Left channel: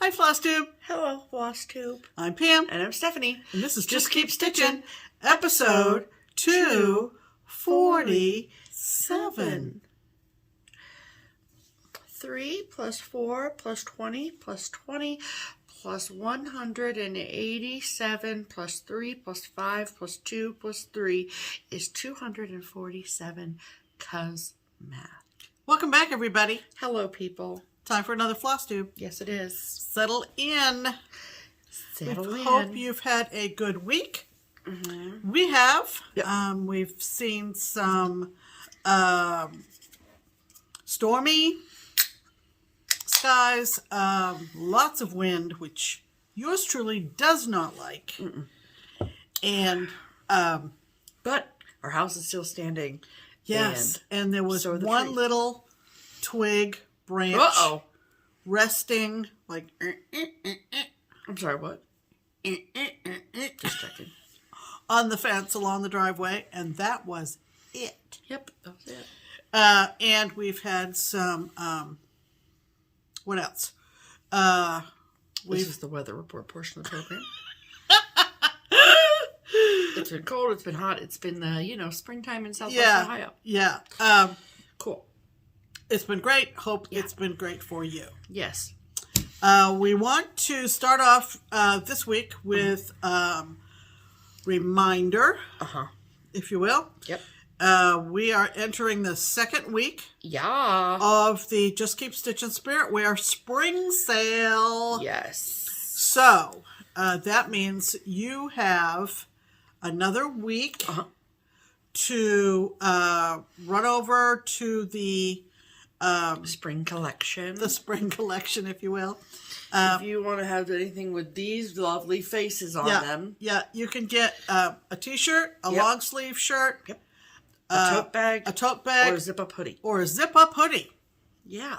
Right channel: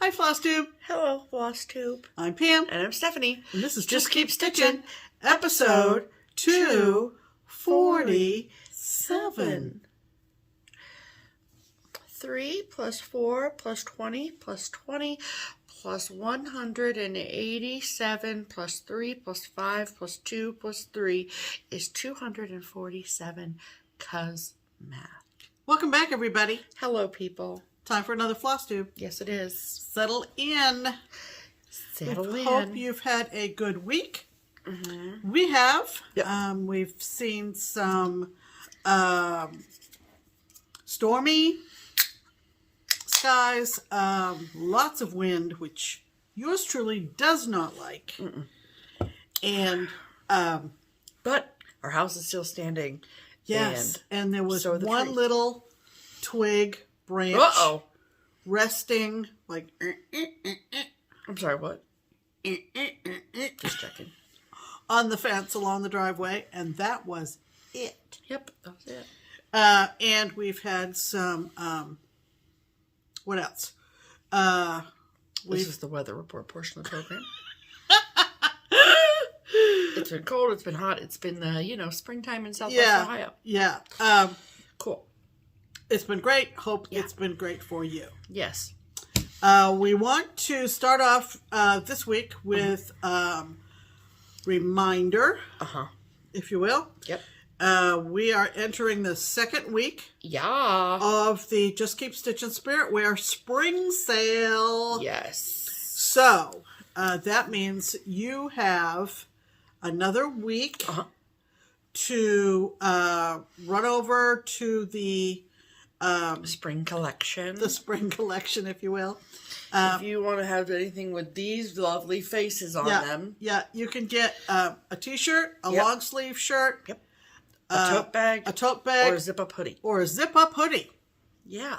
Hi, FlossTube. Hello, FlossTube. I'm Pam. And I'm Stephanie. And this is Just Keep Stitchin', episode 247. 3 plus 4 plus 20 plus 20 plus 187 plus 3 plus 5 plus 2 plus 3 is 247, 'cause math. Welcome back, everybody. Hello, people. Time for another FlossTube. Yes, it is. Settle in. Settle in. Hope you've had a good week. We have. Yep. We've seen some stormy skies, lots of wind, which yours truly does not like. And but our house is still standing. Yes, and there was one tree. Little twig branch resting like I'm sorry, what? Just checking. On the fence along the driveway, and that was it. Yep, that was it. And we've had some what else? This is the weather report portion of the program. It's been cold, it's been hot, it's been springtime in Southwest Ohio. Yeah. Cool. It's been great. Hope it's been great for you. Yes. We want to start off this week with reminder, if you will. Yep. We are entering the second week of the Just Keep Stitchin' Spirit Wear spring sale. Yes. So that means you have another week to run over to the spring collection. The spring collection, if you will. If you want to have anything with these lovely faces on them. Yeah, you can get a t-shirt, a long sleeve shirt. Yep. A tote bag. Or a zip-up hoodie. Yeah.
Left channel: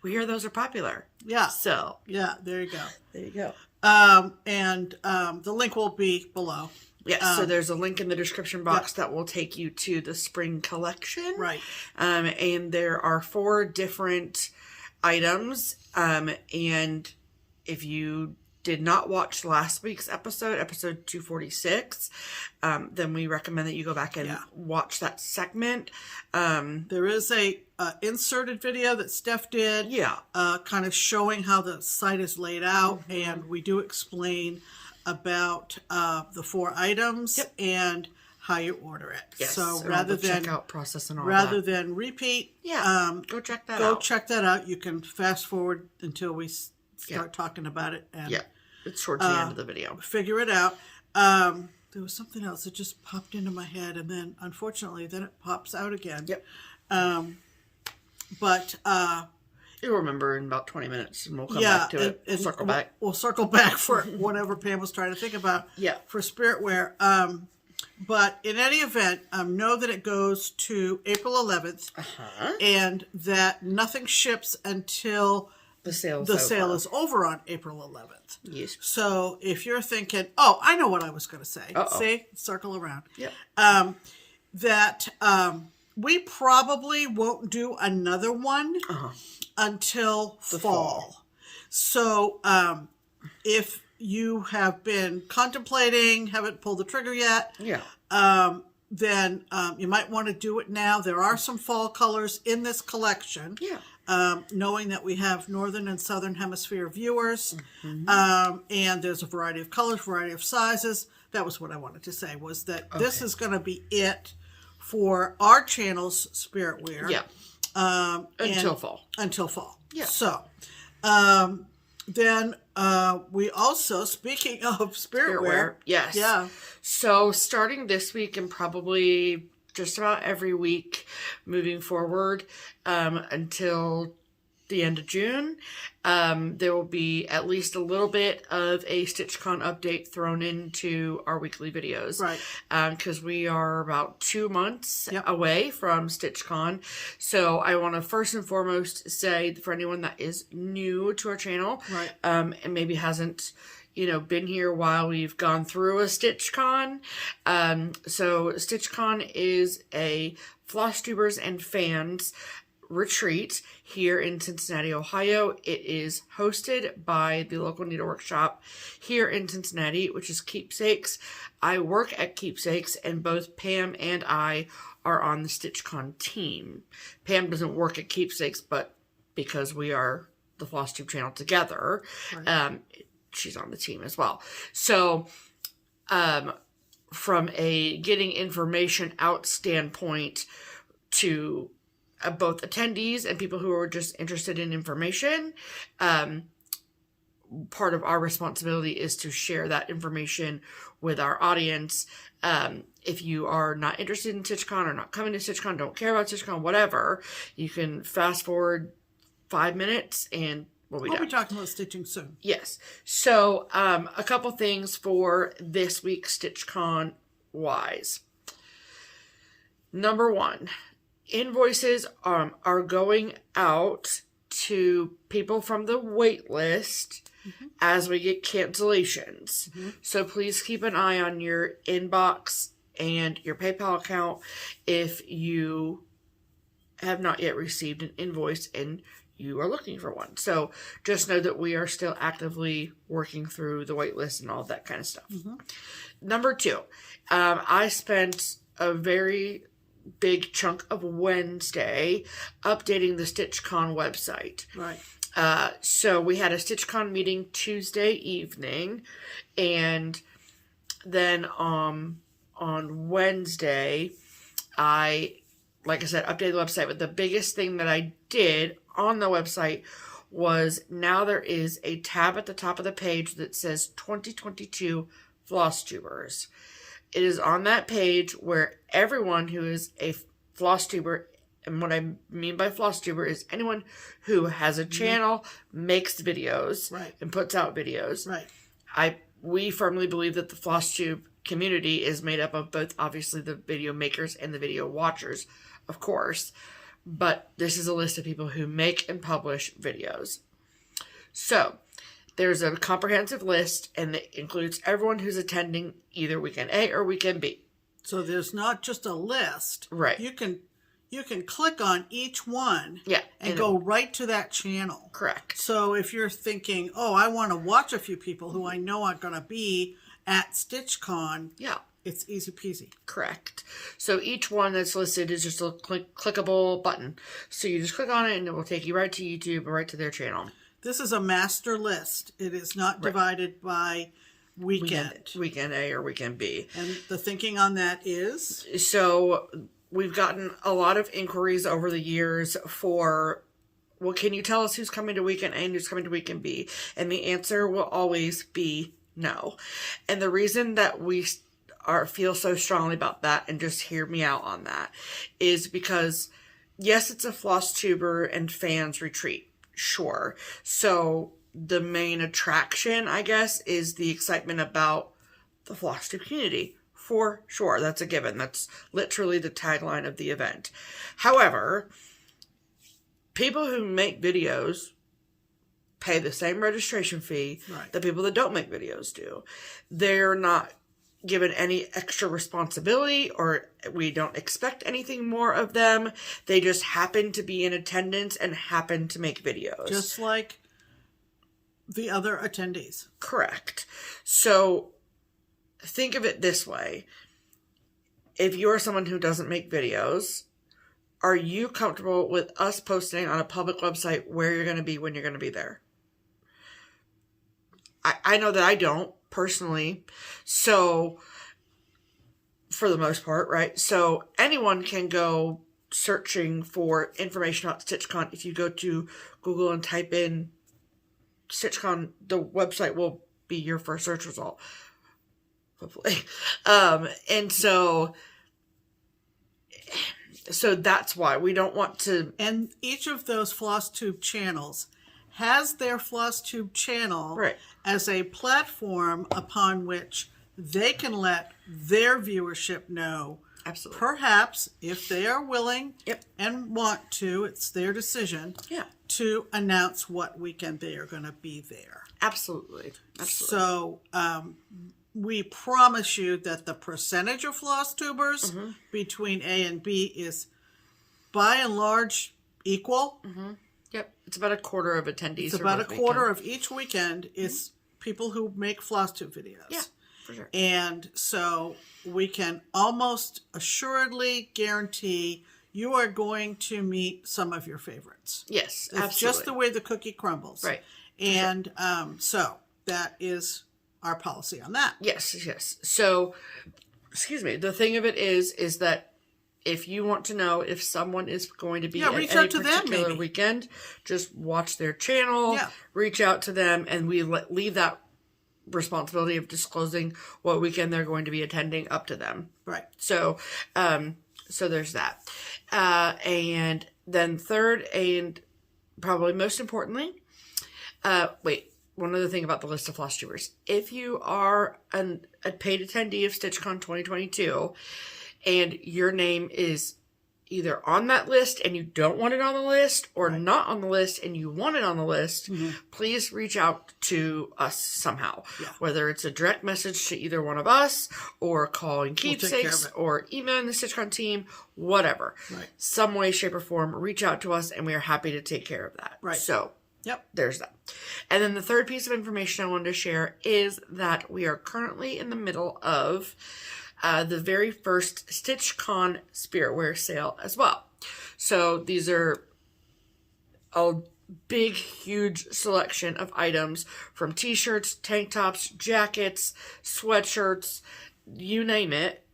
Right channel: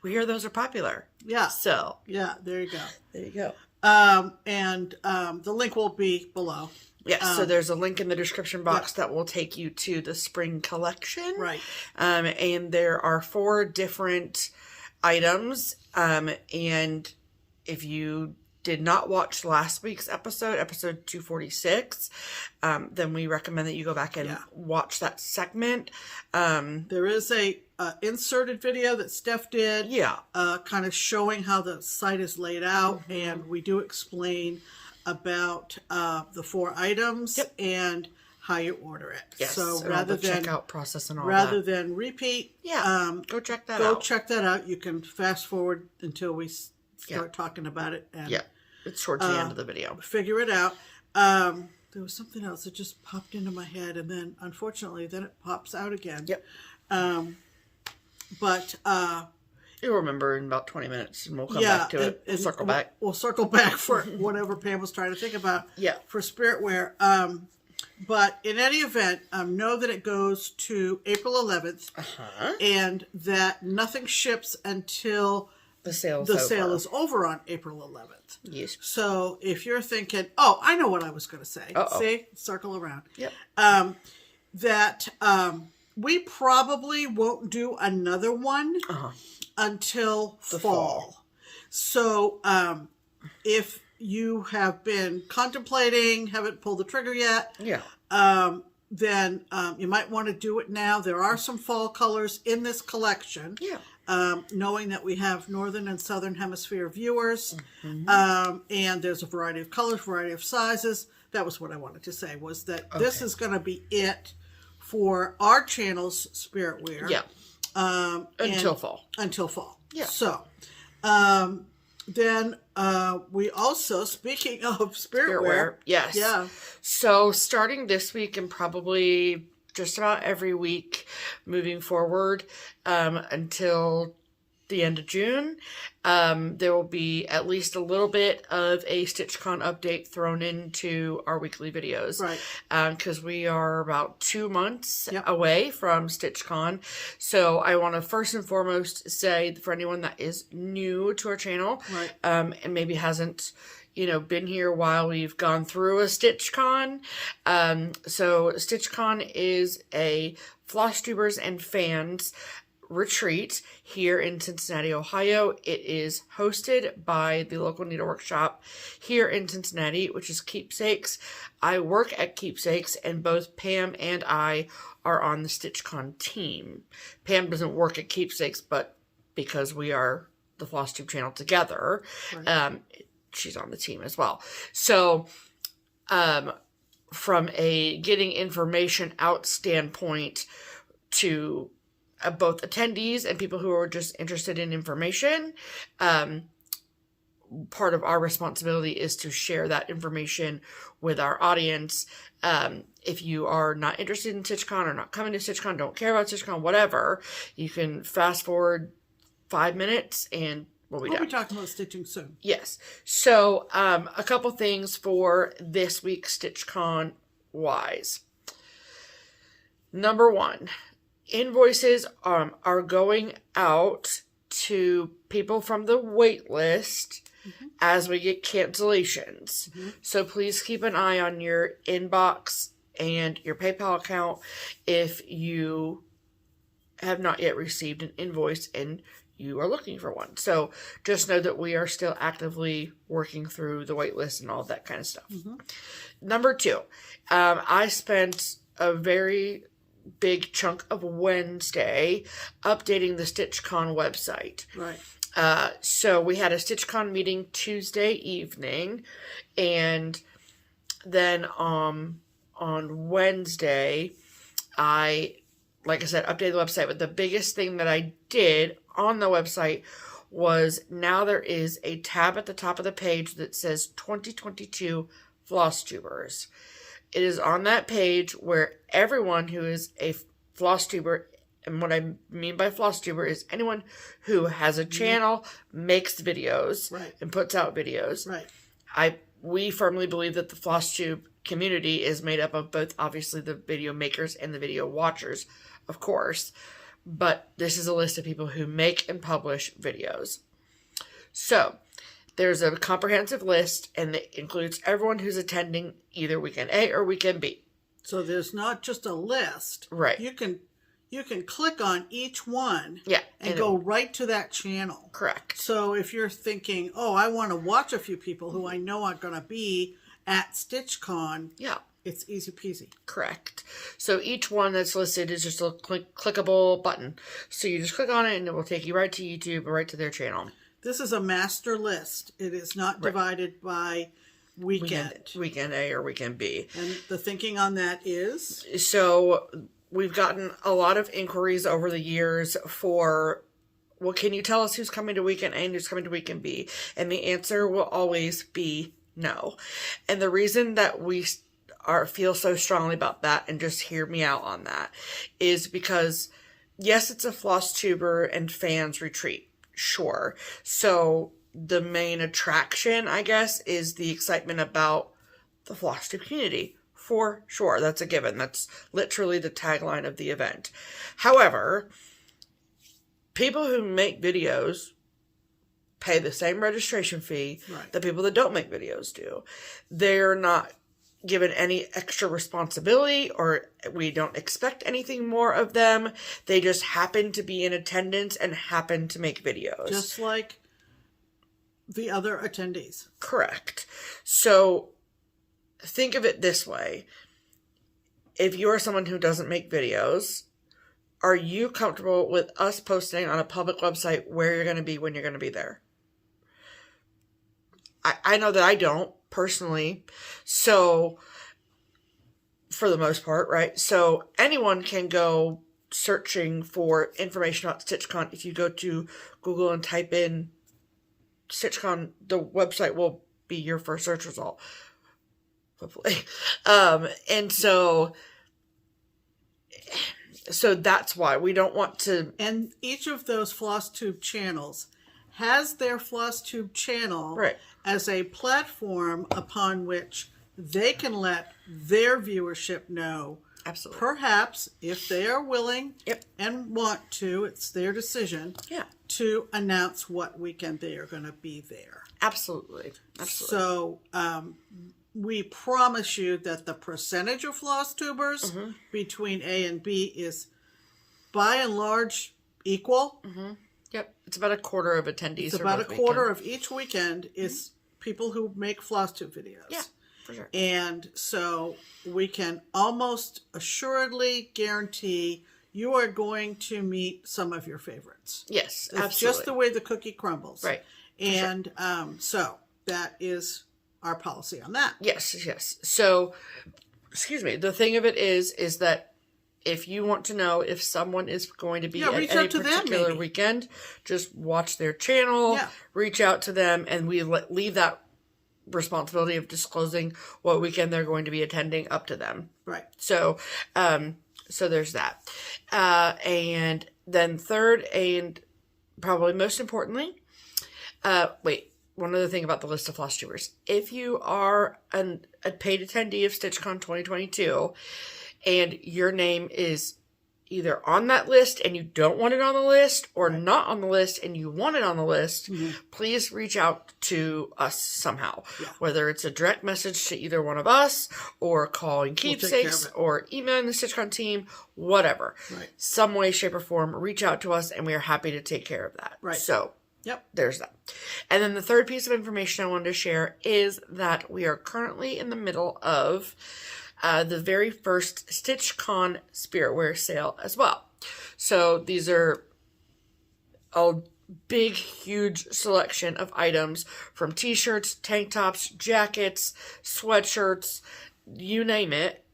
We hear those are popular. Yeah. So. Yeah, there you go. There you go. And the link will be below. Yes, so there's a link in the description box that will take you to the spring collection. Right. And there are 4 different items. And if you did not watch last week's episode 246, then we recommend that you go back and watch that segment. There is a inserted video that Steph did. Yeah. Kind of showing how the site is laid out. And we do explain about the 4 items and how you order it. Yes. So rather than checkout process and all rather than repeat, go check that out. Go check that out. You can fast forward until we start talking about it. And, it's towards the end of the video. Figure it out. There was something else that just popped into my head, and then unfortunately, then it pops out again. Yep. But you'll remember in about 20 minutes, and we'll come back to it. And circle back. We'll circle back for whatever Pam was trying to think about. For Spirit Wear. But in any event, know that it goes to April 11th, and that nothing ships until the sale is over on April 11th. Yes. So if you're thinking, oh, I know what I was going to say. See, circle around. Yep. That we probably won't do another one until the fall. So if you have been contemplating, haven't pulled the trigger yet, then you might want to do it now. There are some fall colors in this collection. Knowing that we have Northern and Southern Hemisphere viewers, and there's a variety of colors, variety of sizes. That was what I wanted to say, was that this is going to be it for our channel's Spirit Wear. Until fall. Until fall. So, then we also, speaking of Spirit Wear. Yes. So starting this week and probably just about every week moving forward until the end of June, there will be at least a little bit of a StitchCon update thrown into our weekly videos. Because we are about 2 months away from StitchCon. So I want to first and foremost say, for anyone that is new to our channel, and maybe hasn't been here while we've gone through a StitchCon. So StitchCon is a FlossTubers and fans retreat here in Cincinnati, Ohio. It is hosted by the local needlework shop here in Cincinnati, which is Keepsakes. I work at Keepsakes, and both Pam and I are on the StitchCon team. Pam doesn't work at Keepsakes, but because we are the FlossTube channel together, right. She's on the team as well. So, from a getting information out standpoint to both attendees and people who are just interested in information, part of our responsibility is to share that information with our audience. If you are not interested in StitchCon or not coming to StitchCon, don't care about StitchCon, whatever, you can fast forward 5 minutes and we'll be talking about stitching soon. Yes. So, a couple things for this week's StitchCon wise. Number one, invoices are going out to people from the wait list as we get cancellations. So please keep an eye on your inbox and your PayPal account if you have not yet received an invoice and you are looking for one. So just know that we are still actively working through the wait list and all that kind of stuff. Number two, I spent a very big chunk of Wednesday updating the StitchCon website. Right. So we had a StitchCon meeting Tuesday evening, and then on Wednesday, like I said, updated the website. But the biggest thing that I did on the website was now there is a tab at the top of the page that says 2022 FlossTubers. It is on that page where everyone who is a FlossTuber, and what I mean by FlossTuber is anyone who has a channel, makes videos, right. and puts out videos. Right. We firmly believe that the FlossTube community is made up of both, obviously, the video makers and the video watchers, of course. But this is a list of people who make and publish videos. So, there's a comprehensive list, and it includes everyone who's attending either weekend A or weekend B. So there's not just a list. Right. You can click on each one. Yeah. And go right to that channel. Correct. So if you're thinking, oh, I want to watch a few people who I know are going to be at StitchCon. Yeah. It's easy peasy. Correct. So each one that's listed is just a clickable button. So you just click on it and it will take you right to YouTube or right to their channel. This is a master list. It is not divided by weekend. Weekend A or weekend B. And the thinking on that is? So we've gotten a lot of inquiries over the years for, well, can you tell us who's coming to weekend A and who's coming to weekend B? And the answer will always be no. And the reason that we feel so strongly about that, and just hear me out on that, is because, yes, it's a FlossTuber and fans retreat. Sure. So the main attraction, I guess, is the excitement about the FlossTube community. For sure. That's a given. That's literally the tagline of the event. However, people who make videos pay the same registration fee that people that don't make videos do. They're not given any extra responsibility, or we don't expect anything more of them. They just happen to be in attendance and happen to make videos. Just like the other attendees. Correct. So think of it this way. If you're someone who doesn't make videos, are you comfortable with us posting on a public website where you're going to be when you're going to be there? I know that I don't, personally. So, for the most part, right? So, anyone can go searching for information about StitchCon. If you go to Google and type in StitchCon, the website will be your first search result. Hopefully. And so that's why we don't want to... And each of those FlossTube channels has their FlossTube channel as a platform upon which they can let their viewership know. Absolutely. Perhaps, if they are willing and want to, it's their decision to announce what weekend they are going to be there. Absolutely. So, we promise you that the percentage of FlossTubers between A and B is, by and large, equal. Yep. It's about a quarter of attendees. It's about a quarter of each weekend is people who make FlossTube videos. Yeah, for sure. And so we can almost assuredly guarantee you are going to meet some of your favorites. Yes, It's absolutely. just the way the cookie crumbles. Right. And so that is our policy on that. Yes, yes. So, excuse me. The thing of it is that if you want to know if someone is going to be at any particular weekend, just watch their channel, reach out to them, and we leave that responsibility of disclosing what weekend they're going to be attending up to them. Right. So, so there's that. And then third, and probably most importantly, one other thing about the list of FlossTubers. If you are a paid attendee of StitchCon 2022 and your name is either on that list and you don't want it on the list, or not on the list and you want it on the list, please reach out to us somehow. Yeah. Whether it's a direct message to either one of us, or calling Keepsakes, or emailing the StitchCon team, whatever. Right. Some way, shape, or form, reach out to us and we are happy to take care of that. Right. So, there's that. And then the third piece of information I wanted to share is that we are currently in the middle of the very first StitchCon Spirit Wear sale as well. So these are a big, huge selection of items from t-shirts, tank tops, jackets, sweatshirts, you name it.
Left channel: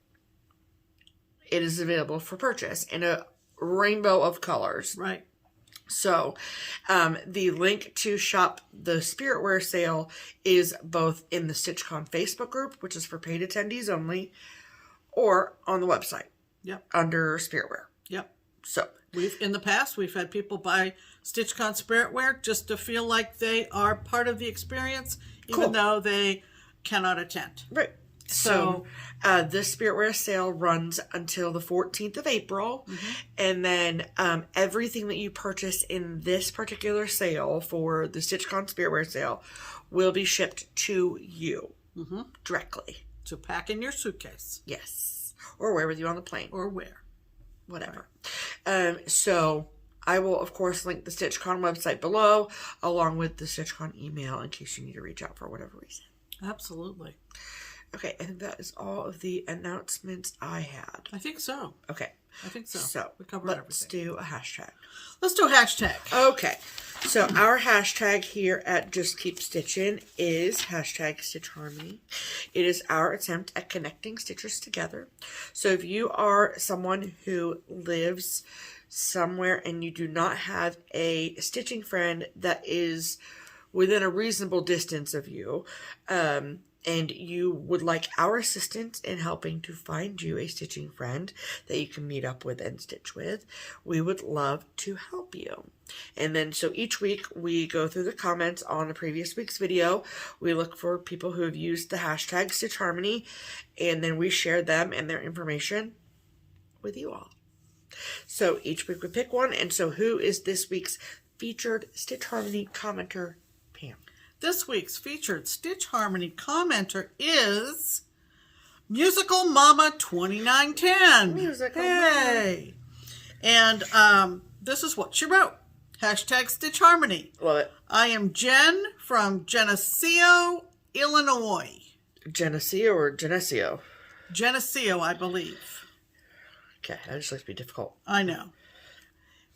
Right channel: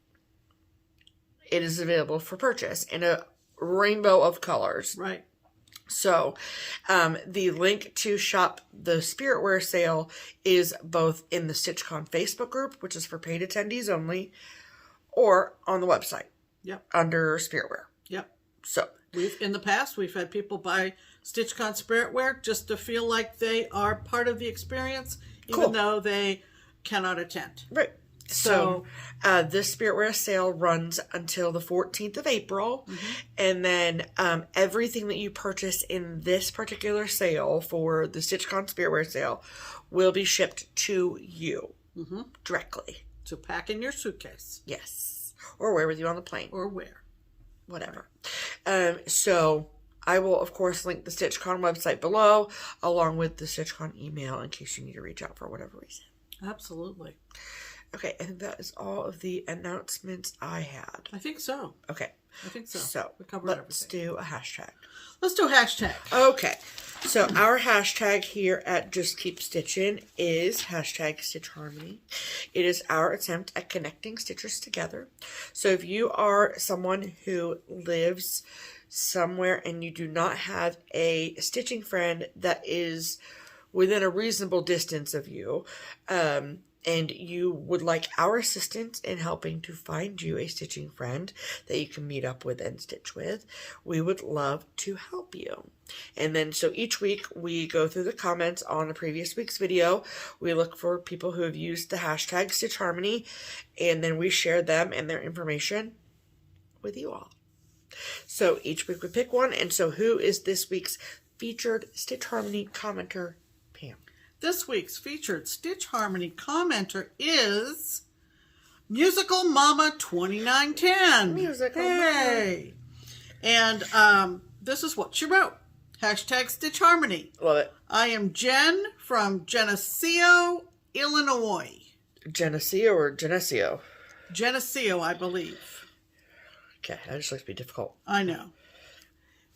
It is available for purchase in a rainbow of colors. Right. So, the link to shop the Spirit Wear sale is both in the StitchCon Facebook group, which is for paid attendees only, or on the website. Yep. Under Spirit Wear. Yep. So, in the past, we've had people buy StitchCon Spirit Wear just to feel like they are part of the experience, even though they cannot attend. Right. So, this Spirit Wear sale runs until the 14th of April. And then everything that you purchase in this particular sale for the StitchCon Spirit Wear sale will be shipped to you directly. To pack in your suitcase. Yes. Or wear with you on the plane. Or wear. Whatever. So, I will, of course, link the StitchCon website below, along with the StitchCon email in case you need to reach out for whatever reason. Absolutely. Okay, I think that is all of the announcements I had. I think so. Okay. I think so. So, let's do a hashtag. Let's do a hashtag. Okay. So, our hashtag here at Just Keep Stitchin is hashtag Stitch Harmony. It is our attempt at connecting stitchers together. So, if you are someone who lives somewhere and you do not have a stitching friend that is within a reasonable distance of you, and you would like our assistance in helping to find you a stitching friend that you can meet up with and stitch with, we would love to help you. And then, so each week we go through the comments on the previous week's video. We look for people who have used the hashtag Stitch Harmony, and then we share them and their information with you all. So each week we pick one. And so who is this week's featured Stitch Harmony commenter, Pam? This week's featured Stitch Harmony commenter is Musical Mama 2910. Musical Mama. And this is what she wrote. Hashtag Stitch Harmony. Love it. I am Jen from Geneseo, Illinois. Geneseo or Geneseo? Geneseo, I believe. Okay, that just likes to be difficult. I know.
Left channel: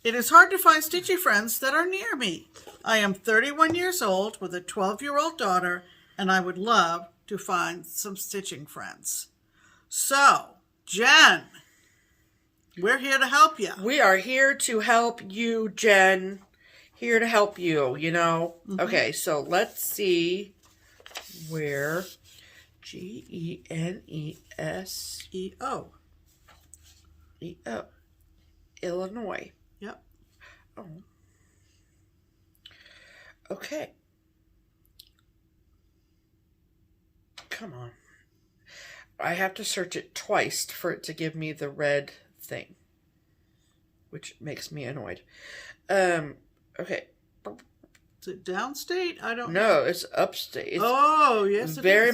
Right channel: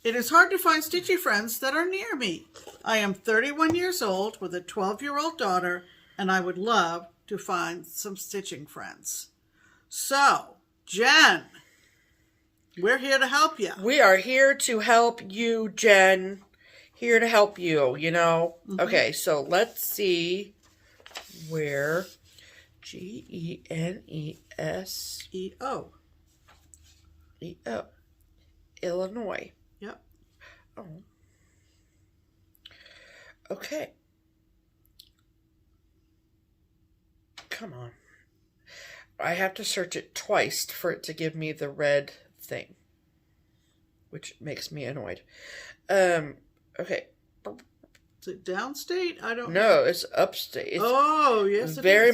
It is hard to find stitchy friends that are near me. I am 31 years old with a 12-year-old daughter, and I would love to find some stitching friends. So, Jen, we're here to help you. We are here to help you, Jen. Here to help you, you know. Okay, so let's see where Geneseo. Illinois. Yep. Oh. Okay. Come on. I have to search it twice for it to give me the red thing, which makes me annoyed. Okay. Is it downstate? I don't know. No, it's upstate. Oh, yes, it is. Very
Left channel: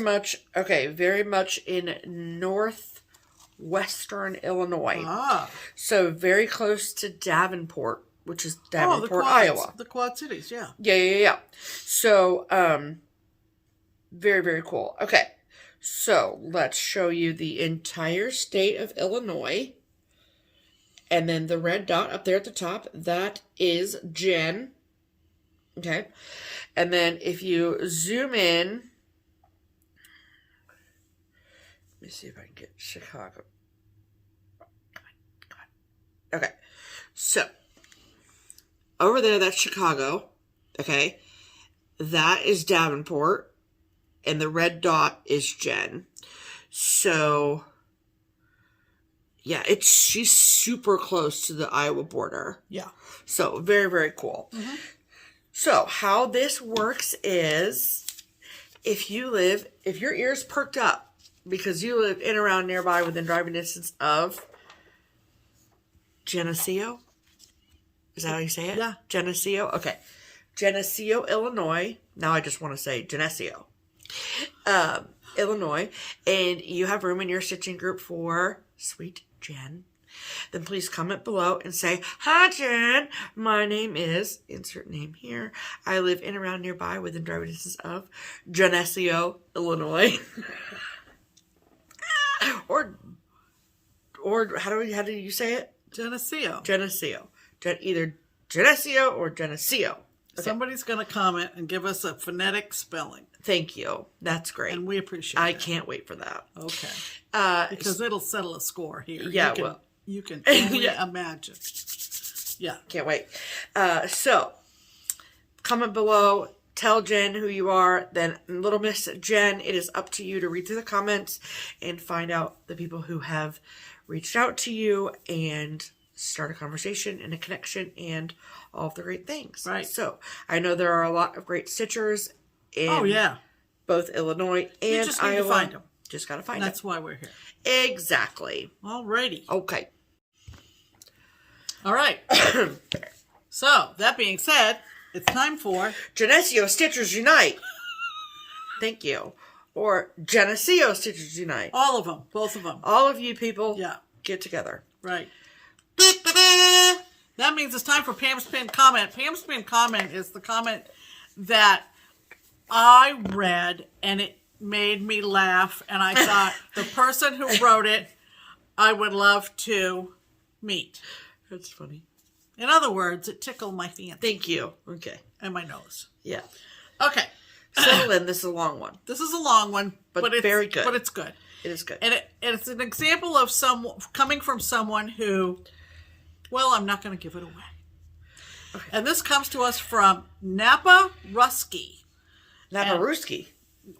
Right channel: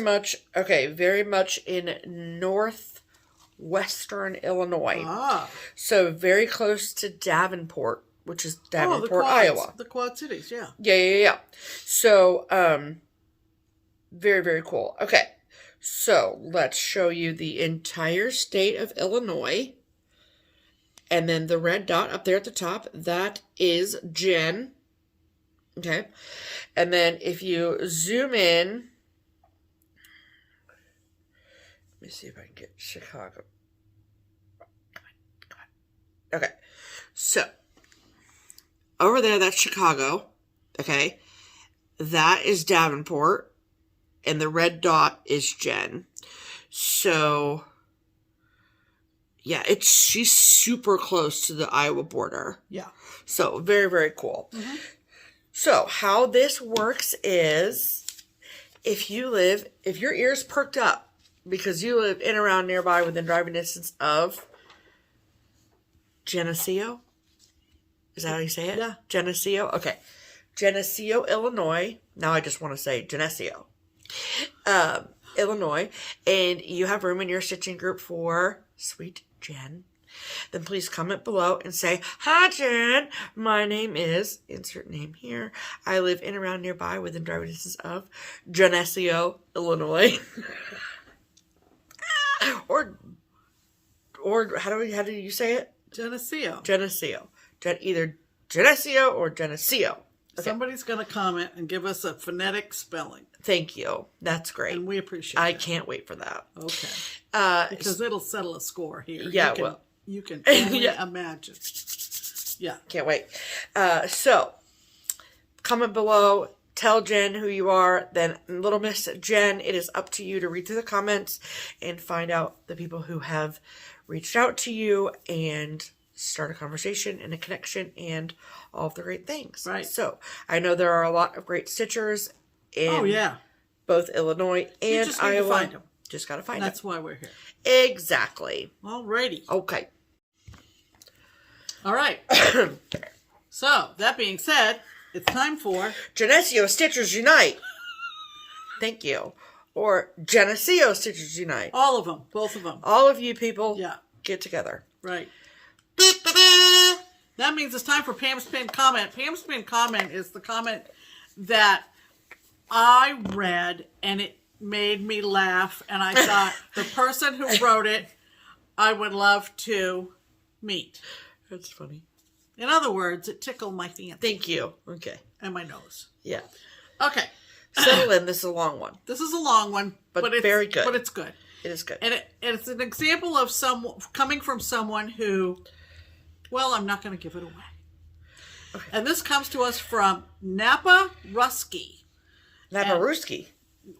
much in northwestern Illinois. Ah. So very close to Davenport, which is Davenport, Iowa. The Quad Cities, yeah. Yeah. So, very, very cool. Okay, so let's show you the entire state of Illinois. And then the red dot up there at the top, that is Jen. Okay. And then if you zoom in, let me see if I can get Chicago. Come on. Okay. So, over there, that's Chicago. Okay. That is Davenport. And the red dot is Jen. So, yeah, she's super close to the Iowa border. Yeah. So, very, very cool. Mm-hmm. So, how this works is, if your ears perked up because you live in around nearby within driving distance of Geneseo, is that how you say it? Yeah. Geneseo? Okay. Geneseo, Illinois. Now I just want to say Geneseo. Illinois. And you have room in your stitching group for Sweet Jen, then please comment below and say, "Hi Jen, my name is," insert name here. "I live in around nearby within driving distance of Geneseo, Illinois." or how do you say it? Geneseo. Geneseo. Either Geneseo or Geneseo. Okay. Somebody's going to comment and give us a phonetic spelling. Thank you. That's great. And we appreciate it. I can't wait for that. Okay. Because it'll settle a score here. Yeah, you can only imagine. Yeah. Can't wait. So, comment below. Tell Jen who you are. Then, Little Miss Jen, it is up to you to read through the comments and find out the people who have reached out to you and start a conversation and a connection and all of the great things. Right. So, I know there are a lot of great stitchers in both Illinois and you just need Iowa. To find them. Just got to find them. That's why we're here. Exactly. Alrighty. Okay. All right. So, that being said, it's time for Geneseo Stitchers Unite. Thank you. Or Geneseo Stitchers Unite. all of them. Both of them. All of you people get together. Right. That means it's time for Pam's Pinned Comment. Pam's Pinned Comment is the comment that I read and it made me laugh. And I thought the person who wrote it, I would love to meet. That's funny. In other words, it tickled my fancy. Thank you. Okay. And my nose. Yeah. Okay. Settle in. This is a long one. This is a long one. But it's very good. But it's good. It is good. And it's an example of coming from someone who, well, I'm not going to give it away. Okay. And this comes to us from Napa Rusky. Napa Rusky.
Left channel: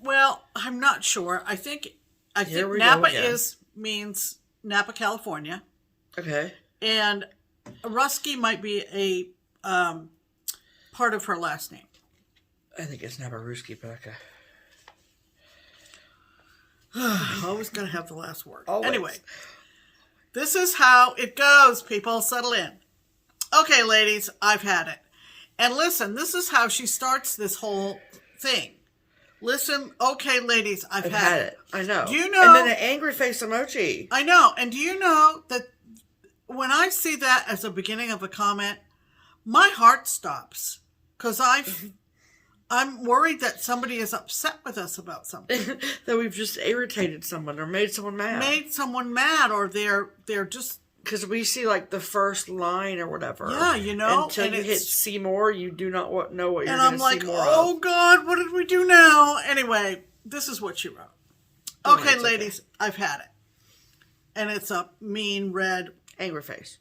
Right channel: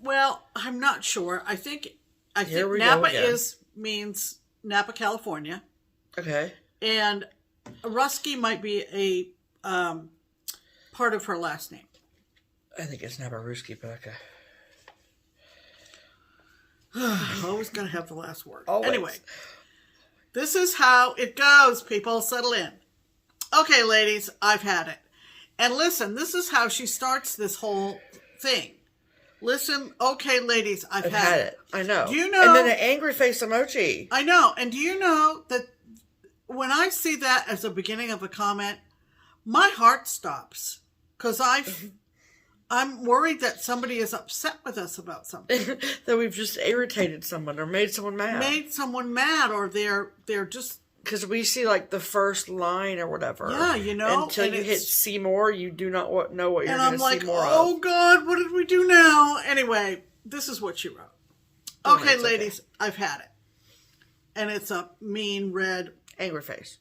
Well, I'm not sure. I think Napa means Napa, California. Okay. And Rusky might be a part of her last name. I think it's Napa Rusky, but okay. Always going to have the last word. Always. Anyway, this is how it goes, people. Settle in. Okay, ladies, I've had it. And listen, this is how she starts this whole thing. Listen, okay, ladies, I've had it. I know. Do you know? And then an angry face emoji. I know. And do you know that when I see that as the beginning of a comment, my heart stops. Because I'm worried that somebody is upset with us about something. That we've just irritated someone or made someone mad. Made someone mad, or they're just... Because we see like the first line or whatever. Yeah, you know. Until you hit see more, you do not know what you're going to see more of. Oh God, what did we do now? Anyway, this is what she wrote. Okay, ladies, I've had it. And it's a mean red... angry face.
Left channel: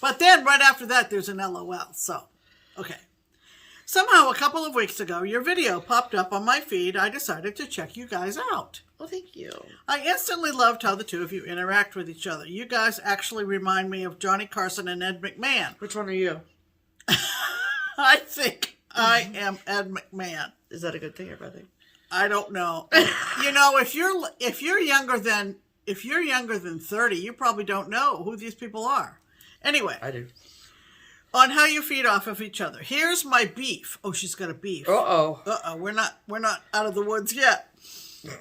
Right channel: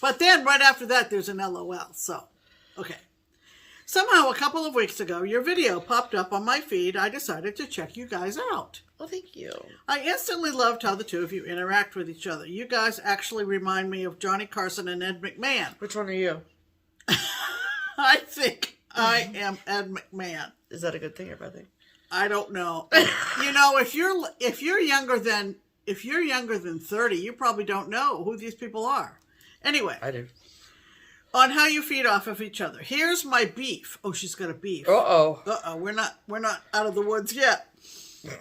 But then right after that, there's an LOL. So, okay. Somehow, a couple of weeks ago, your video popped up on my feed. I decided to check you guys out. Well, thank you. I instantly loved how the two of you interact with each other. You guys actually remind me of Johnny Carson and Ed McMahon. Which one are you? I think I am Ed McMahon. Is that a good thing or bad thing? I don't know. You know, if you're younger than 30, you probably don't know who these people are. Anyway, I do. On how you feed off of each other. Here's my beef. Oh, she's got a beef. Uh-oh. We're not out of the woods yet.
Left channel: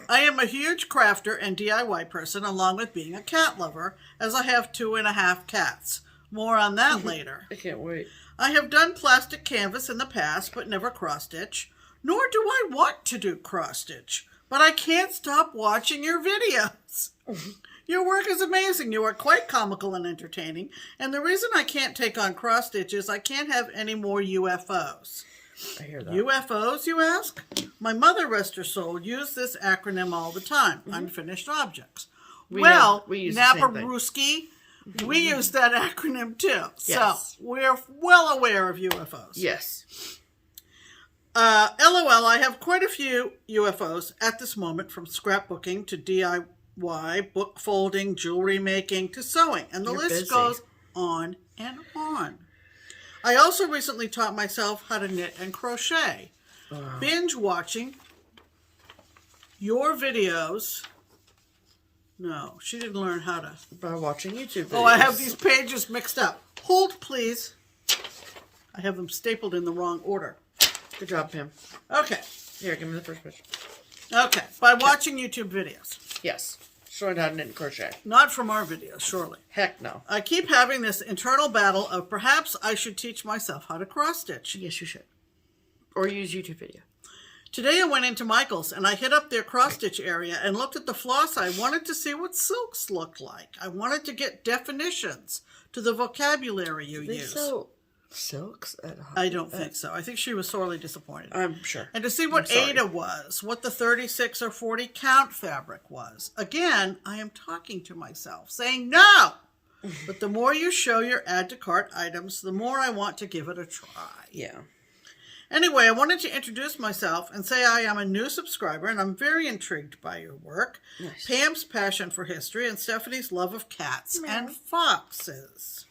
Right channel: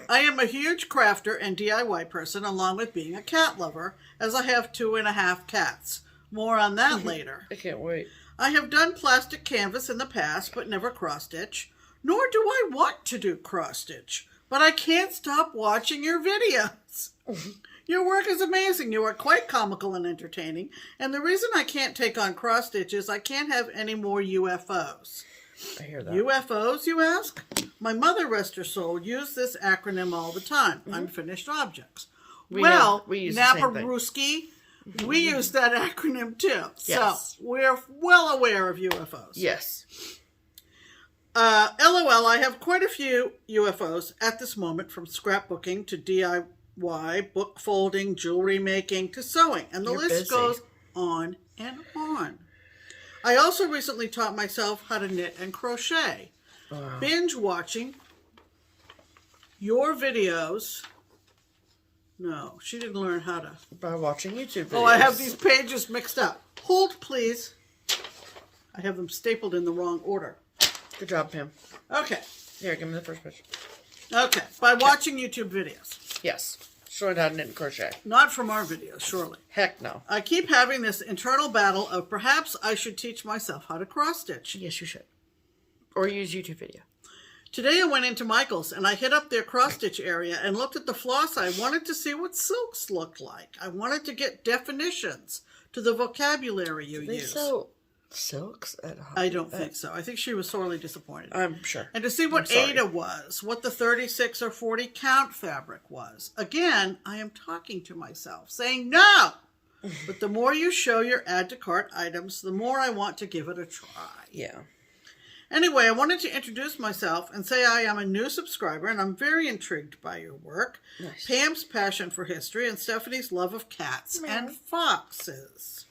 I am a huge crafter and DIY person, along with being a cat lover, as I have 2.5 cats. More on that later. I can't wait. I have done plastic canvas in the past, but never cross-stitch. Nor do I want to do cross-stitch. But I can't stop watching your videos. Your work is amazing. You are quite comical and entertaining. And the reason I can't take on cross-stitch is I can't have any more UFOs. I hear that. UFOs, you ask? My mother, rest her soul, used this acronym all the time. Unfinished objects. We use Naparuski, we use that acronym too. Yes. So we're well aware of UFOs. Yes. LOL, I have quite a few UFOs at this moment, from scrapbooking to DIY, book folding, jewelry making, to sewing. And the list goes on and on. I also recently taught myself how to knit and crochet. Binge watching your videos. No, she didn't learn how to. By watching YouTube videos. Oh, I have these pages mixed up. Hold, please. I have them stapled in the wrong order. Good job, Pam. Okay. Here, give me the first picture. Okay. By watching YouTube videos. Yes. Showing how to knit and crochet. Not from our videos, surely. Heck no. I keep having this internal battle of perhaps I should teach myself how to cross-stitch. Yes, you should. Or use YouTube video. Today I went into Michael's and I hit up their cross-stitch area and looked at the floss. I wanted to see what silks looked like. I wanted to get definitions to the vocabulary you use. Silks at home? I don't think so. I think she was sorely disappointed. I'm sure. And to see what Ada was, what the 36 or 40 count fabric was. Again, I am talking to myself, saying no! But the more you show your add to cart items, the more I want to give it a try. Yeah. Anyway, I wanted to introduce myself and say I am a new subscriber and I'm very intrigued by your work. Nice. Pam's passion for history and Stephanie's love of cats and foxes.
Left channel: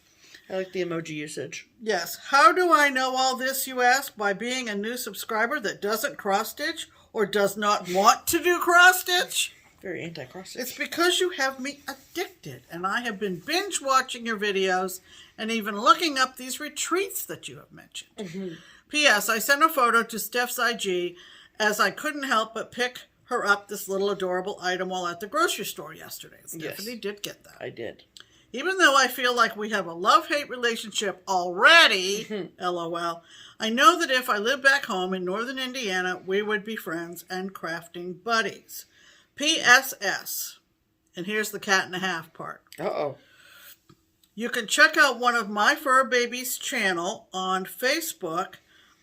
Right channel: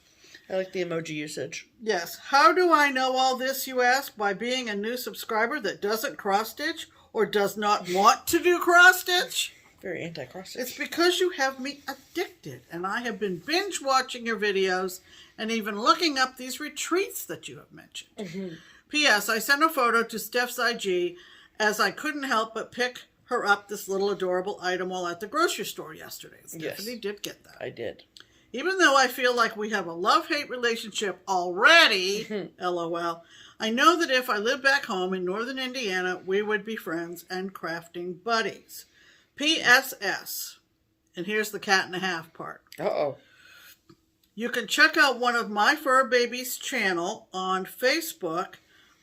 I like the emoji usage. Yes. How do I know all this, you ask? By being a new subscriber that doesn't cross-stitch or does not want to do cross-stitch? Very anti-cross-stitch. It's because you have me addicted, and I have been binge-watching your videos and even looking up these retreats that you have mentioned. P.S. I sent a photo to Steph's IG as I couldn't help but pick her up this little adorable item while at the grocery store yesterday. Stephanie did get that. I did. Even though I feel like we have a love-hate relationship already, LOL, I know that if I lived back home in northern Indiana, we would be friends and crafting buddies. P.S.S. And here's the cat and a half part. Uh-oh. You can check out one of my fur babies' channel on Facebook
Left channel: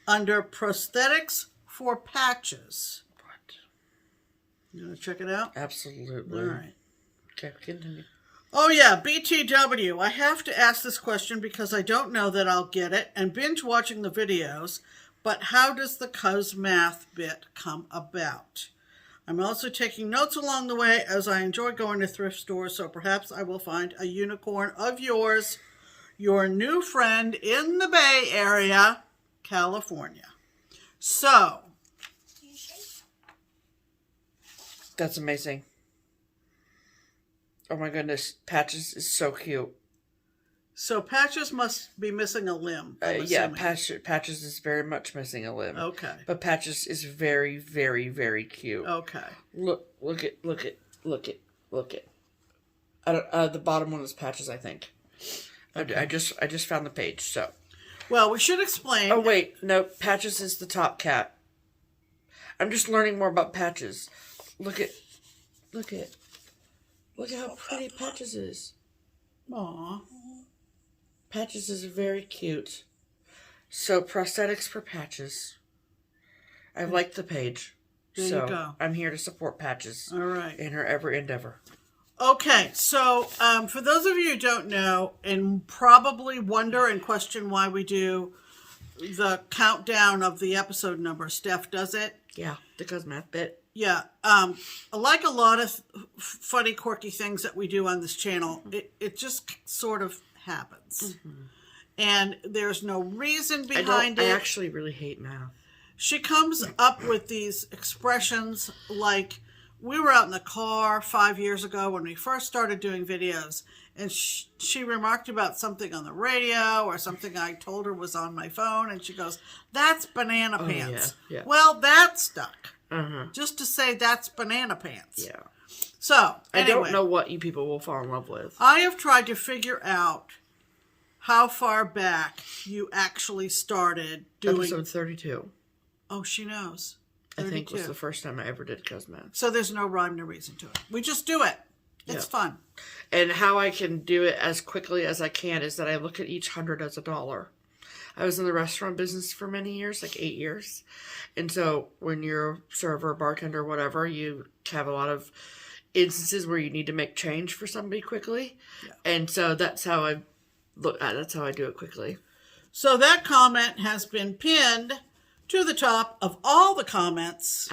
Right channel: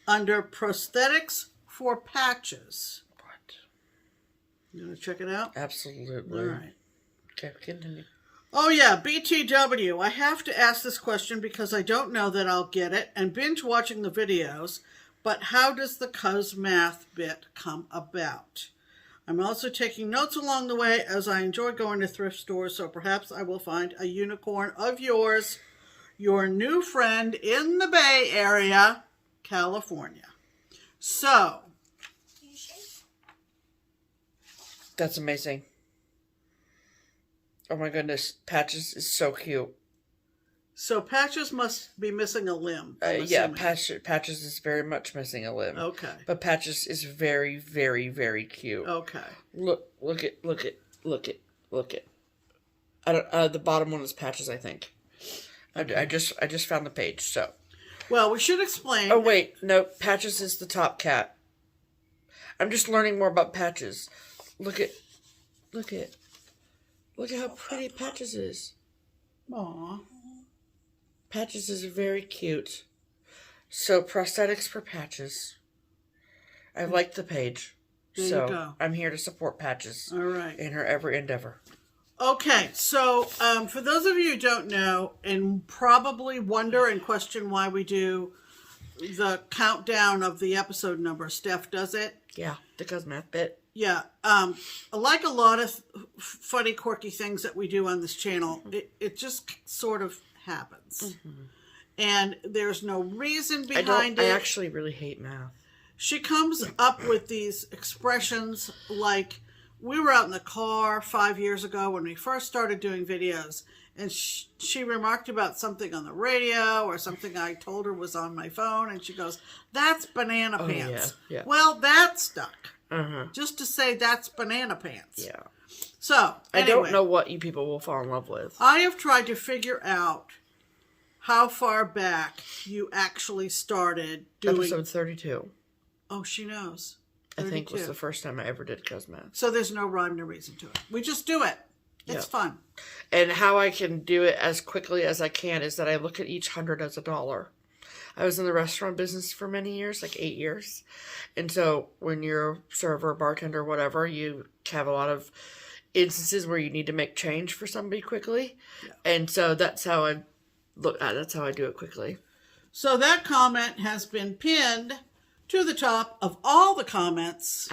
under Prosthetics for Patches. What? You want to check it out? Absolutely. All right. Okay, continue. Oh yeah, BTW. I have to ask this question because I don't know that I'll get it and binge watching the videos, but how does the cuz math bit come about? I'm also taking notes along the way as I enjoy going to thrift stores, so perhaps I will find a unicorn of yours, your new friend in the Bay Area, California. So. That's amazing. Oh my goodness, Patches is so cute. So Patches must be missing a limb. Yeah, Patches is very much missing a limb. Okay. But Patches is very, very, very cute. Okay. Look it. The bottom one is Patches, I think. Okay. I just found the page, so. Well, we should explain. Oh wait, no, Patches is the top cat. I'm just learning more about Patches. Look at how pretty Patches is. Aww. Patches is very cute. So, prosthetics for Patches. I like the page. There so, you go. I'm here to support Patches. All right. In her every endeavor. Okay, so for those of you who don't know and probably wonder and question why we do the countdown of the episode number, Steph does it. Yeah, the cuz math bit. Yeah, like a lot of funny, quirky things that we do on this channel, it just sort of happens. Mm-hmm. And there's no reason behind it. I actually really hate math. She comes up with these expressions like, we were out in the car 5 years ago when we first started doing videos, and she remarked about something on the radio or something I told her was on my phone, and she goes, that's banana pants. Yeah. Well, that stuck. Uh-huh. Just to say that's banana pants. Yeah. So, anyway, I don't know what you people will fall in love with. I have tried to figure out how far back you actually started doing... Episode 32. Oh, she knows. 32. I think was the first time I ever did cosmetics. So there's no rhyme or reason to it. We just do it. It's fun. And how I can do it as quickly as I can is that I look at each 100 as $1. I was in the restaurant business for many years, like 8 years. And so when you're a server, bartender, whatever, you have a lot of instances where you need to make change for somebody quickly. Yeah. And so that's how I look at it. That's how I do it quickly. So that comment has been pinned to the top of all the comments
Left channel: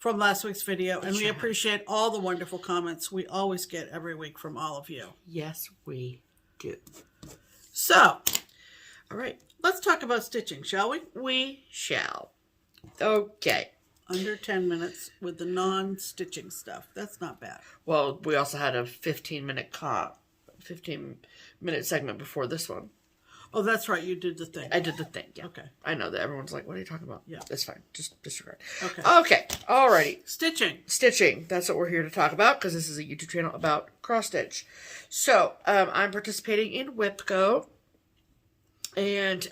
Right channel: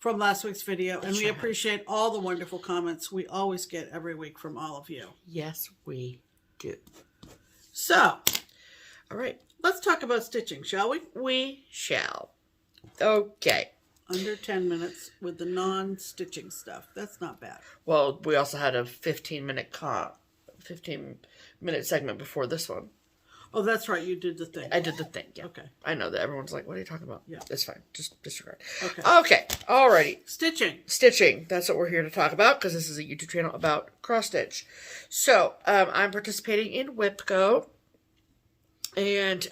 from last week's video. And we appreciate all the wonderful comments we always get every week from all of you. Yes, we do. So, all right. Let's talk about stitching, shall we? We shall. Okay. Under 10 minutes with the non-stitching stuff. That's not bad. Well, we also had a 15-minute segment before this one. Oh, that's right. You did the thing. I did the thing, yeah. Okay. I know that everyone's like, what are you talking about? Yeah. That's fine. Just disregard. Okay. Okay. Alrighty. Stitching. Stitching. That's what we're here to talk about because this is a YouTube channel about cross-stitch. So, I'm participating in WIPCO. And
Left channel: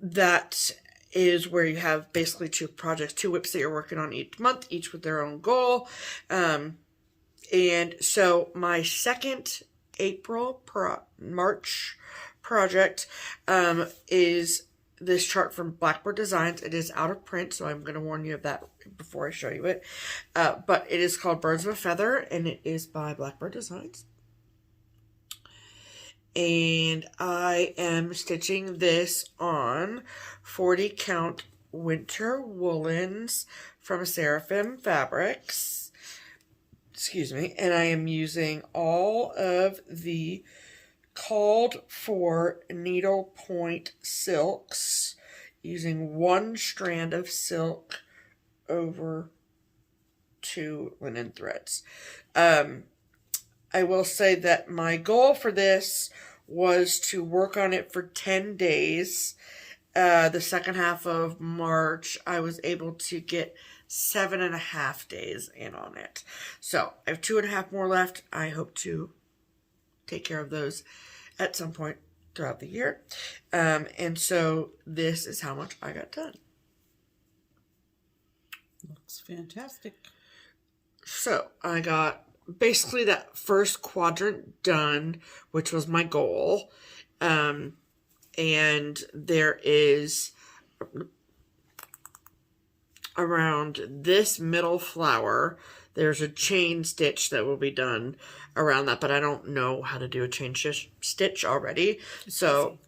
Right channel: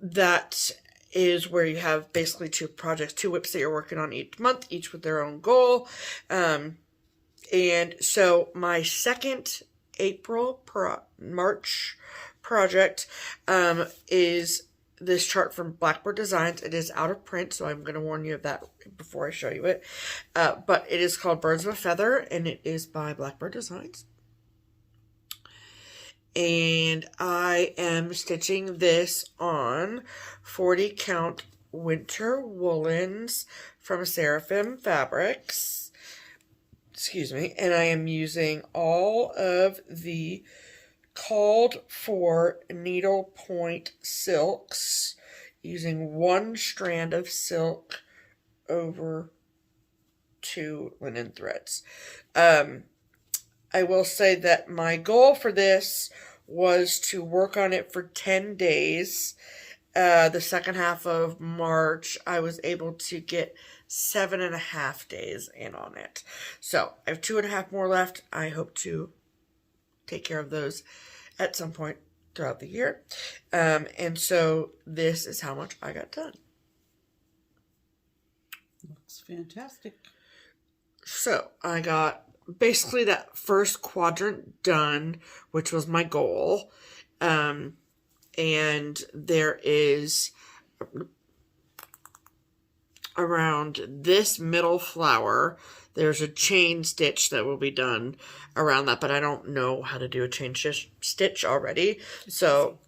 that is where you have basically 2 projects, 2 WIPs that you're working on each month, each with their own goal. And so my second March project is this chart from Blackbird Designs. It is out of print, so I'm going to warn you of that before I show you it. But it is called Birds of a Feather, and it is by Blackbird Designs. And I am stitching this on 40 count winter woolens from Seraphim Fabrics. Excuse me. And I am using all of the called for needle point silks, using 1 strand of silk over 2 linen threads. I will say that my goal for this was to work on it for 10 days. The second half of March, I was able to get 7.5 days in on it. So I have 2.5 more left. I hope to take care of those at some point throughout the year. And so this is how much I got done. That's fantastic. So I got basically that first quadrant done, which was my goal. And there is around this middle flower, there's a chain stitch that will be done around that, but I don't know how to do a chain stitch already. So,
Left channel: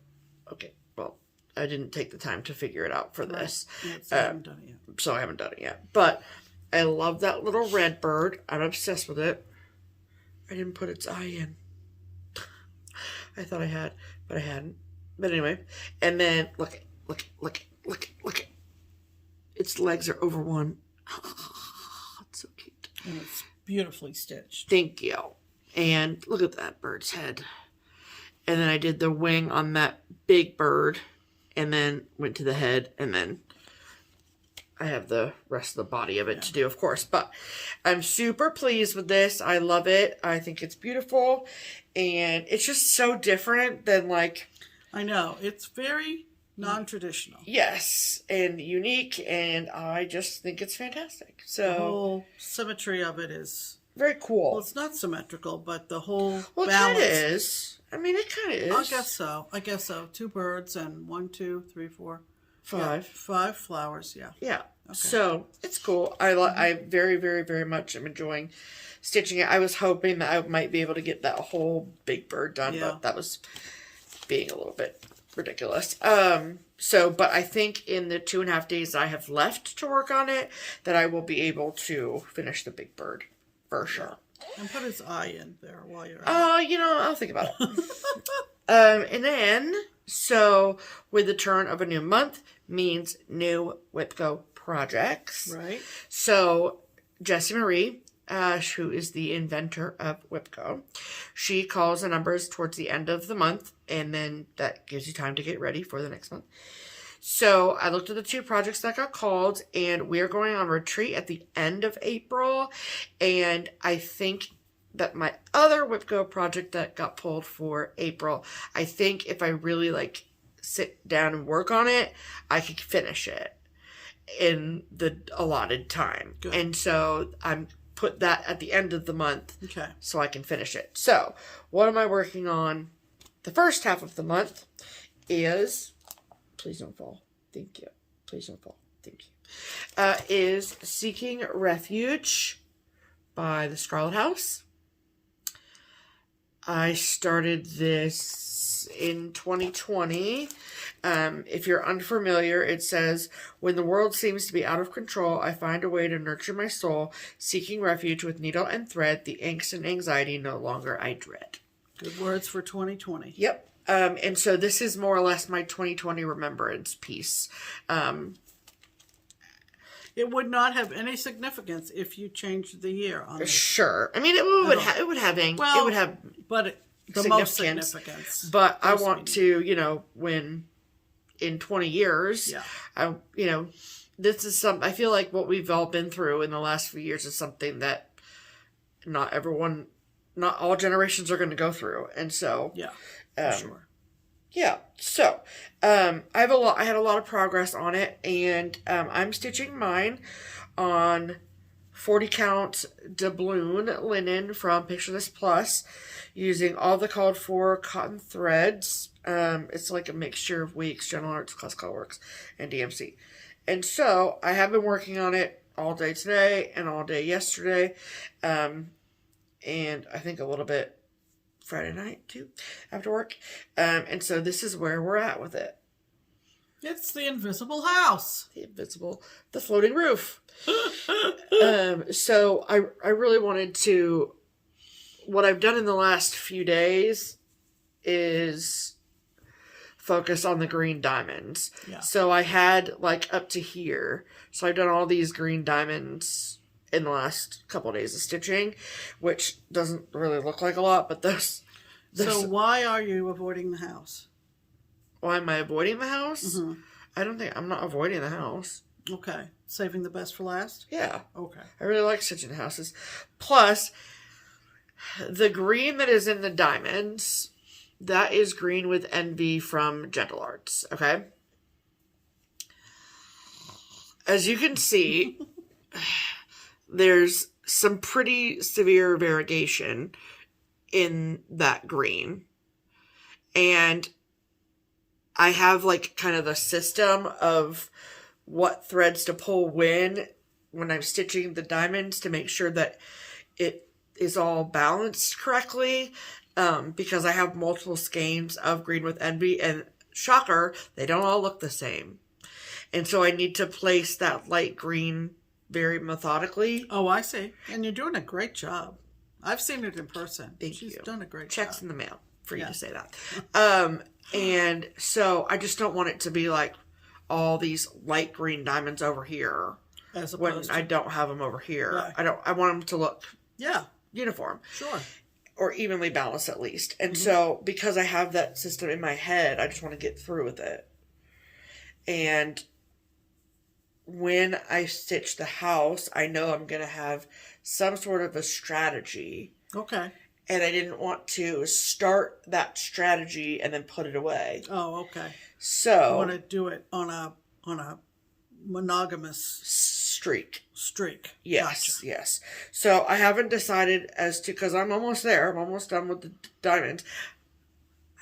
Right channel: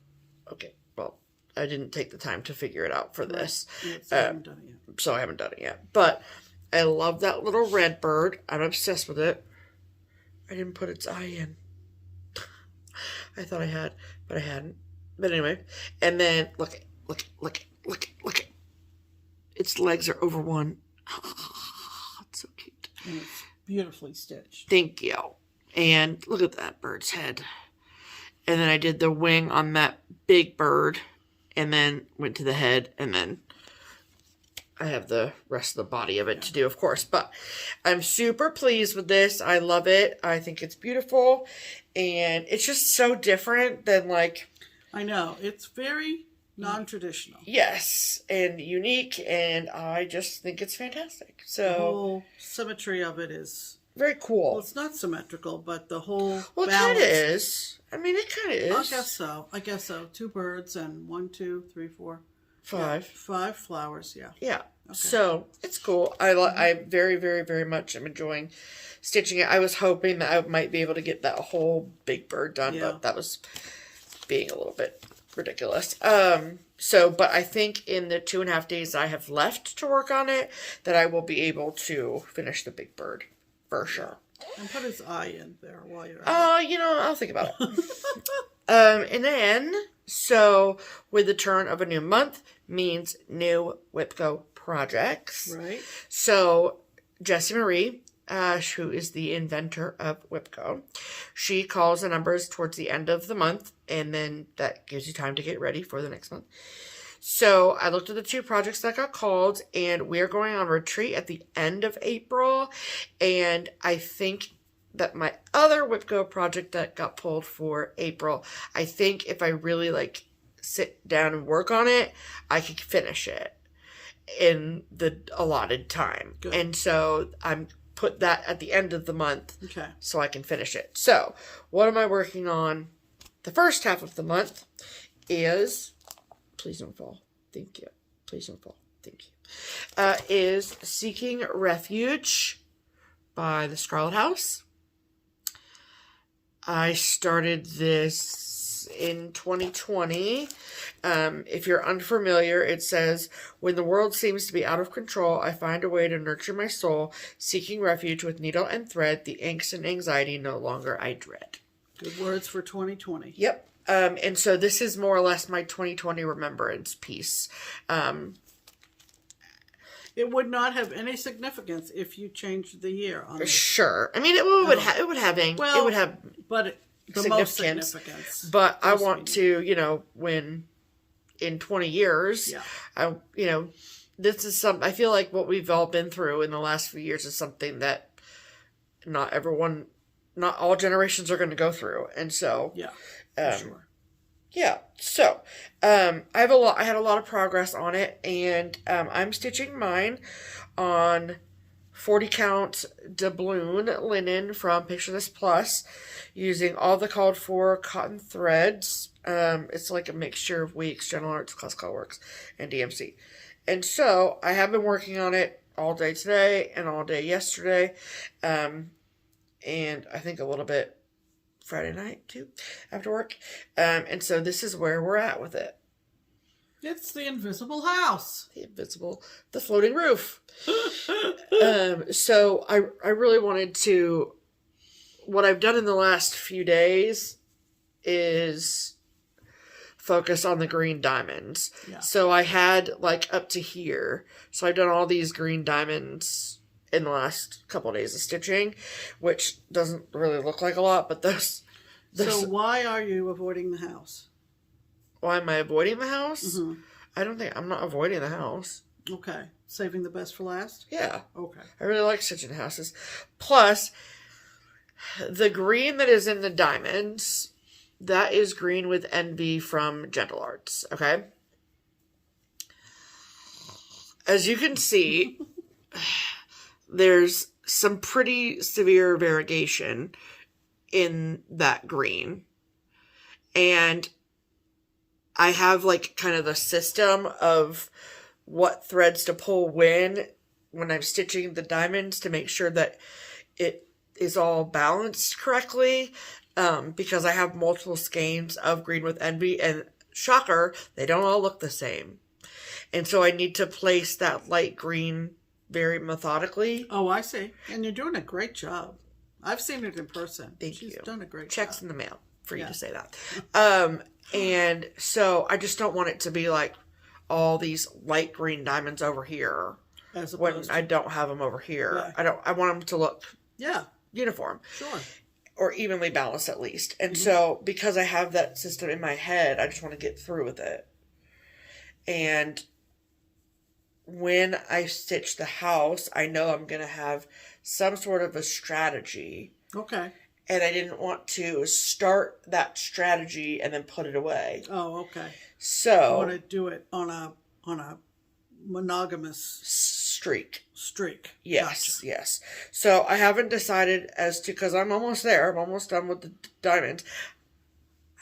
okay, well, I didn't take the time to figure it out for this. So I haven't done it yet. So I haven't done it yet. But I love that little red bird. I'm obsessed with it. I didn't put its eye in. I thought I had, but I hadn't. But anyway, and then look it. Its legs are over 1. It's so cute. And it's beautifully stitched. Thank you. And look at that bird's head. And then I did the wing on that big bird, and then went to the head, and then I have the rest of the body of it to do, of course. But I'm super pleased with this. I love it. I think it's beautiful. And it's just so different than like... I know. It's very non-traditional. Yes. And unique. And I just think it's fantastic. So the whole symmetry of it is... very cool. Well, it's not symmetrical, but the whole balance... it kind of is. I mean, it kind of is. I guess so. 2 birds and 1, 2, 3, 4... 5. 5 flowers, yeah. Yeah. Okay. So, it's cool. I very, very, very much am enjoying stitching it. I was hoping that I might be able to get that whole big bird done, but that was being a little bit ridiculous. But I think in the 2.5 days I have left to work on it, that I will be able to finish the big bird for sure. And put his eye in there while you're at it. I'll think about it. And then, so with the turn of a new month means new WIPCO projects. Right. So Jessie Marie, who is the inventor of WIPCO, she calls the numbers towards the end of the month, and then that gives you time to get ready for the next month. So I looked at the 2 projects that got called, and we're going on retreat at the end of April, and I think that my other WhipGo project that got pulled for April, I think if I really like sit down and work on it, I could finish it in the allotted time. Good. And so I'm put that at the end of the month, okay, so I can finish it. So what am I working on the first half of the month is, please don't fall, thank you, please don't fall, thank you, is Seeking Refuge by the Scarlet House. I started this in 2020. If you're unfamiliar, it says, when the world seems to be out of control, I find a way to nurture my soul, seeking refuge with needle and thread, the angst and anxiety no longer I dread. Good words for 2020. Yep. And so this is more or less my 2020 remembrance piece. It would not have any significance if you changed the year on this. Sure. I mean, it would have but the most significance. But I want to, you know, when in 20 years, this is I feel like what we've all been through in the last few years is something that not all generations are going to go through. And so, sure. Yeah. So, I had a lot of progress on it, and I'm stitching mine on 40 count doubloon linen from Picture This Plus, using all the called for cotton threads. It's like a mixture of Weeks, General Arts, Class Colorworks, and DMC. And so I have been working on it all day today and all day yesterday, and I think a little bit Friday night too after work. And so this is where we're at with it. It's the invisible house. The floating roof. So I really wanted to, what I've done in the last few days is focus on the green diamonds. Yeah. So I had like up to here. So I've done all these green diamonds in the last couple of days of stitching, which doesn't really look like a lot, but those. So why are you avoiding the house? Why am I avoiding the house? Mm-hmm. I'm not avoiding the house. Okay. Saving the best for last? Yeah. Okay. I really like stitching houses. Plus, the green that is in the diamonds, that is Green with Envy from Gentle Arts. Okay? As you can see, there's some pretty severe variegation in that green. And I have like kind of a system of what threads to pull when I'm stitching the diamonds to make sure that it is all balanced correctly, because I have multiple skeins of Green with Envy, and shocker, they don't all look the same. And so I need to place that light green very methodically. Oh, I see. And you're doing a great job. I've seen it in person. She's done a great job. Checks in the mail for you to say that. And so I just don't want it to be like all these light green diamonds over here when I don't have them over here. Yeah. I want them to look uniform. Sure. Or evenly balanced at least. And so because I have that system in my head, I just want to get through with it. And when I stitch the house, I know I'm going to have some sort of a strategy. Okay. And I didn't want to start that strategy and then put it away. Oh, okay. So I want to do it on a monogamous streak. Yes, gotcha. Yes. So I haven't decided as to, because I'm almost there. I'm almost done with the diamonds.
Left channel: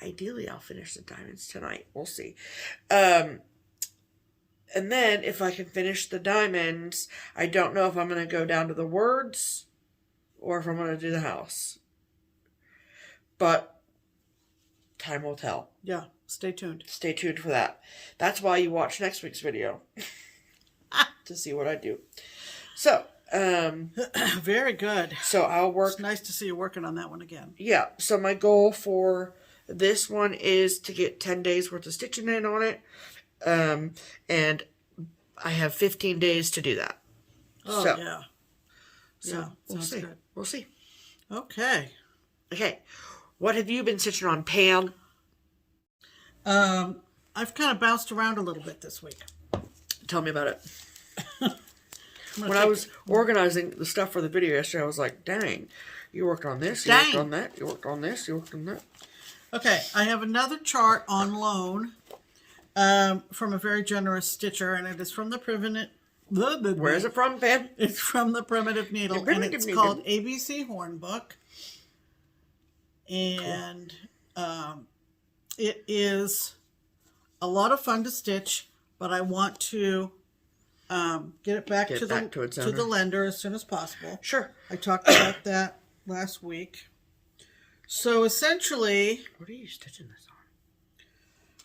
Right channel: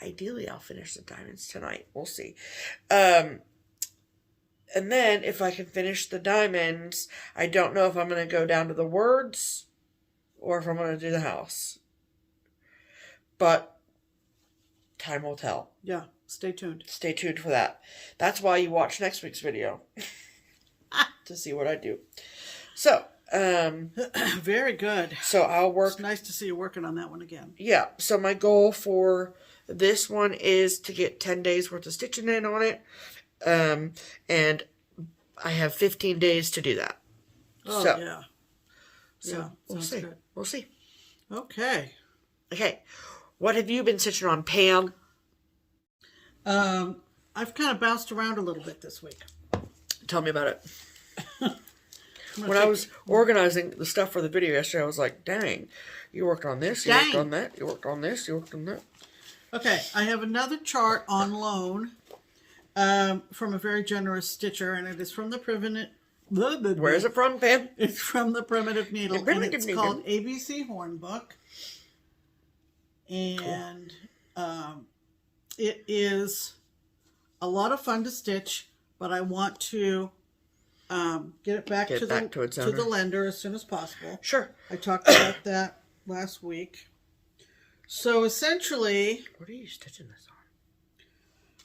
Ideally, I'll finish the diamonds tonight. We'll see. And then if I can finish the diamonds, I don't know if I'm going to go down to the words or if I'm going to do the house. But time will tell. Yeah, stay tuned. Stay tuned for that. That's why you watch next week's video. To see what I do. So, very good. So I'll work. It's nice to see you working on that one again. Yeah. So my goal for this one is to get 10 days worth of stitching in on it. And I have 15 days to do that. Oh, so, yeah. So we'll see. Good. We'll see. Okay. Okay. What have you been stitching on, Pam? I've kind of bounced around a little bit this week. Tell me about it. When I was organizing the stuff for the video yesterday, I was like, dang, You worked on this. You Dang. worked on that. You worked on this. You worked on that. Okay, I have another chart on loan from a very generous stitcher, and it is from the Primitive. Where is it from, Pam? It's from the Primitive Needle, and it's called ABC Hornbook. And it is a lot of fun to stitch, but I want to get it back to the lender as soon as possible. Sure. I talked about that last week. So essentially... What are you stitching this on?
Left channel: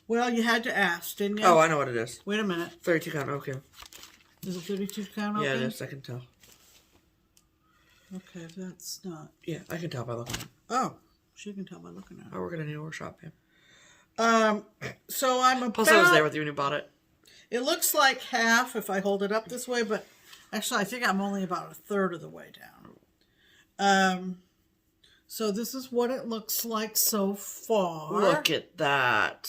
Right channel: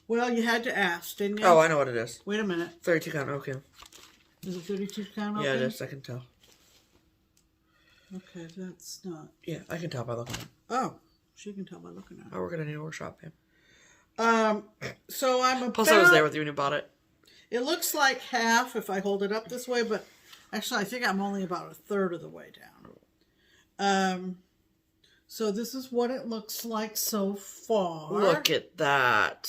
Well, you had to ask, didn't you? Oh, I know what it is. Wait a minute. 32 count, okay. Is it 32 count open? Yeah, it is. I can tell. Okay, that's not... Yeah, I can tell by looking at it. Oh, she can tell by looking at it. Oh, we're going to need a workshop, Pam. So I'm about... Plus, I was there with you when you bought it. It looks like half if I hold it up this way, but actually I think I'm only about a third of the way down. So this is what it looks like so far. Look at that.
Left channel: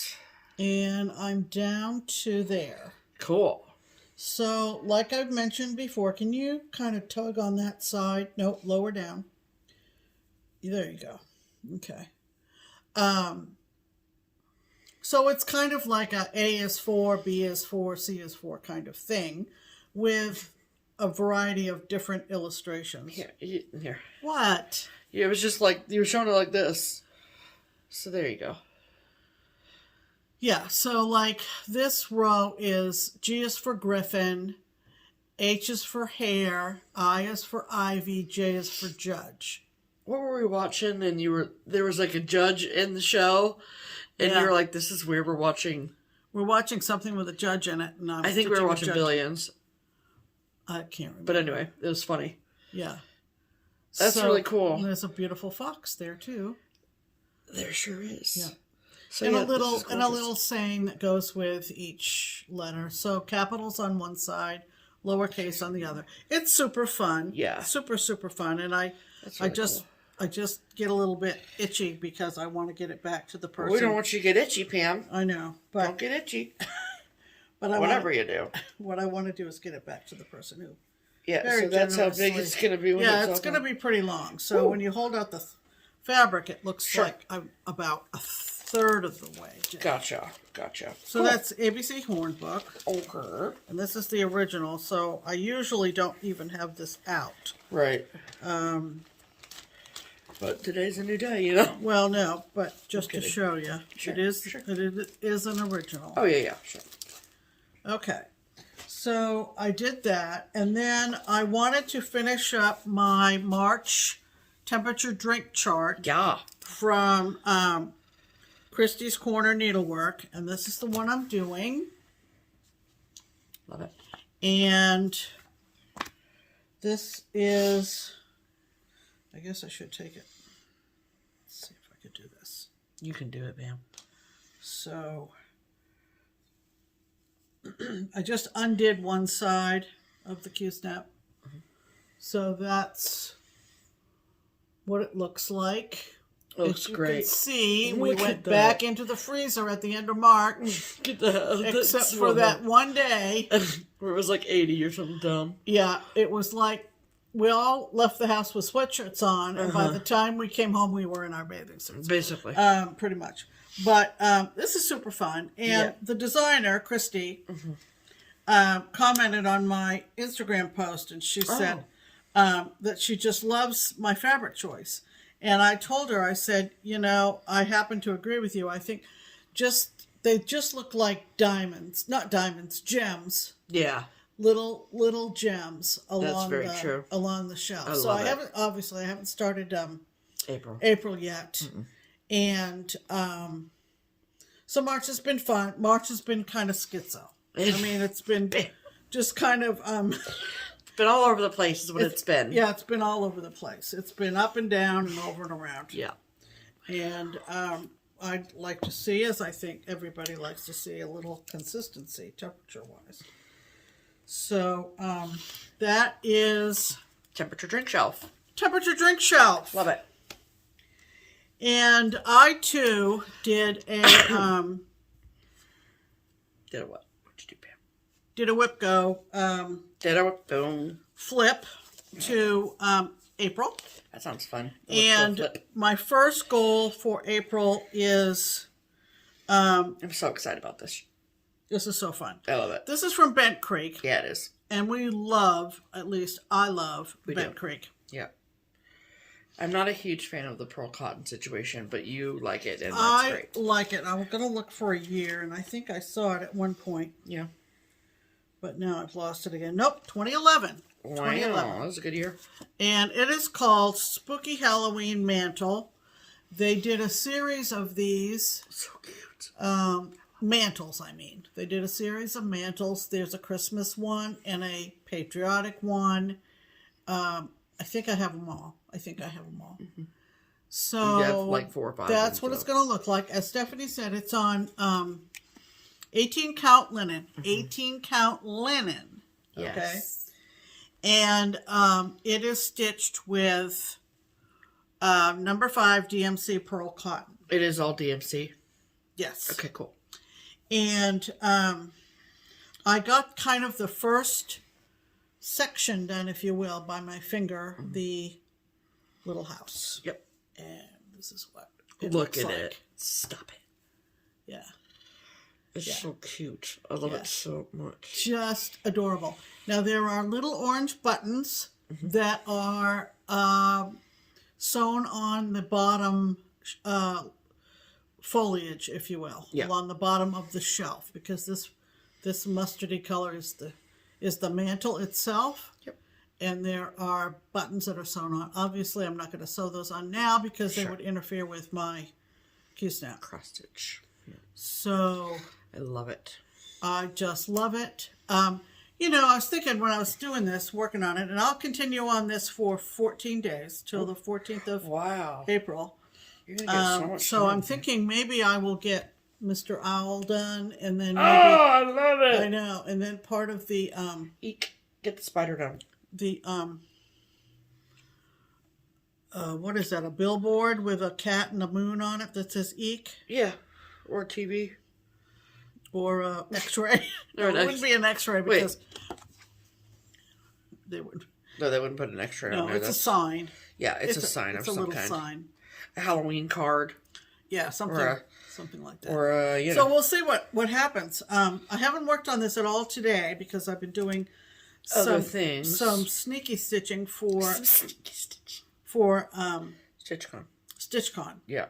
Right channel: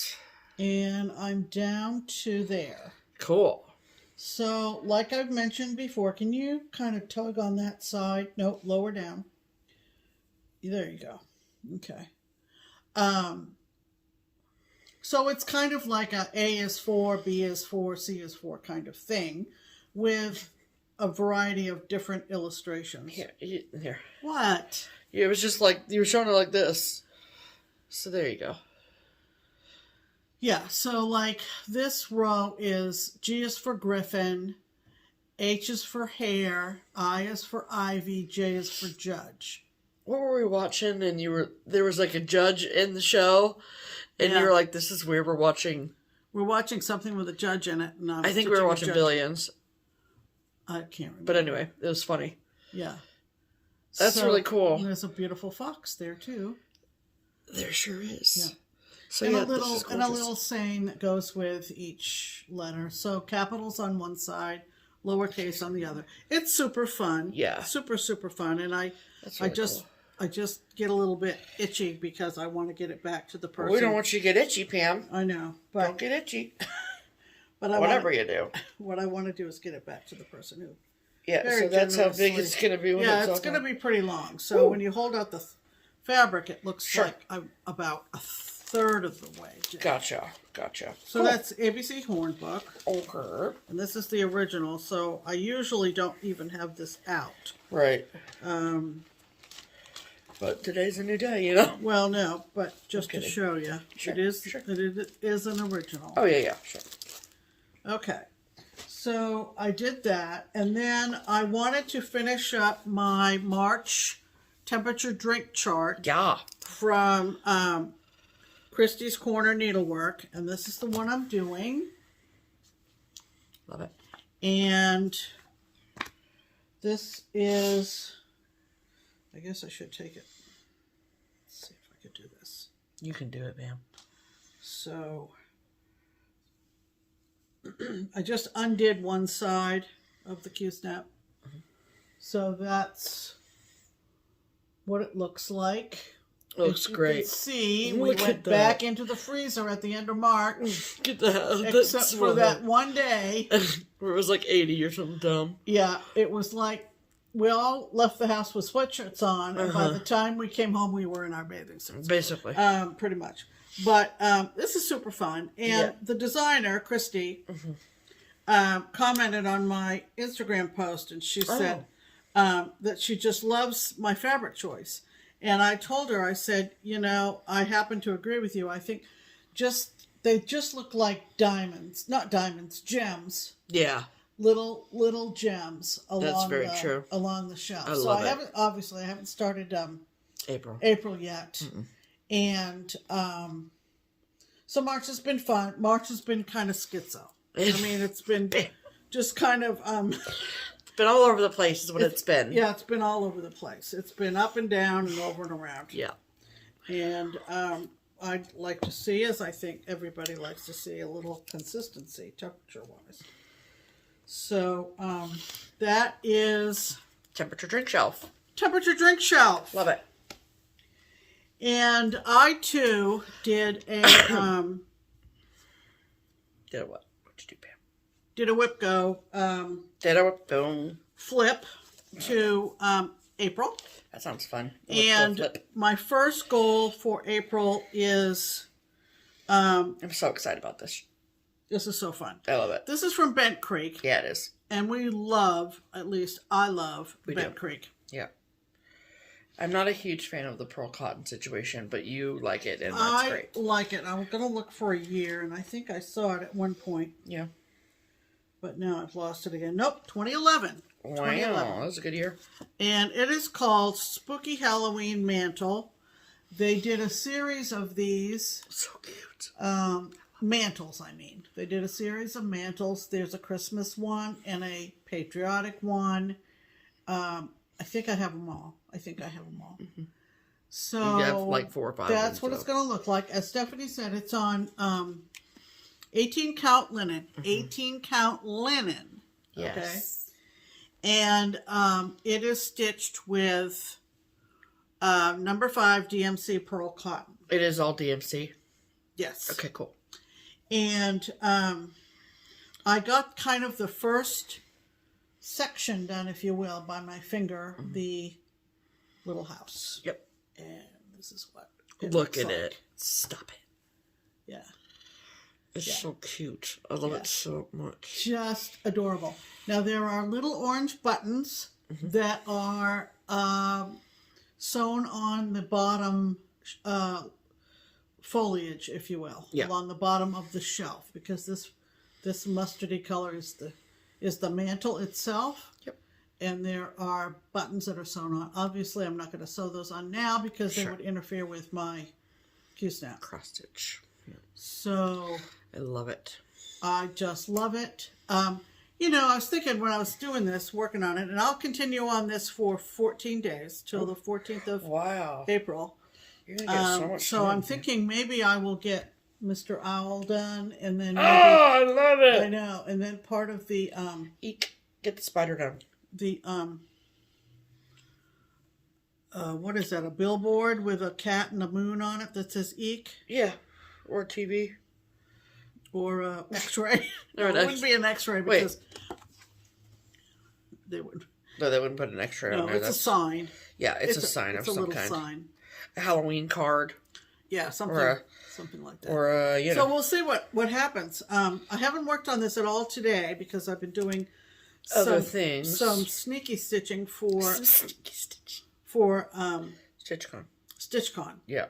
And I'm down to there. Cool. So, like I've mentioned before, can you kind of tug on that side? Nope, lower down. There you go. Okay. So it's kind of like a is 4, B is 4, C is 4 kind of thing with a variety of different illustrations. Here. What? Yeah, it was just like, you were showing it like this. So there you go. Yeah, so like this row is G is for Griffin, H is for Hare, I is for Ivy, J is for Judge. What were we watching? And there was like a judge in the show. And you were like, this is weird. We're watching something with a judge in it. And I think we were watching Billions. I can't remember. But anyway, it was funny. Yeah. That's really cool. And there's a beautiful fox there, too. There sure is. Yeah. So and a little saying that goes with each letter. So capitals on one side, lowercase on the other. It's super fun. Yeah. Super, super fun. And I just get a little bit itchy because I want to get it back to the person. Well, we don't want you to get itchy, Pam. I know. But, don't get itchy. But whatever you do. What I want to do is get it back to the person who... Yeah, so that's how big it's going to be. It's going to be pretty long. So when you hold out the fabric, it looks like I'm about a third of the way down. Gotcha. So that's ABC Hornbook. Okay. And this is the original, so I usually don't even have this out. Right. But today's a new day, you know? Well, no, but just to show you. Sure. It is an original. Oh, yeah, sure. Okay. So I did that, and then I wanted to finish up my March temperature drink chart. Yeah. From Christie's Corner Needlework, and this is the one I'm doing. Love it. And this is, I guess I should take it. Let's see if I could do this. You can do it, ma'am. So I just undid one side of the Q-snap. Mm-hmm. So that's what it looks like. Looks great. You can see, we went back into the freezer at the end of March. Except for that one day. Where it was like 80 or something dumb. Yeah, it was like we all left the house with sweatshirts on, and by the time we came home, we were in our bathing suits. Basically. Pretty much. But this is super fun. And the designer, Christy, commented on my Instagram post, and she said that she just loves my fabric choice. And I told her, I said, you know, I happen to agree with you. I think they just look like diamonds. Not diamonds, gems. Yeah. Little gems along the shelf. I haven't started April yet. Mm-mm. And so March has been fun. March has been kind of schizo. I mean, it's been just kind of it's been all over the place is what it's been. Yeah, it's been all over the place. It's been up and down and over and around. Yeah. And I'd like to see, as I think everybody likes to see, a little consistency temperature-wise. So that is... Temperature drink shelf. Temperature drink shelf. Love it. And I, too, did a... Did a what? What'd you do, Pam? Did a whip go. Did a whip go. Flip to April. That sounds fun. And my first goal for April is... I'm so excited about this. This is so fun. I love it. This is from Bent Creek. Yeah, it is. And we love, at least I love, Bent Creek. Yeah. I'm not a huge fan of the pearl cotton situation, but you like it, and that's great. I like it. I'm going to look for a year, and I think I saw it at one point. Yeah. But now I've lost it again. Nope, 2011. Wow, that was a good year. And it is called Spooky Halloween Mantle. They did a series of these. So cute. Mantles, I mean. They did a series of mantles. There's a Christmas one and a patriotic one. I think I have them all. Mm-hmm. So you have like 4 or 5. That's what it's going to look like. As Stephanie said, it's on 18 count linen. Mm-hmm. 18 count linen. Yes. Okay. And it is stitched with number 5 DMC pearl cotton. It is all DMC? Yes. Okay, cool. And I got kind of the first section done, if you will, by my finger, the little house. Yep. And this is what it looks like. It. Stop it. Yeah. It's so cute. I love it so much. Just adorable. Now, there are little orange buttons that are sewn on the bottom foliage, if you will, along the bottom of the shelf, because this mustardy color is the mantle itself. Yep. And there are buttons that are sewn on. Obviously, I'm not going to sew those on now because they would interfere with my Q-snap. Cross stitch. Yeah. So I love it. I just love it. You know, I was thinking when I was doing this, working on it, and I'll continue on this for 14 days till the 14th of April. You're gonna get so much so I'm thinking maybe I will get Mr. Owl done, and then maybe, I love it. I know, and then part of the Eek. Get the spider done. The what is that? A billboard with a cat and a moon on it that says "Eek." Yeah, or TV, or X-ray. Or it wouldn't be an X-ray because they would. No, they wouldn't put an X-ray on there. It's a sign. Yeah, it's a sign of some kind. It's a little sign. A Halloween card. Yeah, something like that. Or you know. So we'll see what happens. I haven't worked on this at all today because I've been doing other things. Some sneaky stitching for StitchCon. Yeah.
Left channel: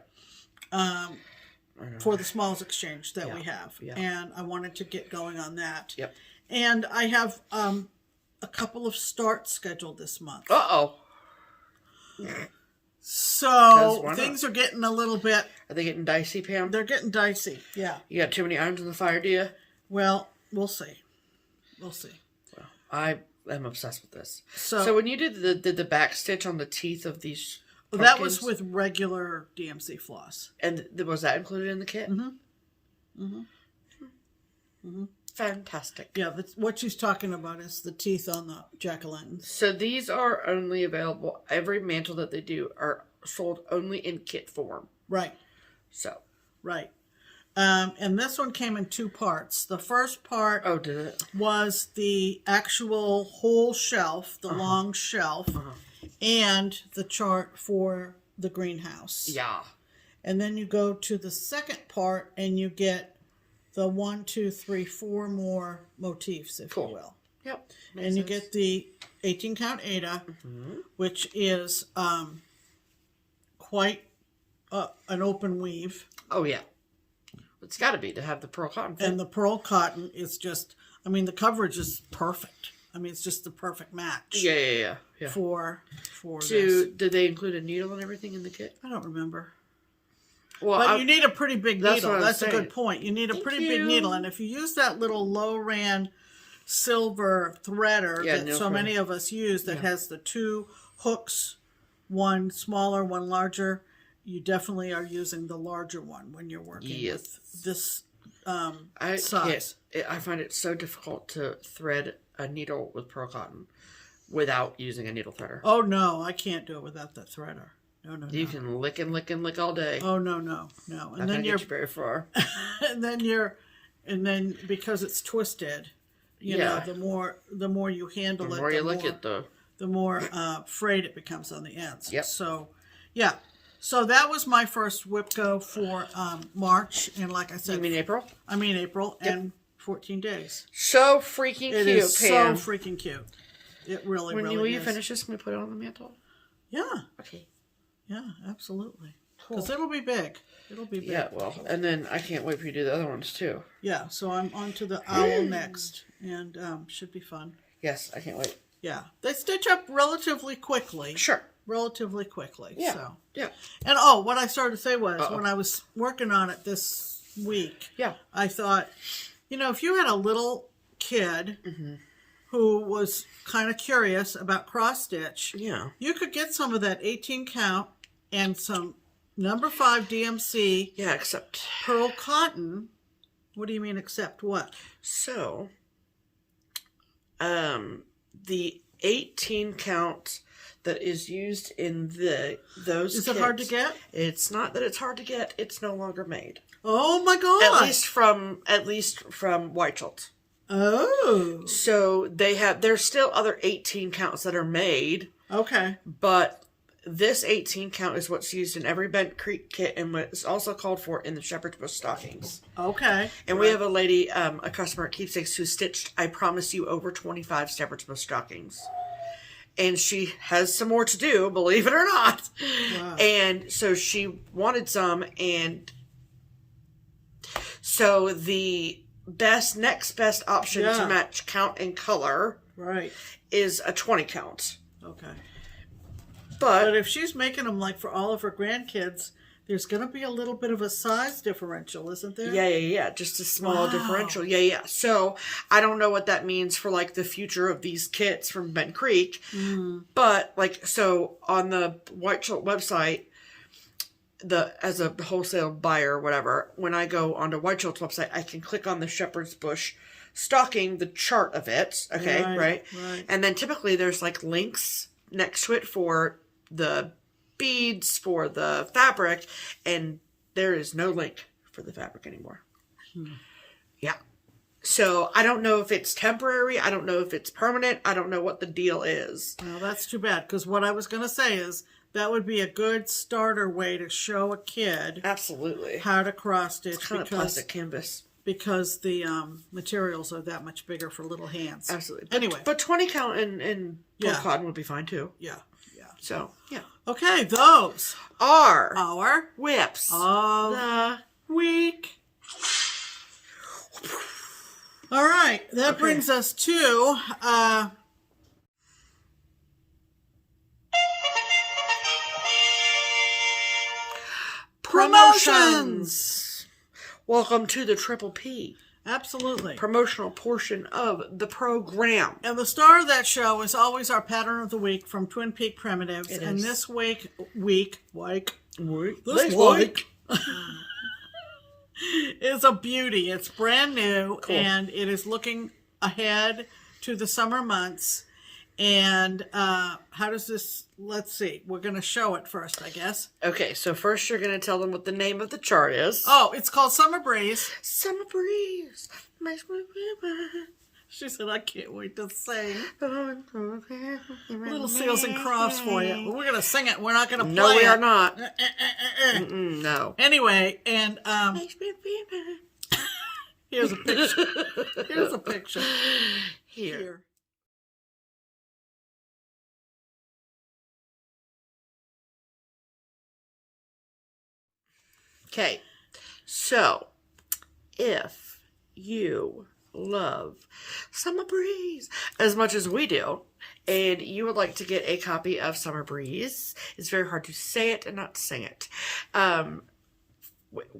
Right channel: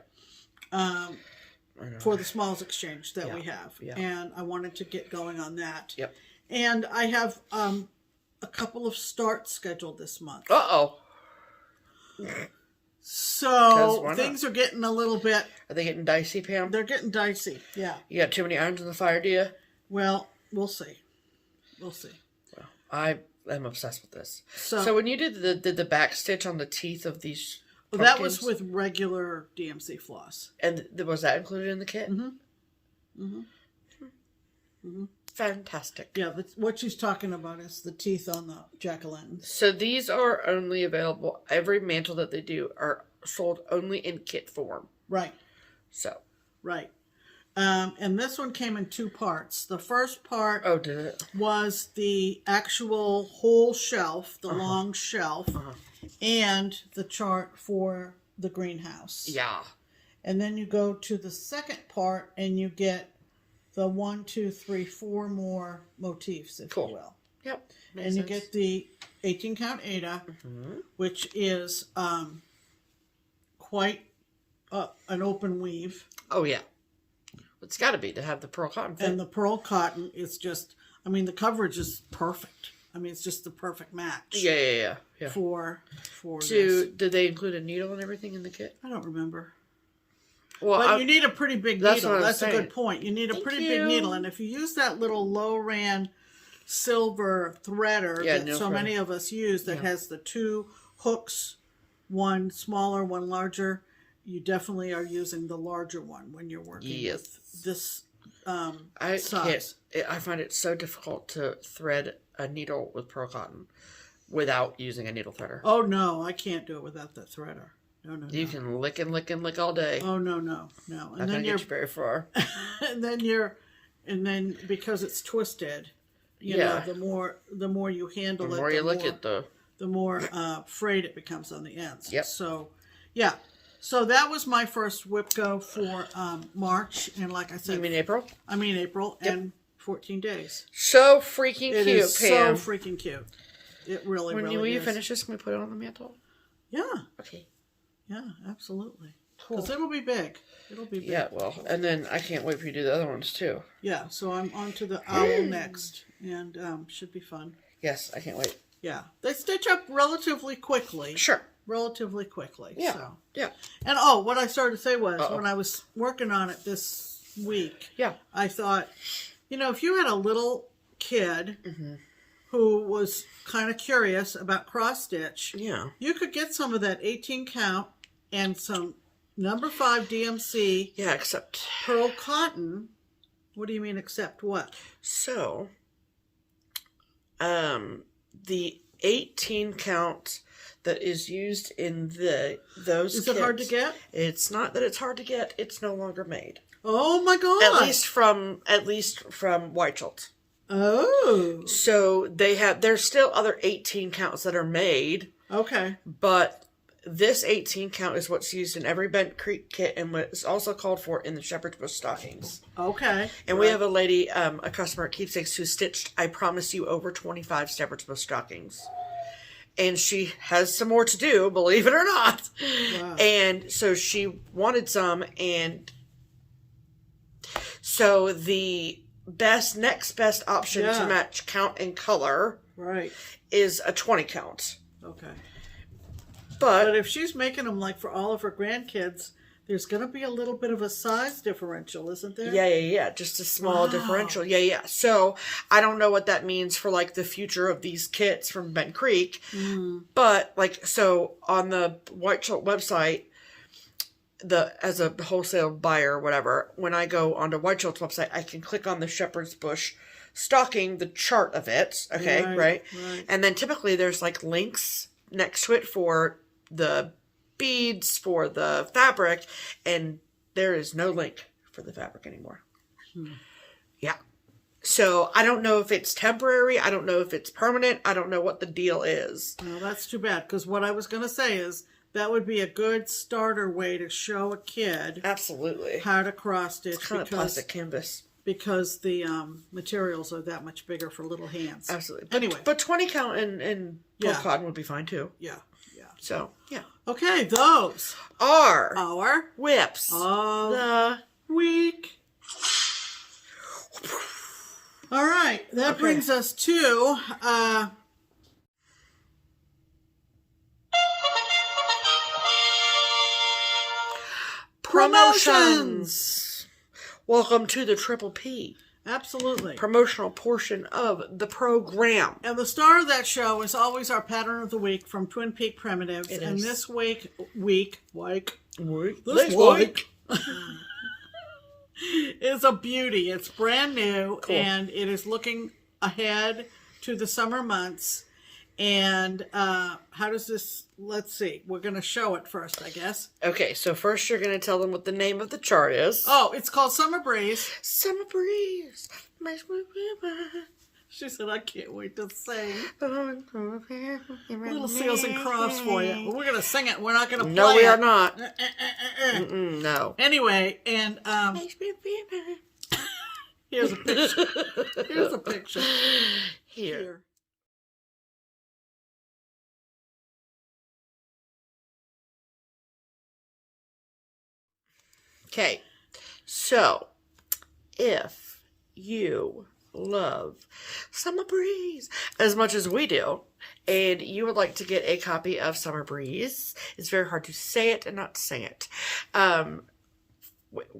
For the Smalls Exchange that we have. Yeah. And I wanted to get going on that. Yep. And I have a couple of starts scheduled this month. Uh-oh. So things are getting a little bit... Are they getting dicey, Pam? They're getting dicey, yeah. You got too many irons in the fire, do you? Well, we'll see. We'll see. Well, I am obsessed with this. So when you did the back stitch on the teeth of these pumpkins, that was with regular DMC floss. And was that included in the kit? Mm-hmm. Mm-hmm. Mm-hmm. Fantastic. Yeah, what she's talking about is the teeth on the jack-o'-lanterns. So these are only available, every mantle that they do are sold only in kit form. Right. So. Right. And this one came in 2 parts. The first part did it? Was the actual whole shelf, the long shelf, and the chart for the greenhouse. Yeah. And then you go to the second part and you get the 1, 2, 3, 4 more motifs, if you will. Yep. And you get the 18 count Ada, which is quite an open weave. Oh, yeah. It's got to be to have the pearl cotton. And the pearl cotton is just, I mean, the coverage is perfect. I mean, it's just the perfect match. Yeah. For this. Did they include a needle and everything in the kit? I don't remember. Well, but you need a pretty big needle. That's a good point. You need a pretty big needle. And if you use that little low-ran silver threader that so many of us use that has the 2 hooks, one smaller, one larger, you definitely are using the larger one when you're working with this size. I find it so difficult to thread a needle with pearl cotton without using a needle threader. Oh, no. I can't do it without the threader. No. You can lick and lick and lick all day. Oh, no. And then you're very far. and then because it's twisted, you know, the more you handle it, the more you lick it, the the more frayed it becomes on the ends. Yep. So, yeah. So that was my first whip go for March. And like I said... You mean April? I mean April. Yep. And 14 days. So freaking cute, It is Pam. so freaking cute. It really, really Will is. you finish this? Can we put it on the mantle? Yeah. Okay. Yeah, absolutely. Because it'll be big. It'll be big. Yeah, well, and then I can't wait for you to do the other ones, too. Yeah, so I'm on to the owl next. And should be fun. Yes, I can't wait. Yeah. They stitch up relatively quickly. Sure. Relatively quickly. Yeah. So. Yeah. And what I started to say was, when I was working on it this week, I thought, if you had a little kid who was kind of curious about cross stitch, you could get some of that 18 count and some number 5 DMC except pearl cotton. What do you mean except what? So the 18 count that is used in those is kits, it hard to get? It's not that it's hard to get, it's no longer made. Oh my god. At least from White Schultz. Oh. So there's still other 18 counts that are made. Okay. But this 18 count is what's used in every Bent Creek kit and what is also called for in the Shepherd's Bush stockings. Okay. And we have a lady, a customer at Keepsakes who stitched, I promise you, over 25 Shepherd's Bush stockings. And she has some more to do, believe it or not. Wow. And so she wanted some, and so the next best option to match count and color is a 20 count. Okay. But if she's making them like for all of her grandkids, there's going to be a little bit of a size differential, isn't there? Yeah. Just a small differential. Yeah. So I don't know what that means for like the future of these kits from Bent Creek. But so on the White Schultz website, as a wholesale buyer or whatever, when I go onto White Schultz website, I can click on the Shepherd's Bush stocking, the chart of it. Okay, right? And then typically there's like links next to it for the beads, for the fabric, and there is no link for the fabric anymore. Yeah. So I don't know if it's temporary. I don't know if it's permanent. I don't know what the deal is. Well, that's too bad, because what I was going to say is that would be a good starter way to show a kid absolutely how to cross stitch. It's kind of plastic canvas. Because the materials are that much bigger for little hands. Absolutely. Anyway. But 20 count and pearl cotton would be fine too. Yeah. So, okay, those are our whips of the week. All right, that brings us to promotions. Welcome to the Triple P. Absolutely. Promotional portion of the program. And the star of that show is always our pattern of the week from Twin Peak Primitives. And this week is a beauty. It's brand new, and it is looking ahead to the summer months. And how does this, let's see, we're going to show it first, I guess. Okay, so first you're going to tell them what the name of the chart is. Oh, it's called Summer Breeze. Summer Breeze makes me river. She said, I can't wait to sing. Little seals and crofts for you. We're going to sing it. We're not going to play it. No, we are not. No. Anyway, and here's a picture. Here's a picture. Here. Okay, so if you love Summer Breeze as much as we do, and you would like to get a copy of Summer Breeze, it's very hard to say it and not sing it, at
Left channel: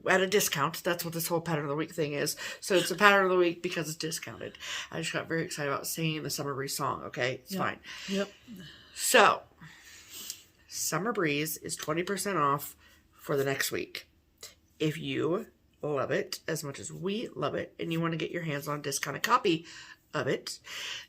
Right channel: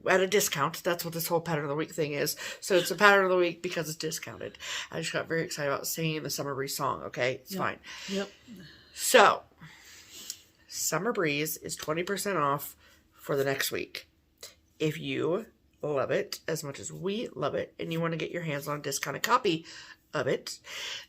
a discount. That's what this whole pattern of the week thing is. So it's a pattern of the week because it's discounted. I just got very excited about singing the Summer Breeze song, okay? It's fine. Yep. So, Summer Breeze is 20% off for the next week. If you love it as much as we love it, and you want to get your hands on a discounted copy of it,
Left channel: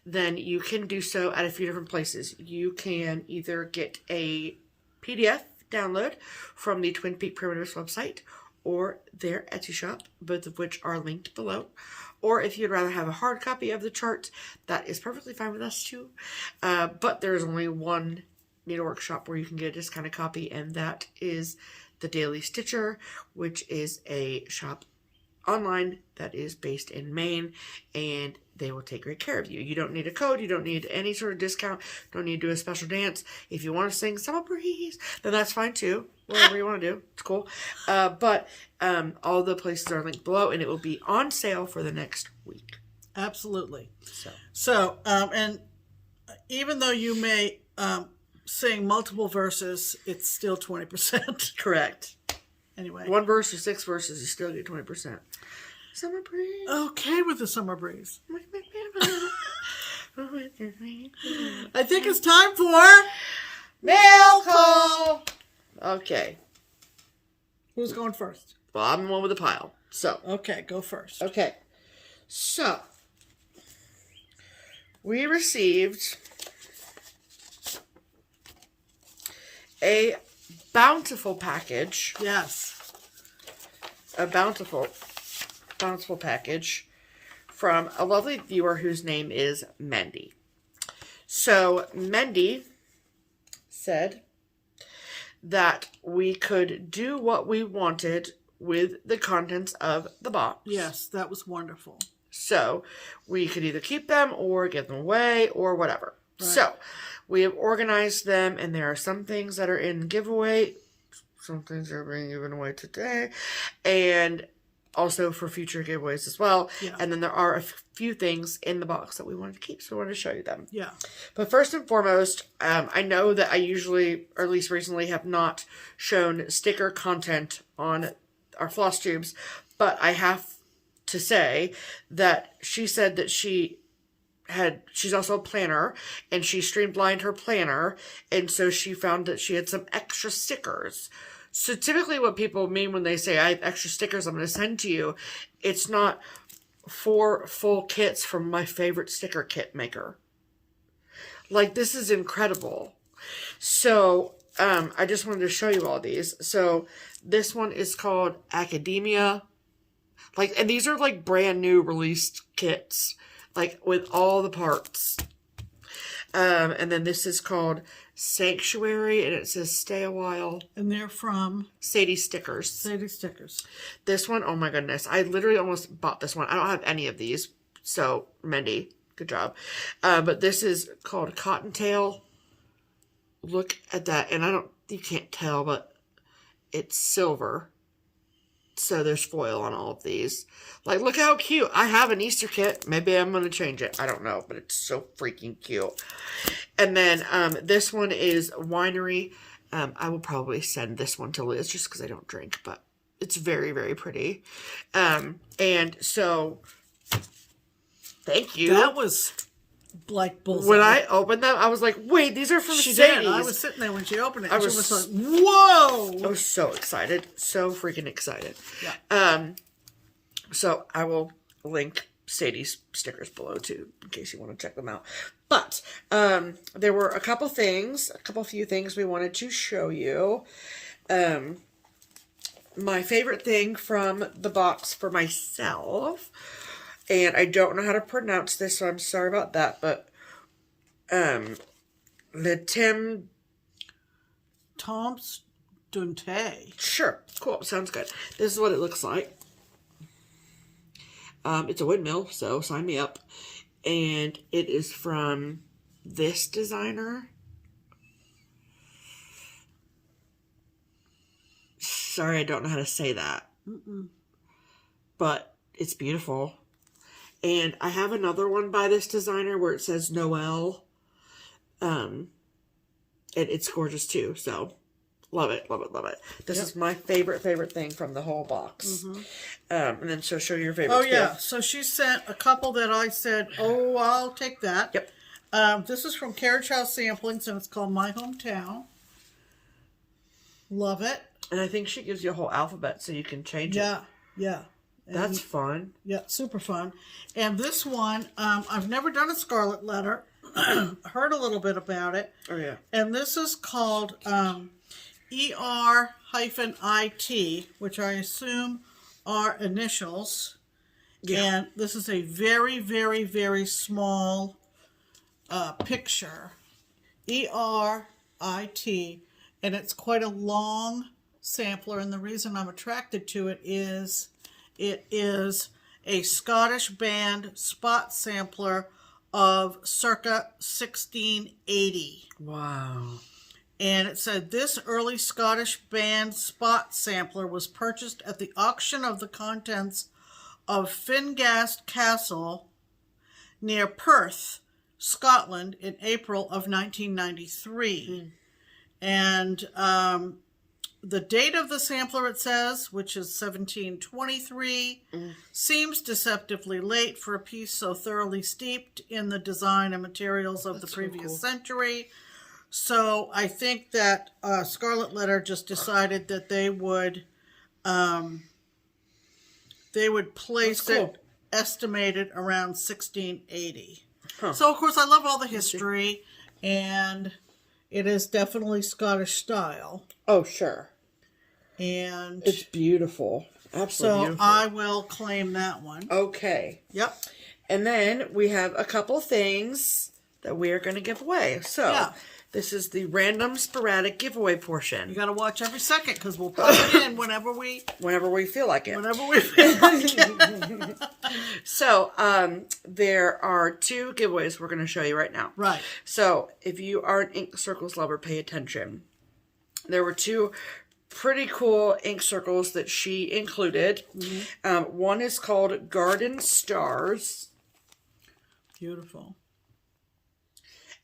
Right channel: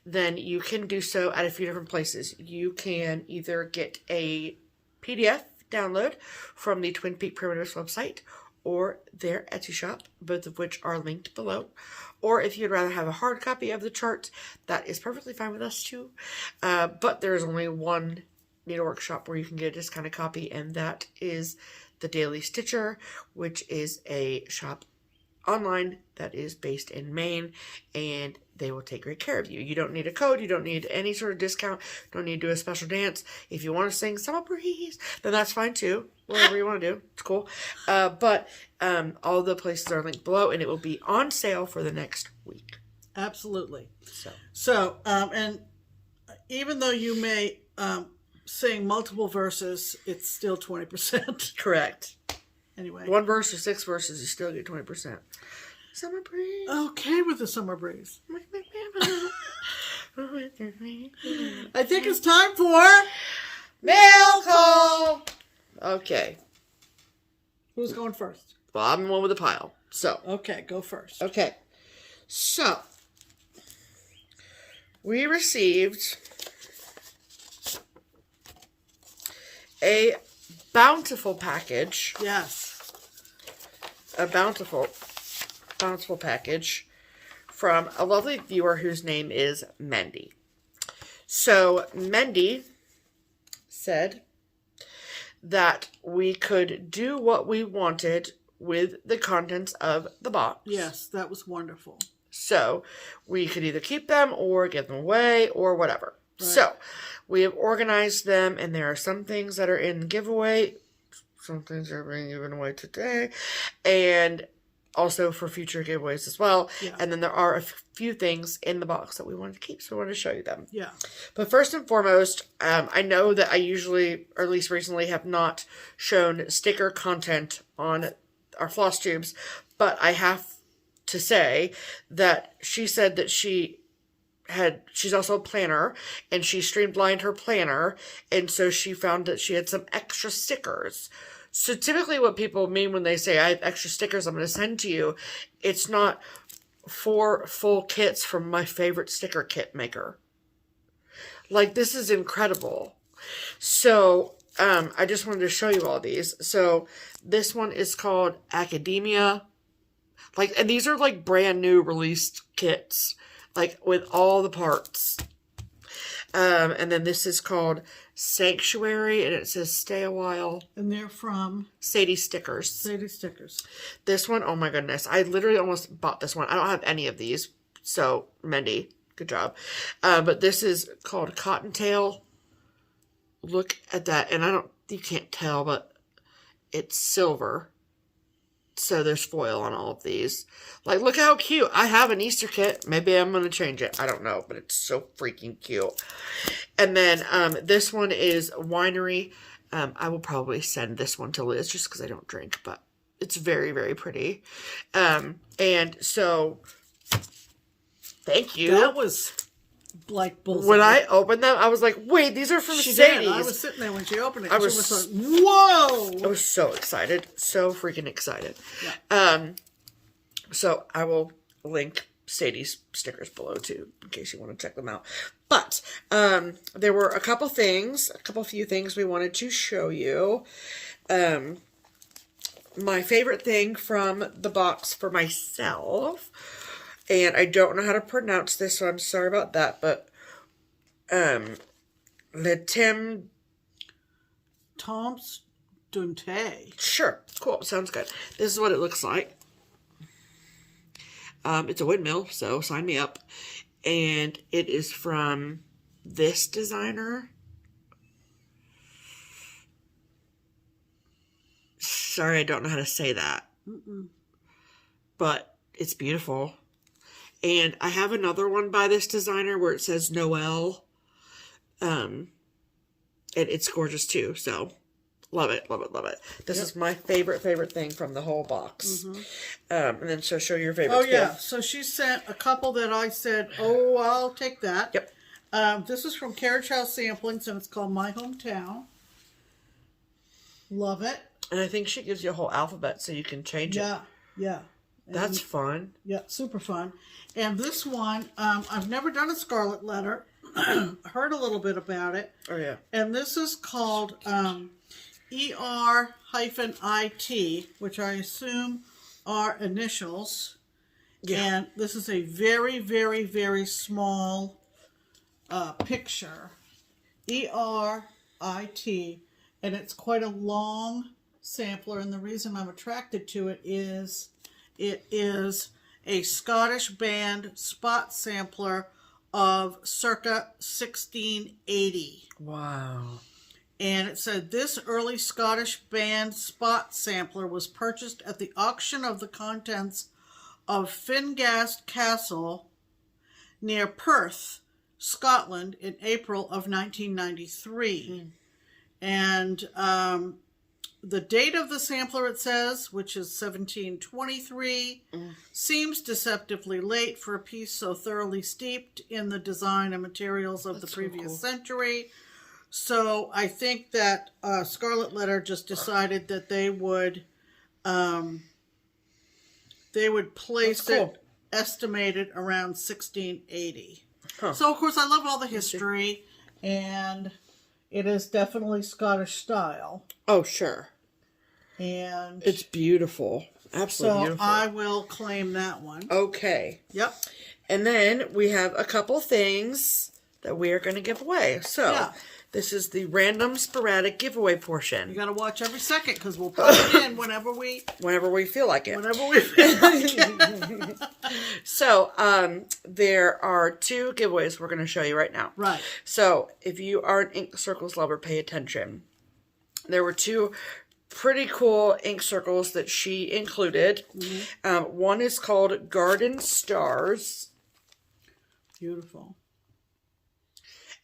then you can do so at a few different places. You can either get a PDF download from the Twin Peak Primitives website or their Etsy shop, both of which are linked below. or if you'd rather have a hard copy of the chart, that is perfectly fine with us too. But there's only one needlework shop where you can get a discounted copy, and that is the Daily Stitcher, which is a shop online that is based in Maine, and they will take great care of you. You don't need a code. You don't need any sort of discount. Don't need to do a special dance. If you want to sing Summer Breeze, then that's fine too. Whatever you want to do, it's cool. But all the places are linked below, and it will be on sale for the next week. Absolutely. So, and even though you may sing multiple verses, it's still 20%. Correct. Anyway. 1 verse or 6 verses, you still get 20%. Summer breeze. Okay with the summer breeze. I think it's time for mail call. Okay. Who's going first? Well, I'm the one with the pile. So. Okay, go first. Okay. So. We received a bountiful package. Yes. A bountiful package from a lovely viewer whose name is Mendy. So Mendy said that we could do what we wanted with the contents of the box. Yes, that was wonderful. So we could either keep them or give them away or whatever. Right. So we have organized them, and there are some things that are in giveaway. Some things are being given away today, and also for future giveaways as well. Yeah. And then there are a few things in the box that we wanted to keep, so we wanted to show you them. Yeah. But first and foremost, I know that I usually, or at least recently, have not shown sticker content on our floss tubes, but I have to say that she said that she's also a planner, and she streamlined her planner, and so she found that she had some extra stickers. So typically what people mean when they say, I have extra stickers I'm going to send to you, it's not 4 full kits from my favorite sticker kit maker. Like, this is incredible. So, I just wanted to show you all these. So, this one is called Academia. Like, and these are like brand new released kits, like with all the parts. And then this is called Sanctuary, and it says stay a while. And they're from Sadie Stickers. Sadie Stickers. This one, oh my goodness. I literally almost bought this one. I don't have any of these. So, Mendy, good job. But this is called Cottontail. Look at that. And you can't tell, but it's silver. So there's foil on all of these. Like, look how cute. I have an Easter kit. Maybe I'm going to change it. I don't know, but it's so freaking cute. And then this one is Winery. I will probably send this one to Liz just because I don't drink, but it's very, very pretty. And so, thank you. That was like bullseye. When I opened them, I was like, wait, these are from Sadie's. I was sitting there when she opened it. I was like, whoa! I was so excited. So freaking excited. Yeah. So I will link Sadie's stickers below too, in case you want to check them out. But there were a few things we wanted to show you. My favorite thing from the box for myself, and I don't know how to pronounce this, so I'm sorry about that, but Le Tom's Dunte. Sure, cool, sounds good. This is what it looks like. It's a windmill, so sign me up. And it is from this designer. Sorry, I don't know how to say that. But it's beautiful. And I have another one by this designer where it says Noel. And it's gorgeous too, so love it, love it, love it. This is my favorite thing from the whole box. And then so show your favorite. Oh, yeah. So she sent a couple that I said, oh, I'll take that. Yep. This is from Carriage House Samplings, and it's called My Hometown. Love it. And I think she gives you a whole alphabet so you can change it. Yeah. That's fun. Yeah, super fun. And this one, I've never done a scarlet letter. Heard a little bit about it. Oh, yeah. And this is called ER-IT, which I assume are initials. Yeah. And this is a very, very, very small picture. ERIT. And it's quite a long sampler. And the reason I'm attracted to it is a Scottish band spot sampler of circa 1680. Wow. And it said, this early Scottish band spot sampler was purchased at the auction of the contents of Fingast Castle near Perth, Scotland, in April of 1993. And the date of the sampler, it says, which is 1723, seems deceptively late for a piece so thoroughly steeped in the design and materials of the previous century. So I think that Scarlet Letter just decided that they would place it estimated around 1680. Huh. So of course I love all the history, and it is definitely Scottish style. Oh sure. And it's beautiful. Absolutely beautiful. So I will claim that one. Okay. Yep. And then we have a couple things that we are going to give away. So yeah. This is the random sporadic giveaway portion. You got to watch every second because we'll put it in whenever we feel like it. Whenever we feel like it. So, there are 2 giveaways we're going to show you right now. Right. So, if you are an ink circles lover, pay attention. There were 2 pretty cool ink circles that she included. Mm-hmm. One is called Garden Stars. Beautiful.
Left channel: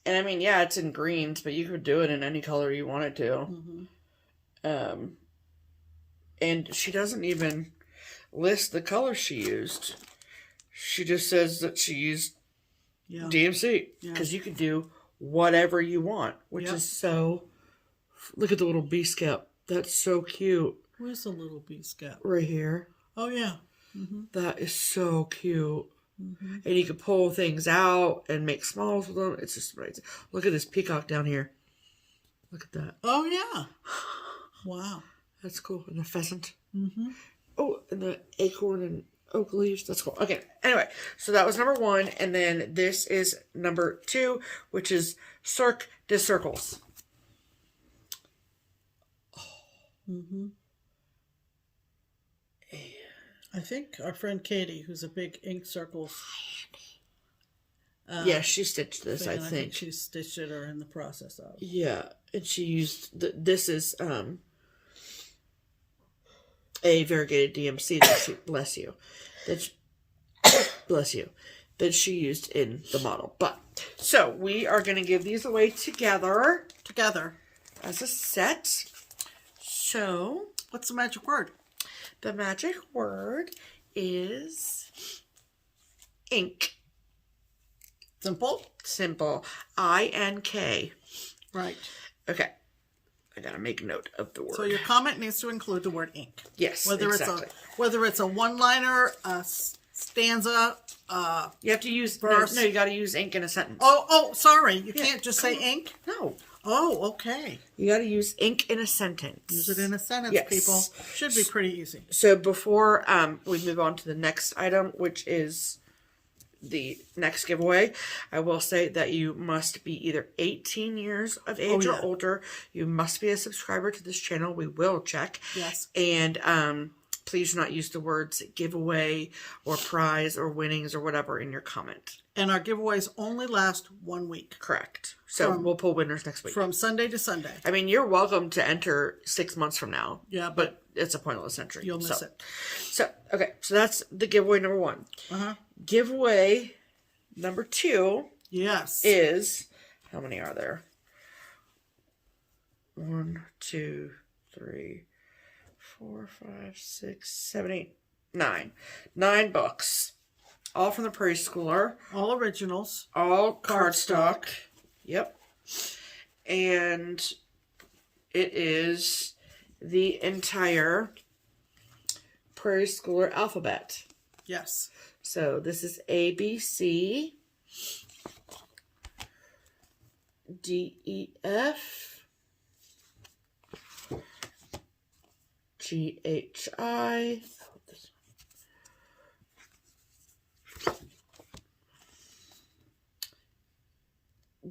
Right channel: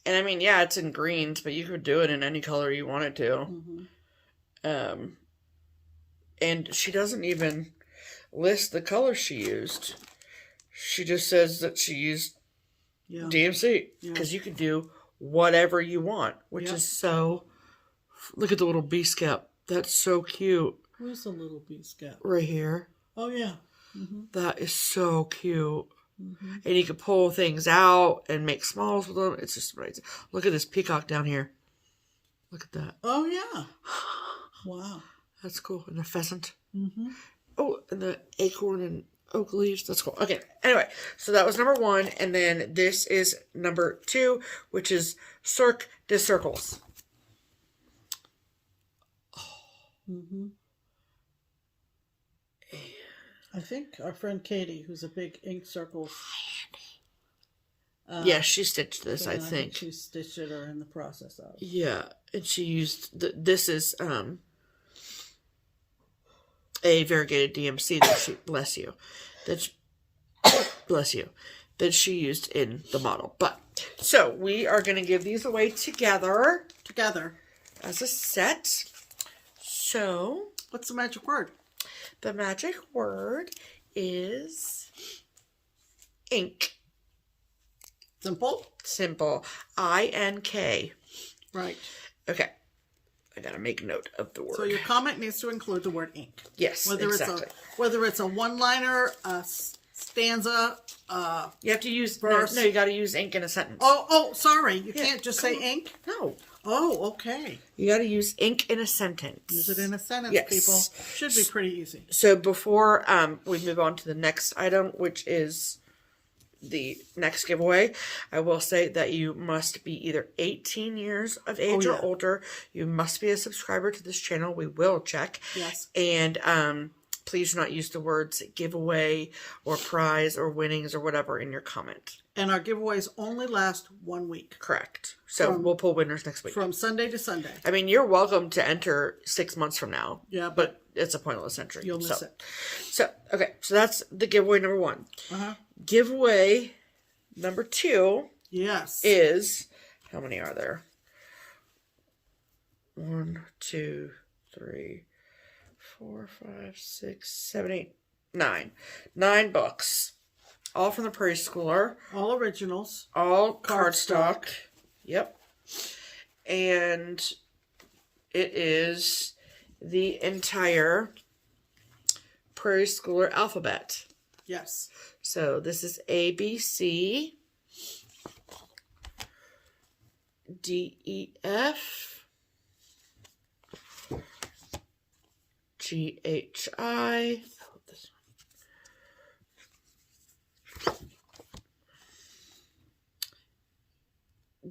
And I mean, yeah, it's in greens, but you could do it in any color you wanted to. Mm-hmm. And she doesn't even list the color she used. She just says that she used DMC. Because you can do whatever you want, which is so... Look at the little bee scap. That's so cute. Where's the little bee scap? Right here. Oh, yeah. Mm-hmm. That is so cute. Mm-hmm. And you can pull things out and make smalls with them. It's just amazing. Look at this peacock down here. Look at that. Oh, yeah. Wow. That's cool. And the pheasant. Mm-hmm. Oh, and the acorn and oak leaves. That's cool. Okay. Anyway, so that was number 1. And then this is number 2, which is Cirque de Circles. Mm-hmm. I think our friend Katie, who's a big ink circles. Yeah, she stitched this, I think. She stitched it or in the process of. Yeah, and she used, this is a variegated DMC that she, bless you, that she used in the model. But, so we are going to give these away together. As a set. So. What's the magic word? The magic word is ink. Simple? Simple. I-N-K. Right. Okay. I gotta make note of the word. So your comment needs to include the word ink. Yes, exactly. Whether it's a one-liner, a stanza, you have to use verse. No, you gotta use ink in a sentence. Oh, sorry. You can't just say ink? No. Oh, okay. You gotta use ink in a sentence. Use it in a sentence, people. Should be pretty easy. So before we move on to the next item, which is the next giveaway, I will say that you must be either 18 years of age or older. You must be a subscriber to this channel. We will check. Yes. And please do not use the words giveaway or prize or winnings or whatever in your comment. And our giveaways only last 1 week. Correct. So we'll pull winners next week. From Sunday to Sunday. I mean, you're welcome to enter 6 months from now. Yeah. But it's a pointless entry. You'll miss it. So, okay. So that's the giveaway number 1. Uh-huh. Giveaway number 2. Yes. Is, how many are there? 1, 2, 3, 4, 5, 6, 7, 8, 9. 9 books. All from the Prairie Schooler. All originals. All cardstock. Yep. And it is the entire Prairie Schooler Alphabet. Yes. So this is A, B, C, D, E, F, G, H, I,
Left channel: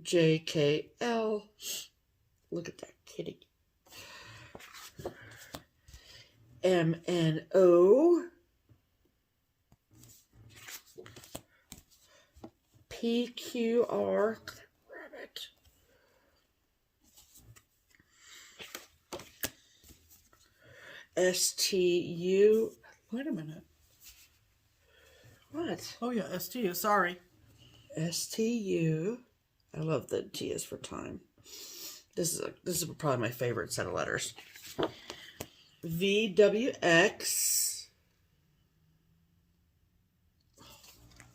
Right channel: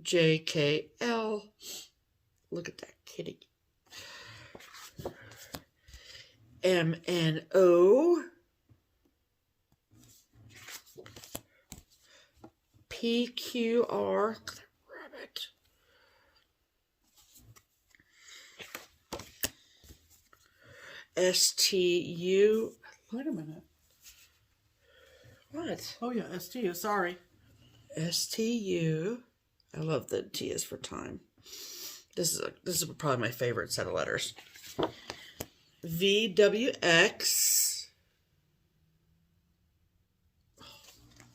JKL. Look at that kitty. MNO. PQR. Rabbit. STU. Wait a minute. What? Oh yeah, STU. Sorry. STU. I love the T is for time. This is probably my favorite set of letters. VWX.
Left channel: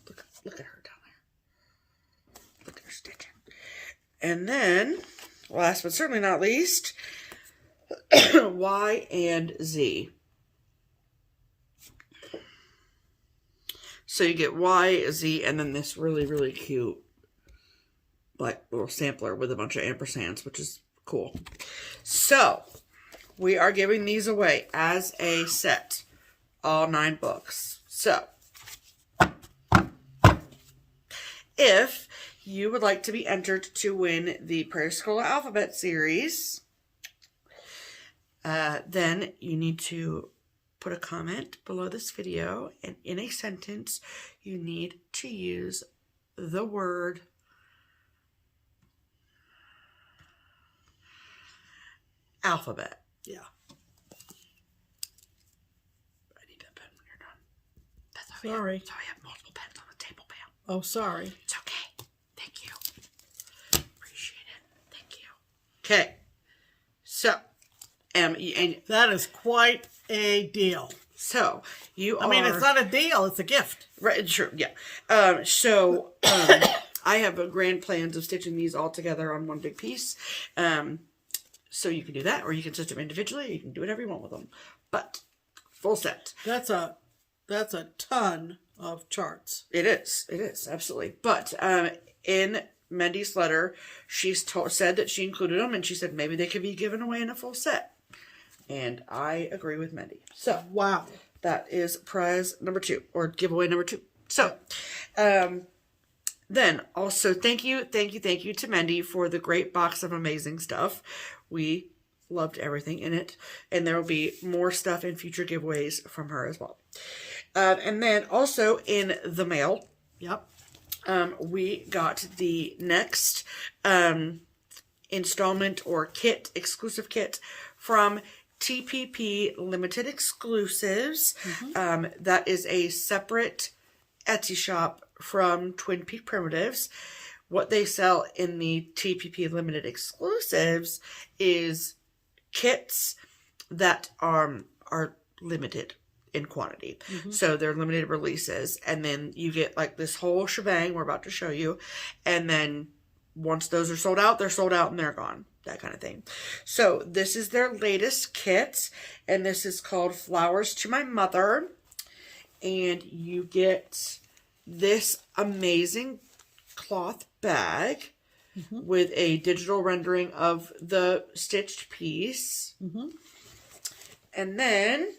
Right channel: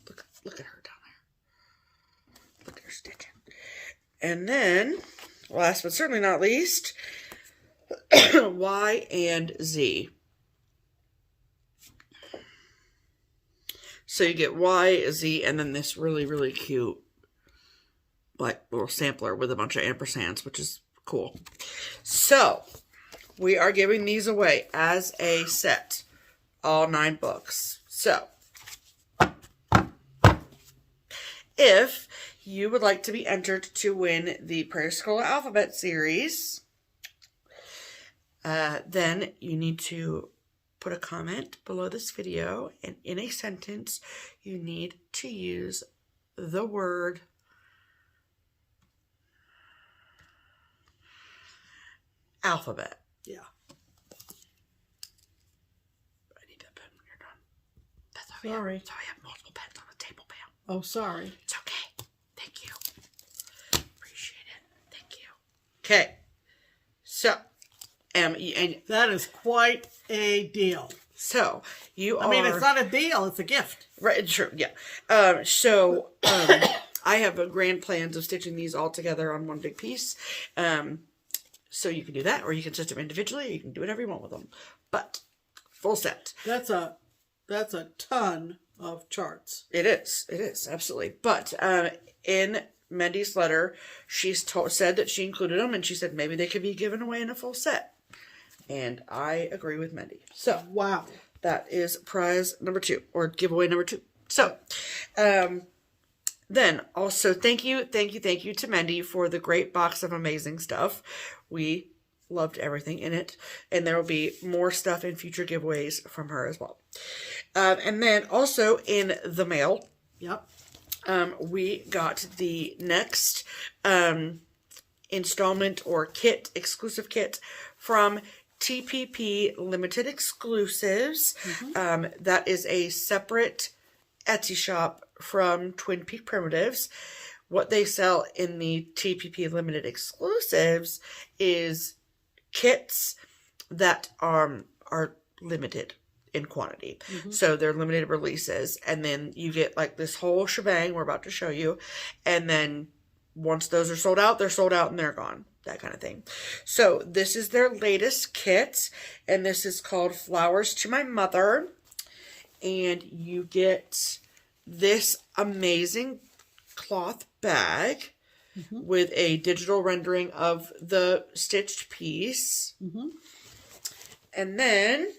Look at her down there. Look at her stitching. And then, last but certainly not least, Y and Z. So you get Y, Z, and then this really, really cute, like, little sampler with a bunch of ampersands, which is cool. So, we are giving these away as a set. All 9 books. So, if you would like to be entered to win the Prairie Schooler Alphabet series, then you need to put a comment below this video, and in a sentence, you need to use the word alphabet. Yeah. I need that pen when you're done. That's how Sorry. That's how I have multiple pens on the table, Pam. Oh, sorry. It's okay. Thank you. Appreciate it. Thank you. Okay. So, and that is quite a deal. So, I mean, it's not a deal, it's a gift. Right, true, yeah. I have grand plans of stitching these all together on one big piece. So you can do that, or you can stitch them individually, or you can do whatever you want with them. But, full set. That's a ton of charts. It is, absolutely. But, in Mendy's letter, she's said that she included them, and she said maybe they could be given away in a full set. And I agree with Mendy. So, wow. That is prize number 2, or giveaway number 2. So, then also thank you to Mendy for the great box of amazing stuff. We loved everything in it. And there will be more stuff in future giveaways from her as well. And then also in the mail. Yep. We got the next installment or exclusive kit from TPP Limited Exclusives. Mm-hmm. That is a separate Etsy shop from Twin Peak Primitives. What they sell in the TPP Limited Exclusives is kits that are limited in quantity. Mm-hmm. So they're limited releases. And then you get like this whole shebang we're about to show you. And then once those are sold out, they're sold out and they're gone. That kind of thing. So this is their latest kit. And this is called Flowers to My Mother. And you get this amazing cloth bag with a digital rendering of the stitched piece. Mm-hmm. And then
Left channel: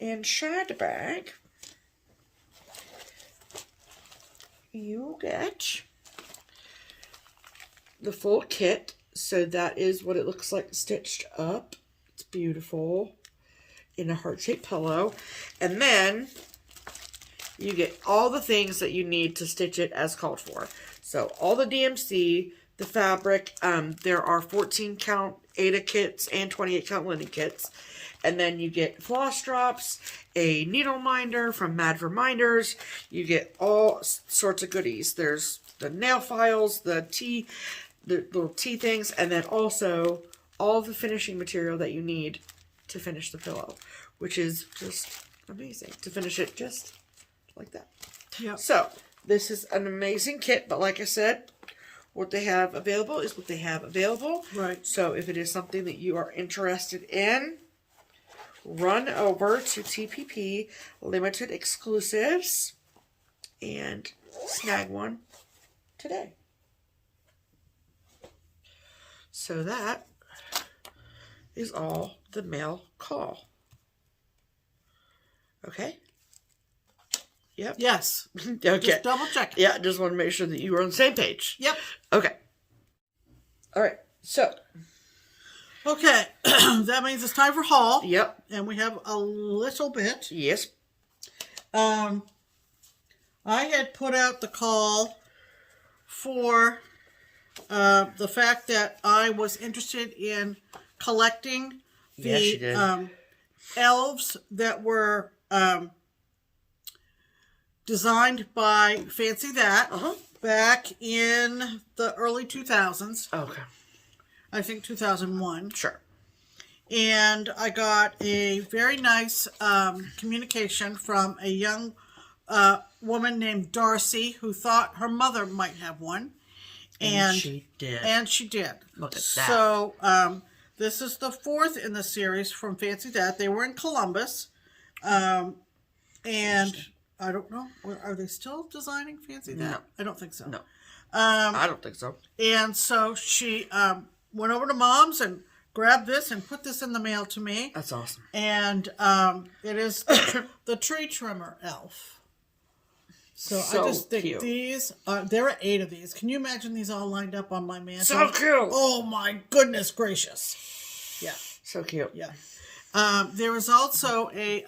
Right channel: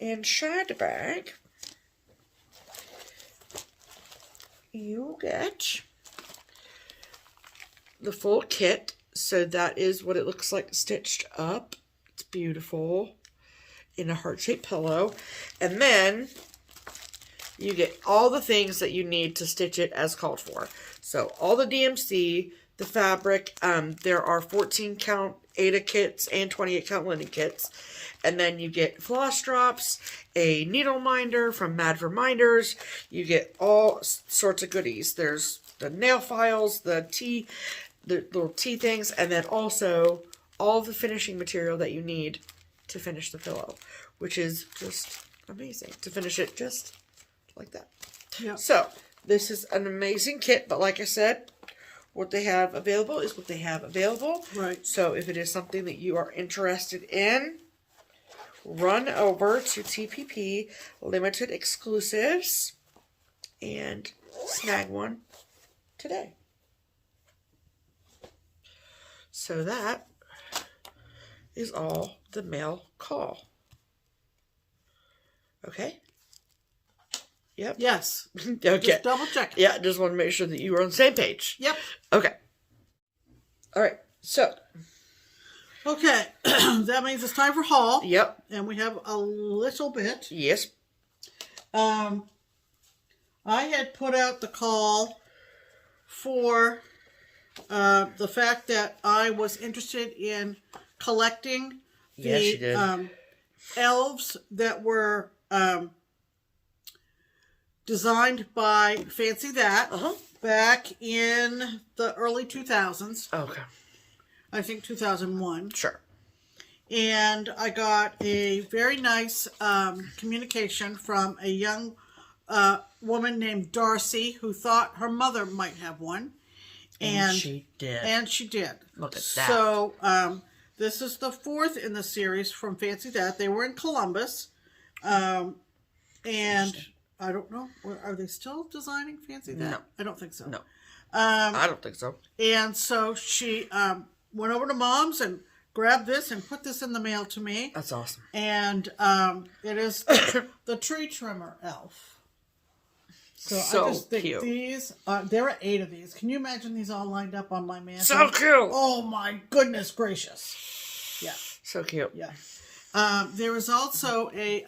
inside the bag, you get the full kit. So that is what it looks like stitched up. It's beautiful in a heart-shaped pillow. And then you get all the things that you need to stitch it as called for. So all the DMC, the fabric, there are 14 count Ada kits and 28 count linen kits. And then you get floss drops, a needle minder from Mad for Minders. You get all sorts of goodies. There's the nail files, the little tea things, and then also all the finishing material that you need to finish the pillow, which is just amazing to finish it just like that. Yeah. So this is an amazing kit, but like I said, what they have available is what they have available. Right. So if it is something that you are interested in, run over to TPP Limited Exclusives and snag one today. So that is all the mail call. Okay? Yep. Yes. Okay. Just double check. Yeah, just want to make sure that you were on the same page. Yep. Okay. All right. So. Okay. That means it's time for haul. Yep. And we have a little bit. Yes. I had put out the call for the fact that I was interested in collecting the elves that were designed by Fancy That back in the early 2000s. Okay. I think 2001. Sure. And I got a very nice communication from a young woman named Darcy who thought her mother might have one. And she did. And she did. Look at that. So this is the 4th in the series from Fancy That. They were in Columbus. And I don't know. Are they still designing Fancy That? No. I don't think so. No. I don't think so. And so she went over to Mom's and grabbed this and put this in the mail to me. That's awesome. And it is the tree trimmer elf. So I just think cute. these, there are 8 of these. Can you imagine these all lined up on my mantle? So cute. Oh my goodness gracious. Yeah. So cute. Yeah. There is also a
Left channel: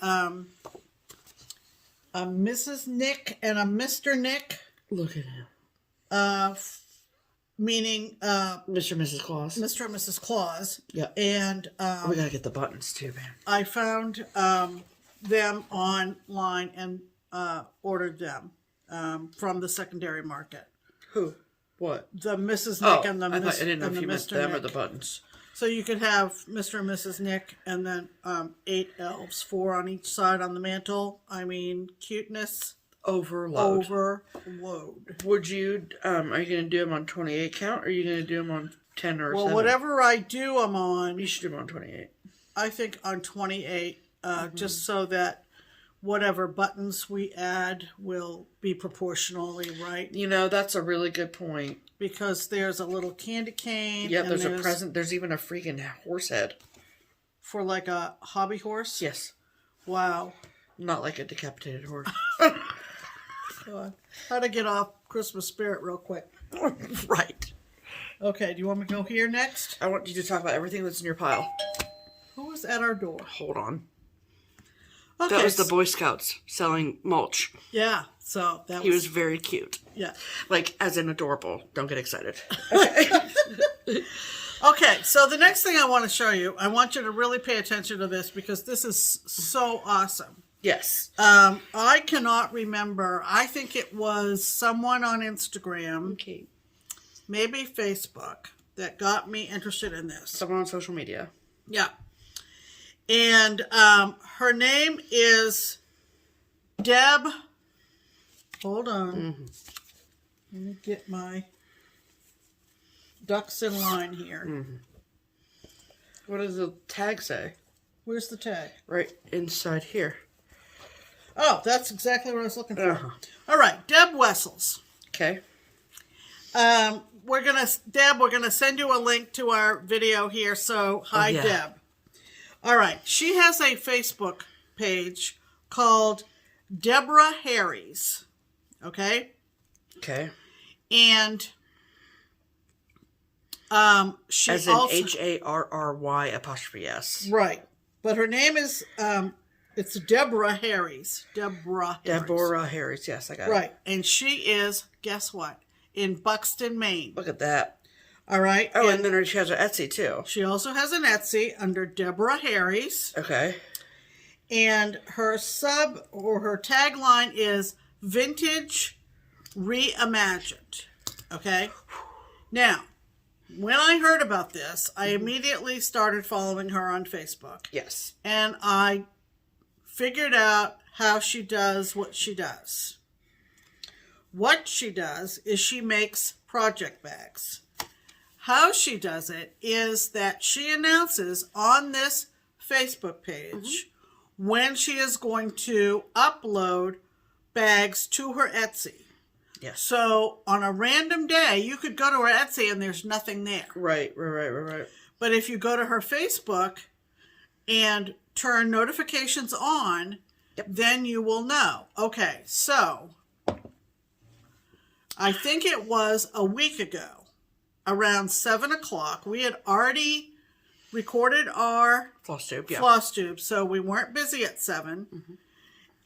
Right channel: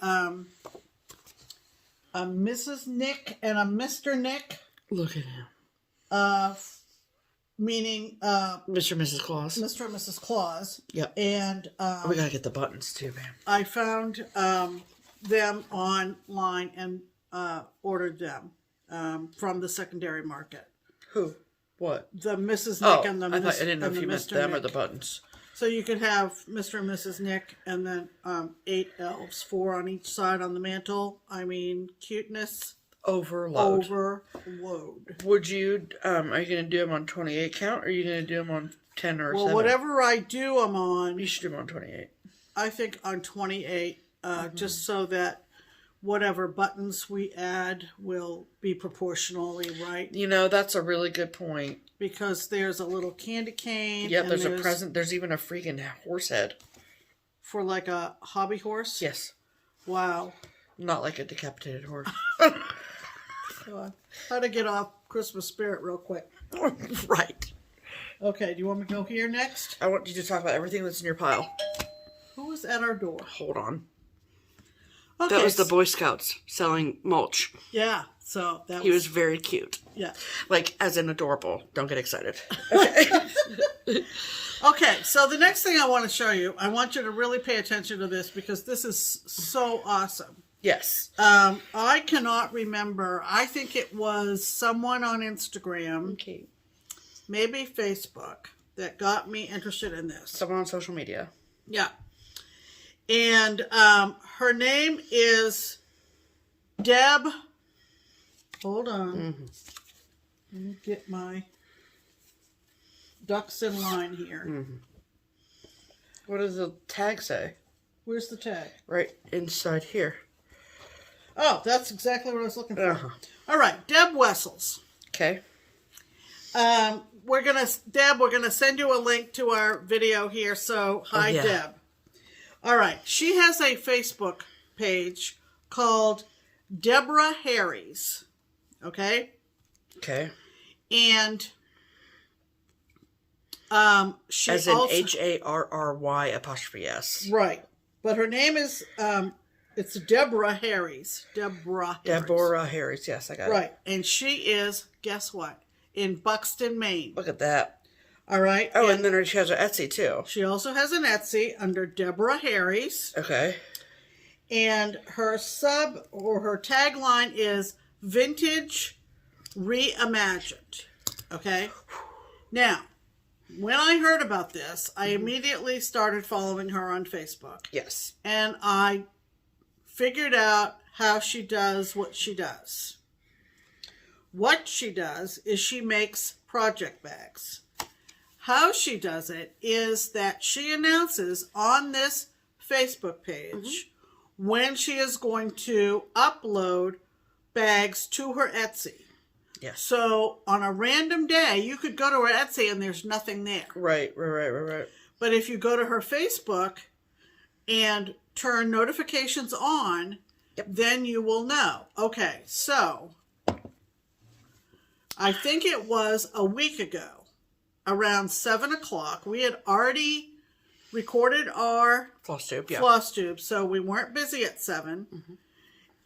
Mrs. Nick and a Mr. Nick. Look at him. Meaning Mr. and Mrs. Claus. Mr. and Mrs. Claus. Yeah. And we gotta get the buttons too, man. I found them online and ordered them from the secondary market. Who? What? The Mrs. Nick and the I didn't know if you meant Mr. them Nick. or the buttons. So you could have Mr. and Mrs. Nick and then 8 elves, 4 on each side on the mantle. I mean, cuteness. Overload. Would you, are you going to do them on 28 count, or are you going to do them on 10 or 7? Well, whatever I do them on. You should do them on 28. I think on 28, just so that whatever buttons we add will be proportionally right. You know, that's a really good point. Because there's a little candy cane. Yeah, there's a present. There's even a freaking horse head. For like a hobby horse? Yes. Wow. Not like a decapitated horse. How to get off Christmas spirit real quick. Right. Okay, do you want me to go here next? I want you to talk about everything that's in your pile. Who was at our door? Hold on. Okay. That was the Boy Scouts selling mulch. Yeah, so that he was very cute. Yeah. Like, as in adorable. Don't get excited. Okay. Okay, so the next thing I want to show you, I want you to really pay attention to this because this is so awesome. Yes. I cannot remember. I think it was someone on Instagram, Okay. maybe Facebook, that got me interested in this. Someone on social media. Yeah. And her name is Deb. Hold on. Mm-hmm. Let me get my ducks in line here. Mm-hmm. What does the tag say? Where's the tag? Right inside here. Oh, that's exactly what I was looking for. Uh-huh. All right, Deb Wessels. Okay. We're gonna send you a link to our video here. So hi, yeah. Deb. All right, she has a Facebook page called Deborah Harry's. Okay. Okay. And she as in also, HARRY''S. right, but her name is it's Deborah Harry's. Deborah Harry's. Yes, I got it. Right, and she is, guess what? In Buxton, Maine. Look at that. All right. Oh, and then she has an Etsy too. She also has an Etsy under Deborah Harry's. Okay. And her her tagline is Vintage Reimagined. Okay. Now, when I heard about this, I immediately started following her on Facebook. Yes. And I figured out how she does what she does. What she does is she makes project bags. How she does it is that she announces on this Facebook page when she is going to upload bags to her Etsy. Yes. So on a random day, you could go to her Etsy and there's nothing there. Right. But if you go to her Facebook and turn notifications on, then you will know. Okay, so I think it was a week ago, around 7 o'clock. We had already recorded our FlossTube, so we weren't busy at 7.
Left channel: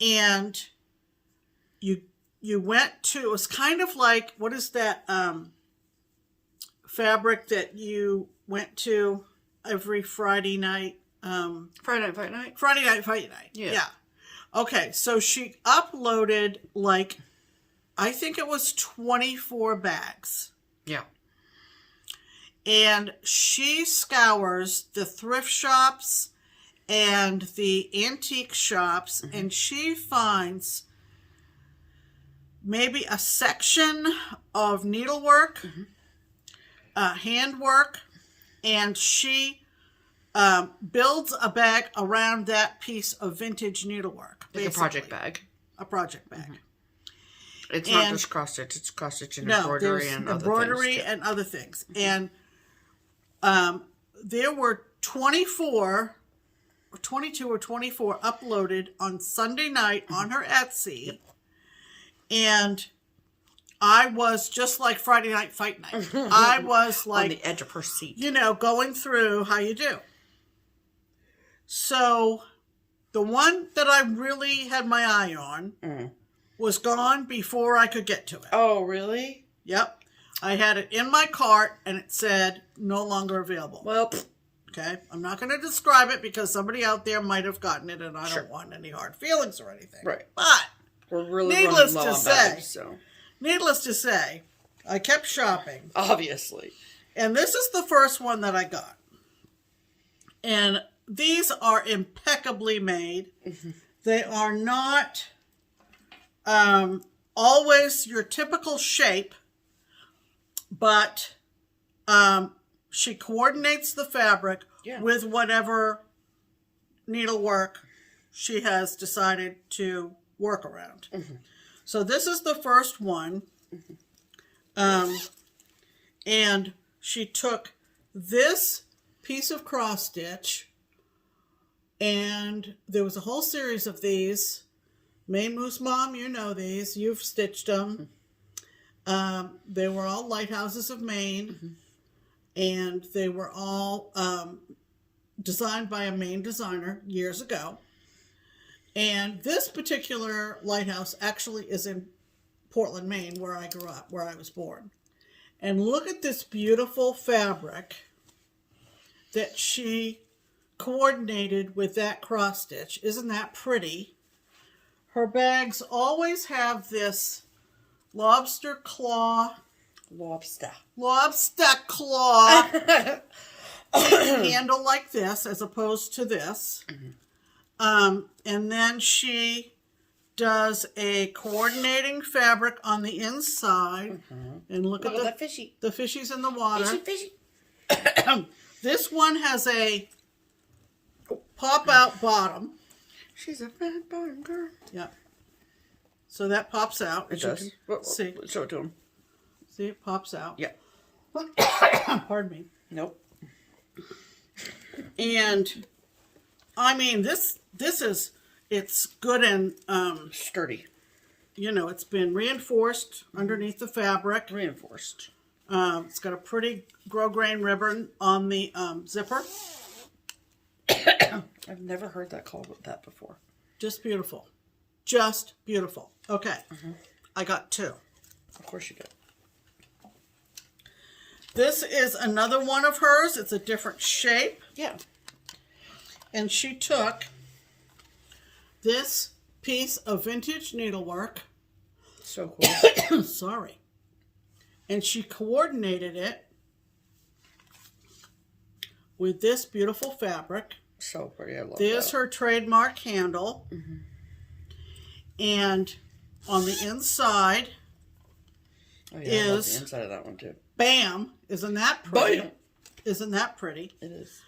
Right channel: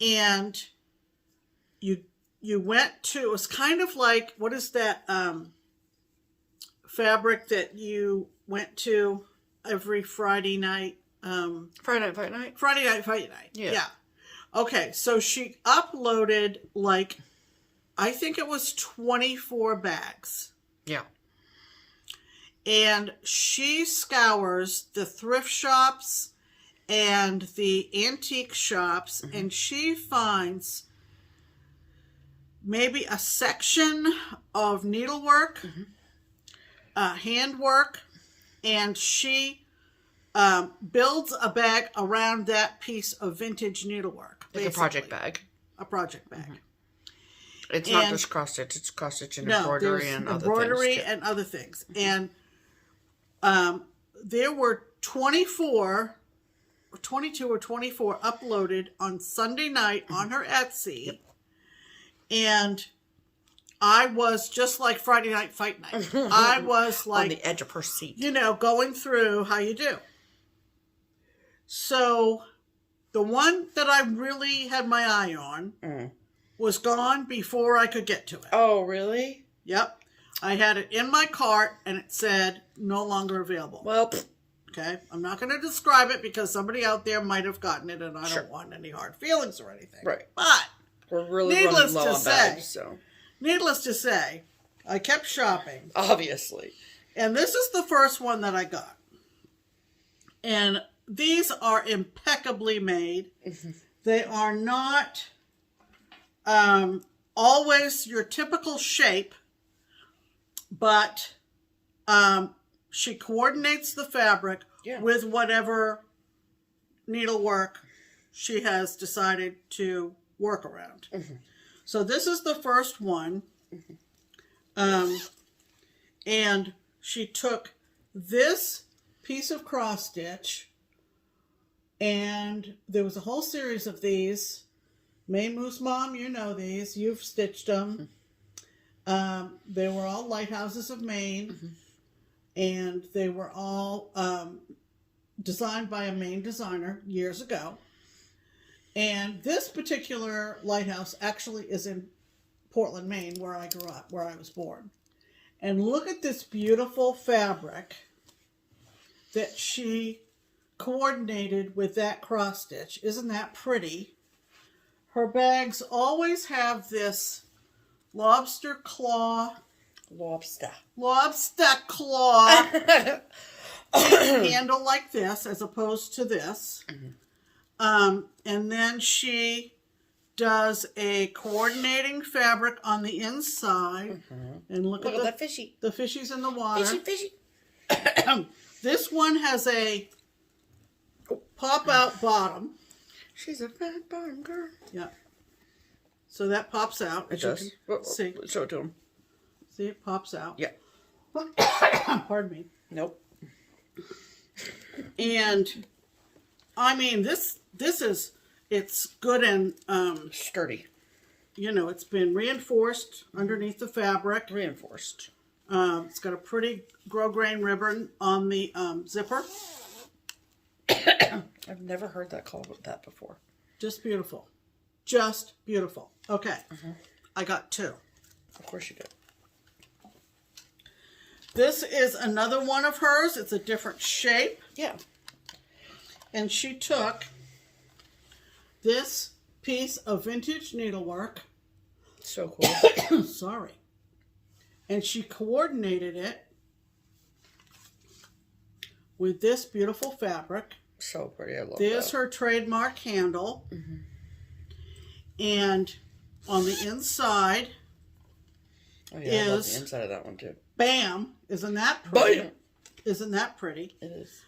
And you went to, it was kind of like, what is that fabric that you went to every Friday night? Friday night, fight night? Friday night, fight night. Yeah. Okay, so she uploaded, like, I think it was 24 bags. Yeah. And she scours the thrift shops and the antique shops, and she finds maybe a section of needlework, handwork, and she builds a bag around that piece of vintage needlework. Like a project bag. A project bag. It's not just cross stitch, it's cross stitch and embroidery and other things. Embroidery and other things. And there were 22 or 24 uploaded on Sunday night on her Etsy. And I was just like Friday Night Fight Night. I was like on the edge of her seat. You know, going through how you do. So the one that I really had my eye on was gone before I could get to it. Oh, really? Yep. I had it in my cart and it said no longer available. Well, okay. I'm not going to describe it because somebody out there might have gotten it and I don't want any hard feelings or anything. Right. But we're really running low on bags, so. Needless to say, I kept shopping. Obviously. And this is the first one that I got. And these are impeccably made. They are not always your typical shape, but she coordinates the fabric with whatever needlework she has decided to work around. So this is the first one. And she took this piece of cross stitch, and there was a whole series of these. Maine Moose Mom, you know these. You've stitched them. They were all Lighthouses of Maine, and they were all designed by a Maine designer years ago. And this particular lighthouse actually is in Portland, Maine, where I grew up, where I was born. And look at this beautiful fabric that she coordinated with that cross stitch. Isn't that pretty? Her bags always have this lobster claw handle like this, as opposed to this. And then she does a coordinating fabric on the inside. And look at that fishy. The fishies in the water. Fishy. This one has a pop-out bottom. She's a fat bottom girl. Yeah. So that pops out. It does. See. Show it to him. See, it pops out. Yeah. Pardon me. Nope. And, I mean, this is, it's good and... sturdy. You know, it's been reinforced underneath the fabric. Reinforced. It's got a pretty grosgrain ribbon on the zipper. I've never heard that called that before. Just beautiful. Just beautiful. Okay. I got two. Of course you did. This is another one of hers. It's a different shape. Yeah. And she took this piece of vintage needlework. So cool. Sorry. And she coordinated it with this beautiful fabric. So pretty. I love There's that. her trademark handle. And on the inside I love the inside of that one too. Bam! Isn't that pretty? Bam! Isn't that pretty? It is.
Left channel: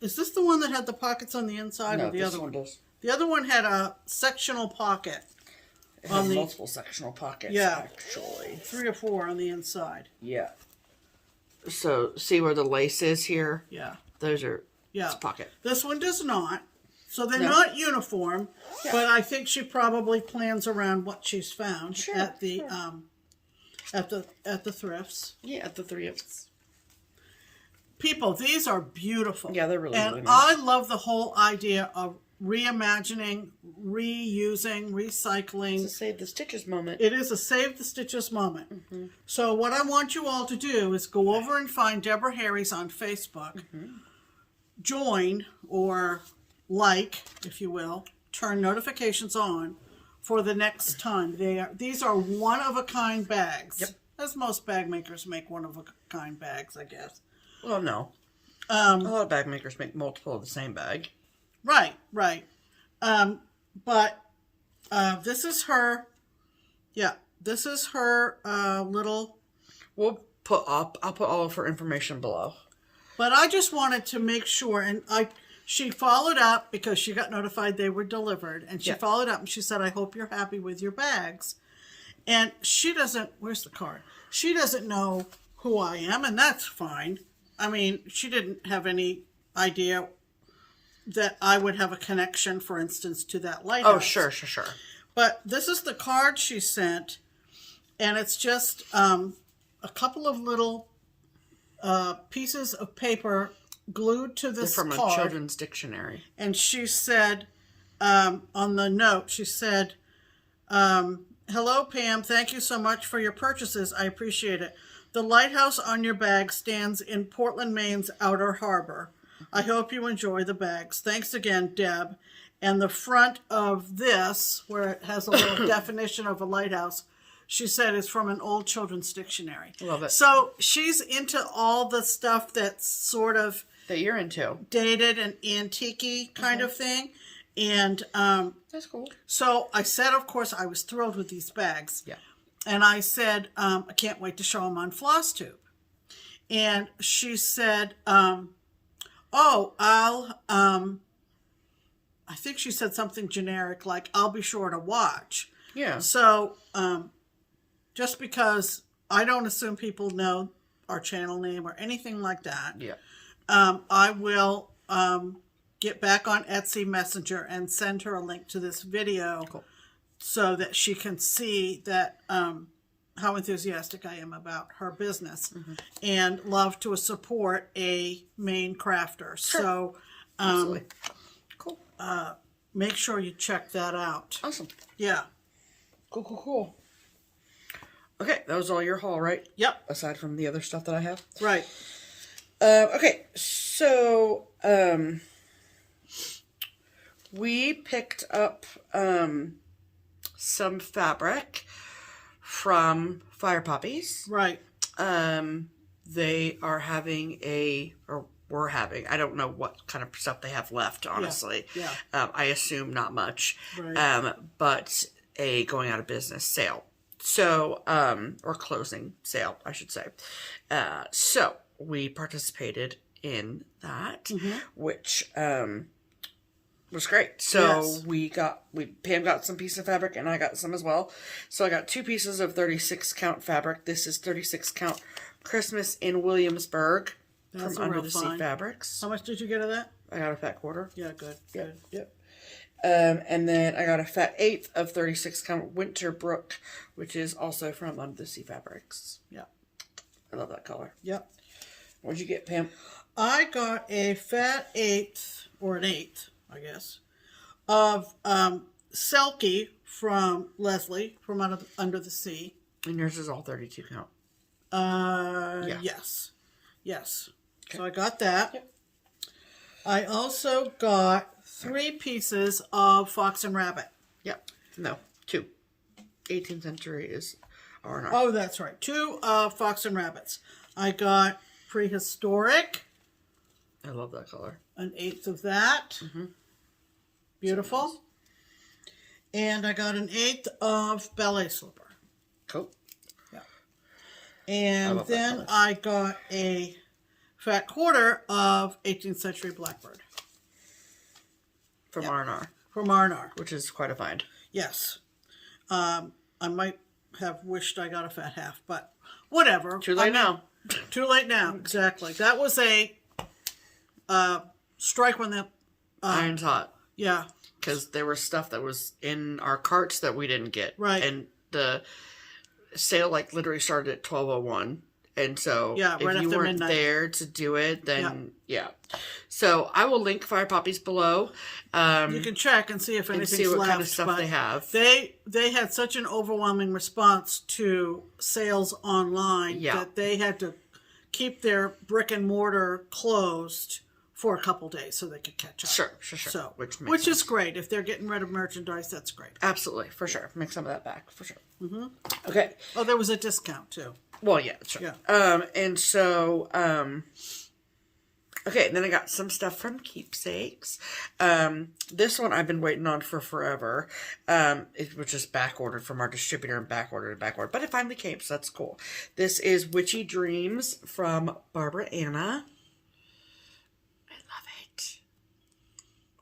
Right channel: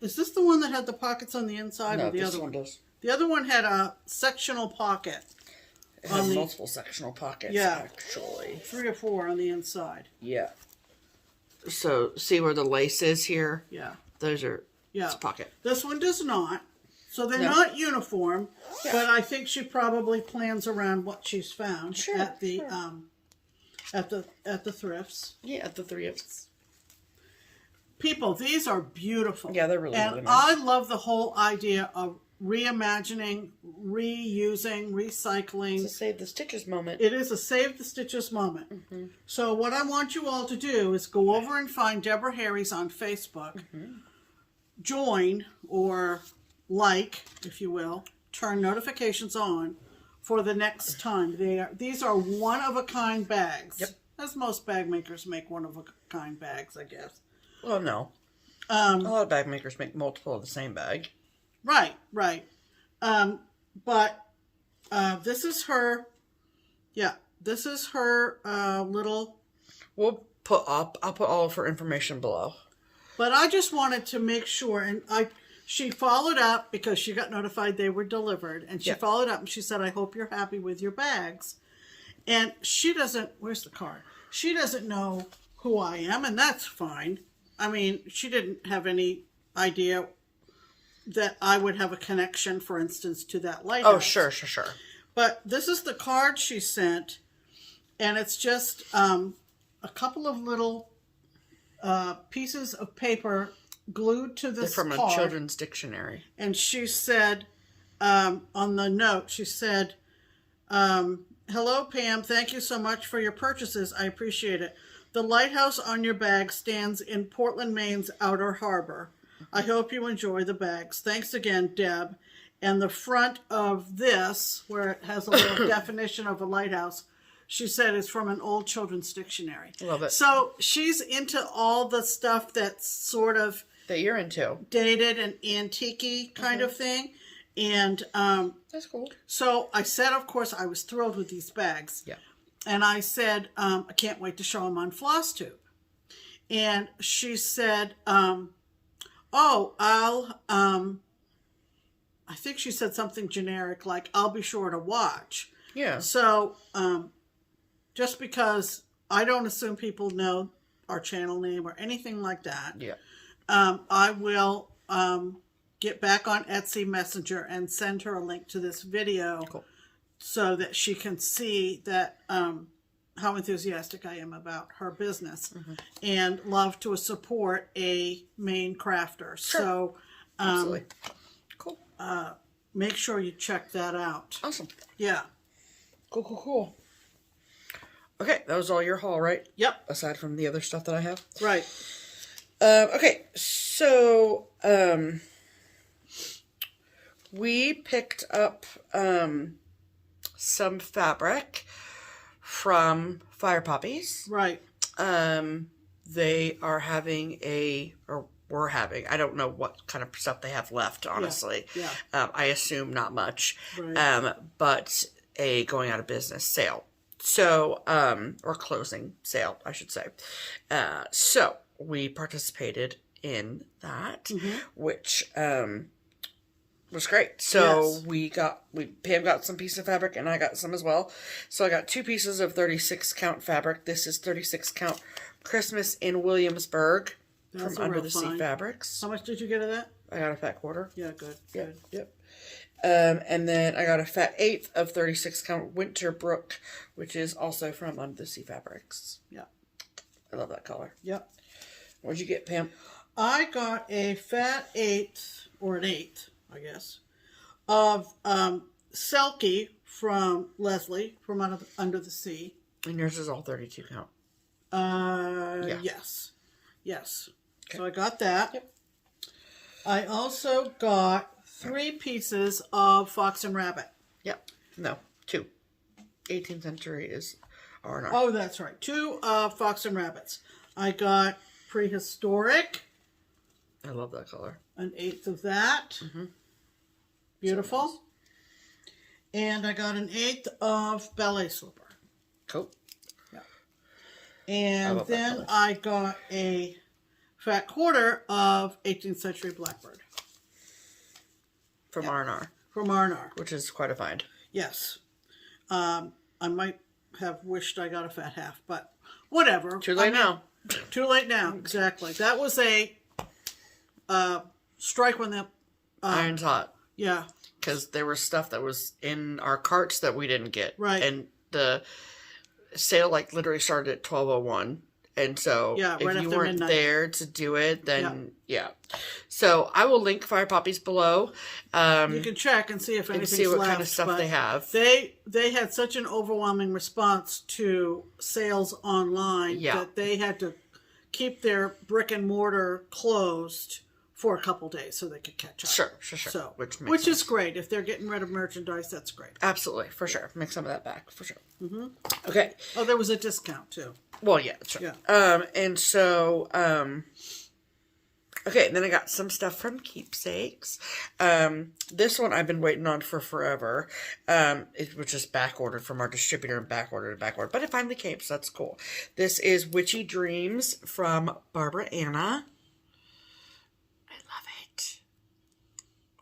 Is this the one that had the pockets on the inside? No, or the this other one does. The other one had a sectional pocket. It has multiple sectional pockets, actually. 3 or 4 on the inside. Yeah. So, see where the lace is here? Yeah. Those are Yeah. pocket. This one does not. So they're not uniform, but I think she probably plans around what she's found at the thrifts. Yeah, at the thrifts. People, these are beautiful. Yeah, they're really, really and nice. I love the whole idea of reimagining, reusing, recycling. It's a Save the Stitches moment. It is a Save the Stitches moment. So what I want you all to do is go over and find Deborah Harry's on Facebook. Join, or like, if you will, turn notifications on for the next time. These are one-of-a-kind bags. Yep. As most bag makers make one-of-a-kind bags, I guess. Well, no. A lot of bag makers make multiple of the same bag. Right. But this is her, this is her little... I'll put all of her information below. But I just wanted to make sure, and she followed up because she got notified they were delivered, and she followed up and she said, I hope you're happy with your bags. And she doesn't, where's the card? She doesn't know who I am, and that's fine. I mean, she didn't have any idea that I would have a connection, for instance, to that lighthouse. Oh, sure. But this is the card she sent, and it's just a couple of little pieces of paper glued to this From card. a children's dictionary. And she said, on the note, she said, hello, Pam. Thank you so much for your purchases. I appreciate it. The lighthouse on your bag stands in Portland, Maine's Outer Harbor. I hope you enjoy the bags. Thanks again, Deb. And the front of this, where it has a little definition of a lighthouse, she said is from an old children's dictionary. Love it. So she's into all the stuff that's sort of... That you're into. Dated and antique-y kind of thing. And that's cool. So I said, of course, I was thrilled with these bags. Yeah. And I said, I can't wait to show them on FlossTube. And she said, I think she said something generic like, I'll be sure to watch. Yeah. So just because I don't assume people know our channel name or anything like that, I will get back on Etsy Messenger and send her a link to this video so that she can see that how enthusiastic I am about her business and love to support a Maine crafter. Sure. So absolutely. Cool. Make sure you check that out. Awesome. Yeah. Cool. Okay, that was all your haul, right? Yep. Aside from the other stuff that I have. Right. Okay, so we picked up some fabric from Fire Poppies. Right. They are having we're having, I don't know what kind of stuff they have left, honestly. Yeah. I assume not much. Right. But a going out of business sale. So, or closing sale, I should say. So we participated in that, which was great. So Pam got some pieces of fabric and I got some as well. So I got 2 pieces of 36 count fabric. This is 36 count Christmas in Williamsburg from Under the Sea Fabrics. How much did you get of that? I got a fat quarter. Yeah, good. Yep. And then I got a fat 1/8 of 36 count Winterbrook, which is also from Under the Sea Fabrics. Yeah. I love that color. Yep. What'd you get, Pam? I got a fat 1/8, or an 1/8, I guess, of Selkie from Leslie from Under the Sea. And yours is all 32 count. Yes. Okay. So I got that. I also got 3 pieces of Fox and Rabbit. Yep. No, 2. 18th century is R&R. Oh, that's right. 2 Fox and Rabbits. I got Prehistoric. I love that color. An 1/8 of that. Beautiful. So nice. And I got an 1/8 of Ballet Slipper. Cool. Yeah. And then I got a fat quarter of 18th century Blackbird. From R&R. From R&R. Which is quite a find. Yes. I might have wished I got a fat half, but whatever. Too late now. Too late now, exactly. That was a strike when the iron's hot. Yeah. Because there was stuff that was in our carts that we didn't get. Right. And the sale like literally started at 12:01. And so if you weren't there to do it, then yeah. So I will link Fire Poppies below. You can check and see if anything's left. And see what kind of stuff they have. They had such an overwhelming response to sales online that they had to keep their brick and mortar closed for a couple days so they could catch up. Sure. So, which is great. If they're getting rid of merchandise, that's great. Absolutely, for sure. Make some of that back, for sure. Mm-hmm. Okay. Oh, there was a discount, too. Well, yeah, sure. Yeah. And so, okay, then I got some stuff from Keepsakes. This one I've been waiting on for forever. It was just back ordered from our distributor and back ordered, but it finally came, so that's cool. This is Witchy Dreams from Barbara Anna.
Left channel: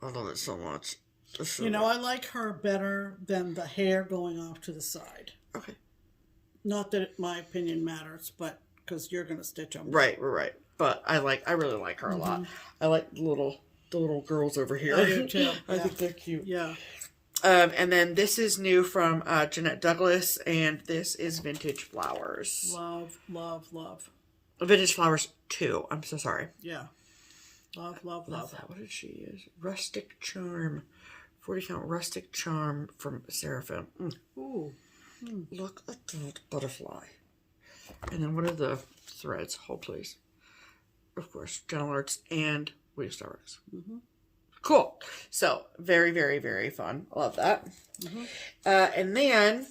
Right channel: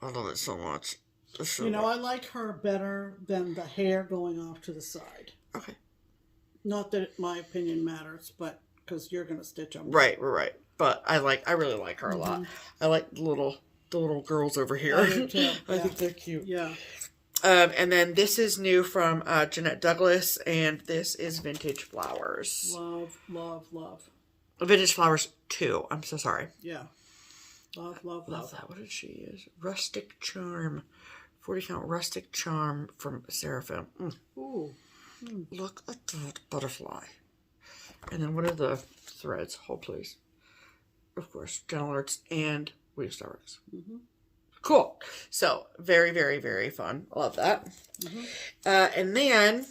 I love it so much. You know, I like her better than the hair going off to the side. Okay. Not that my opinion matters, but because you're going to stitch them. Right. But I really like her a lot. I like the little girls over here. I do too. I think they're cute. Yeah. And then this is new from Jeanette Douglas, and this is Vintage Flowers. Love. Vintage Flowers 2. I'm so sorry. Yeah. Love that. What did she use? Rustic Charm. 40 count Rustic Charm from Seraphim. Ooh. Look at that butterfly. And then what are the threads? Hold please. Of course, Gentle Arts and Weave Starworks. Cool. So, very, very, very fun. Love that. And then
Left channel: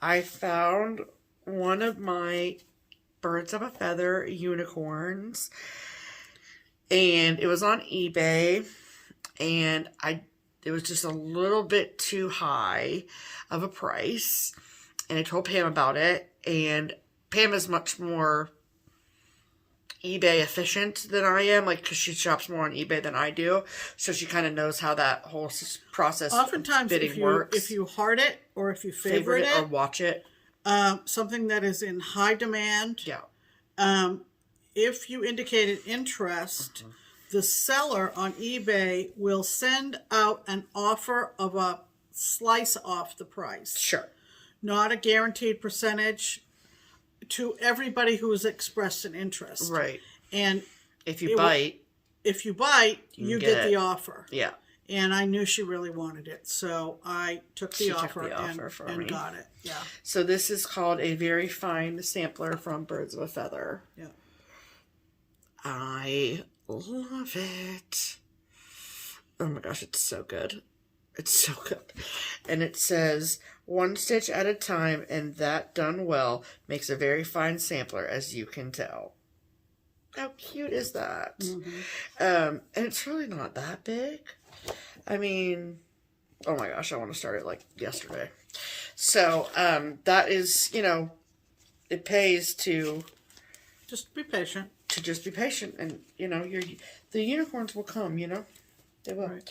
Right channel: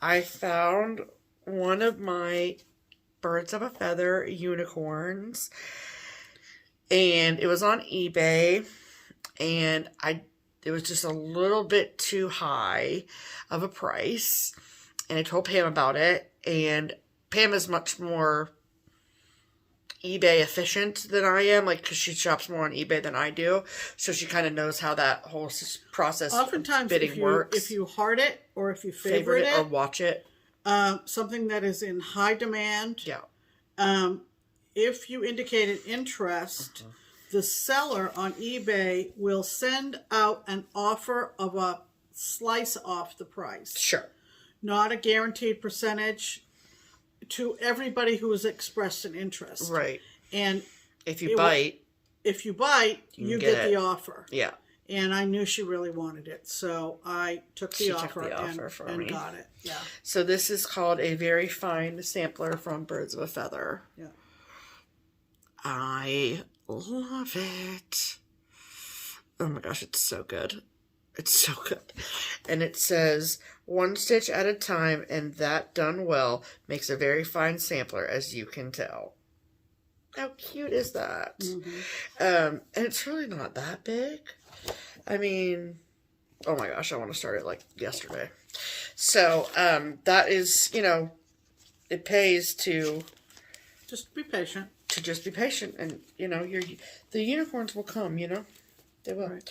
I found one of my Birds of a Feather unicorns. And it was on eBay, and it was just a little bit too high of a price, and I told Pam about it, and Pam is much more eBay efficient than I am, like, because she shops more on eBay than I do, so she kind of knows how that whole process oftentimes bidding works. If you heart it, or if you favorite it, or watch it, something that is in high demand, if you indicate an interest, the seller on eBay will send out an offer of a slice off the price. Sure. Not a guaranteed percentage to everybody who has expressed an interest. Right. And if you bite, you get the offer. Yeah. And I knew she really wanted it, so I took the offer and got it. Yeah. So this is called a very fine sampler from Birds of a Feather. Yeah. I love it. Oh my gosh, it's so good. It's so good. And it says, 1 stitch at a time, and that done well makes a very fine sampler, as you can tell. How cute is that? And it's really not that big. I mean, oh my gosh, I want to start it like yesterday. So, that is, you know, it pays to just be patient. Just be patient, and you know, the unicorns will come, you know, they will. Right.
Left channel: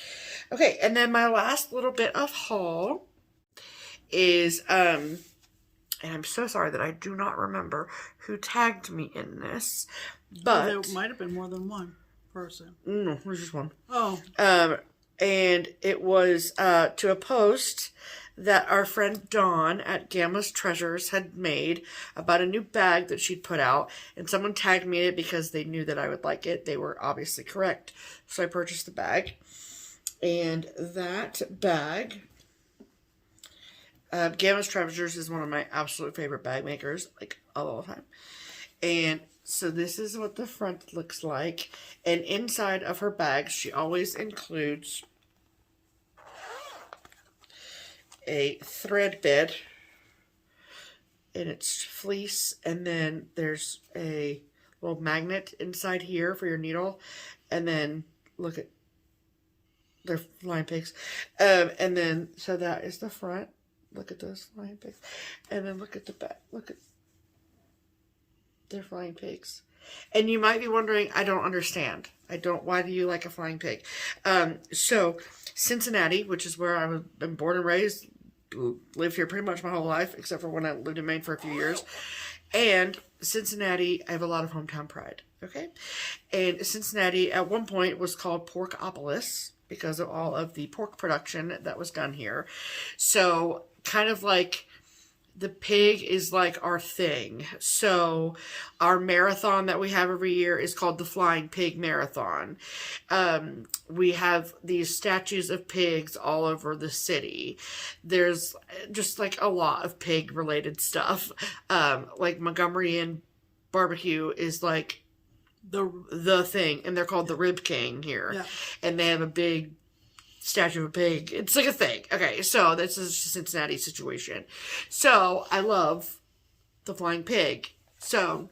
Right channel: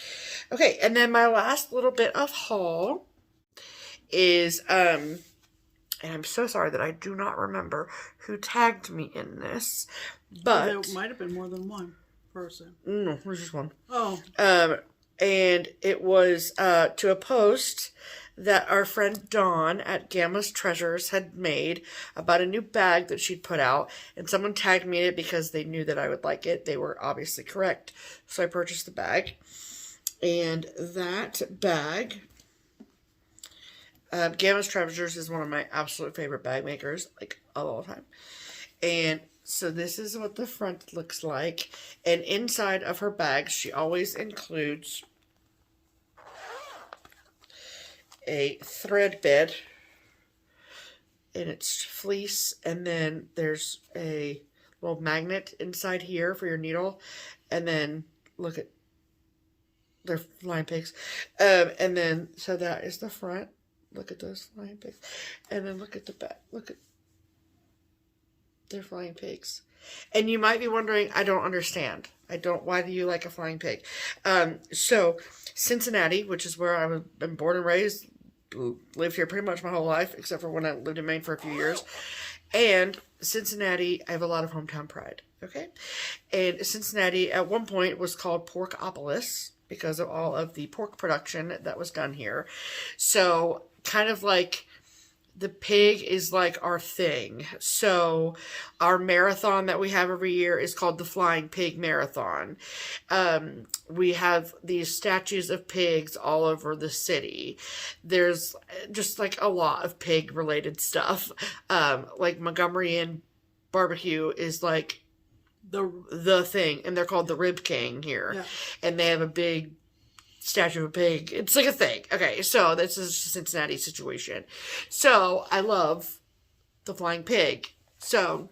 Okay, and then my last little bit of haul is and I'm so sorry that I do not remember who tagged me in this, but there might have been more than one person. No, there's just one. Oh. And it was to a post that our friend Dawn at Gamma's Treasures had made about a new bag that she'd put out, and someone tagged me in it because they knew that I would like it. They were obviously correct. So I purchased the bag, and that bag, Gamma's Treasures is one of my absolute favorite bag makers, like all the time. And so this is what the front looks like, and inside of her bag, she always includes a thread bed, and it's fleece, and then there's a little magnet inside here for your needle, and then look at their flying pigs, and then so that is the front. Look at those flying pigs, and then look at the back. Look at their flying pigs. And you might be wondering, I don't understand. Why do you like a flying pig? So Cincinnati, which is where I've been born and raised, lived here pretty much my whole life, except for when I lived in Maine for a few years. And Cincinnati, I have a lot of hometown pride, okay? And Cincinnati, at one point, was called Porkopolis, because of all of the pork production that was done here. So kind of like the pig is like our thing. So our marathon that we have every year is called the Flying Pig Marathon. We have these statues of pigs all over the city. There's just like a lot of pig related stuff. Like Montgomery and barbecue is like the thing, and they're called the Rib King here. Yeah. And they have a big statue of a pig. It's like a thing. Okay, so this is a Cincinnati situation. So I love the flying pig. So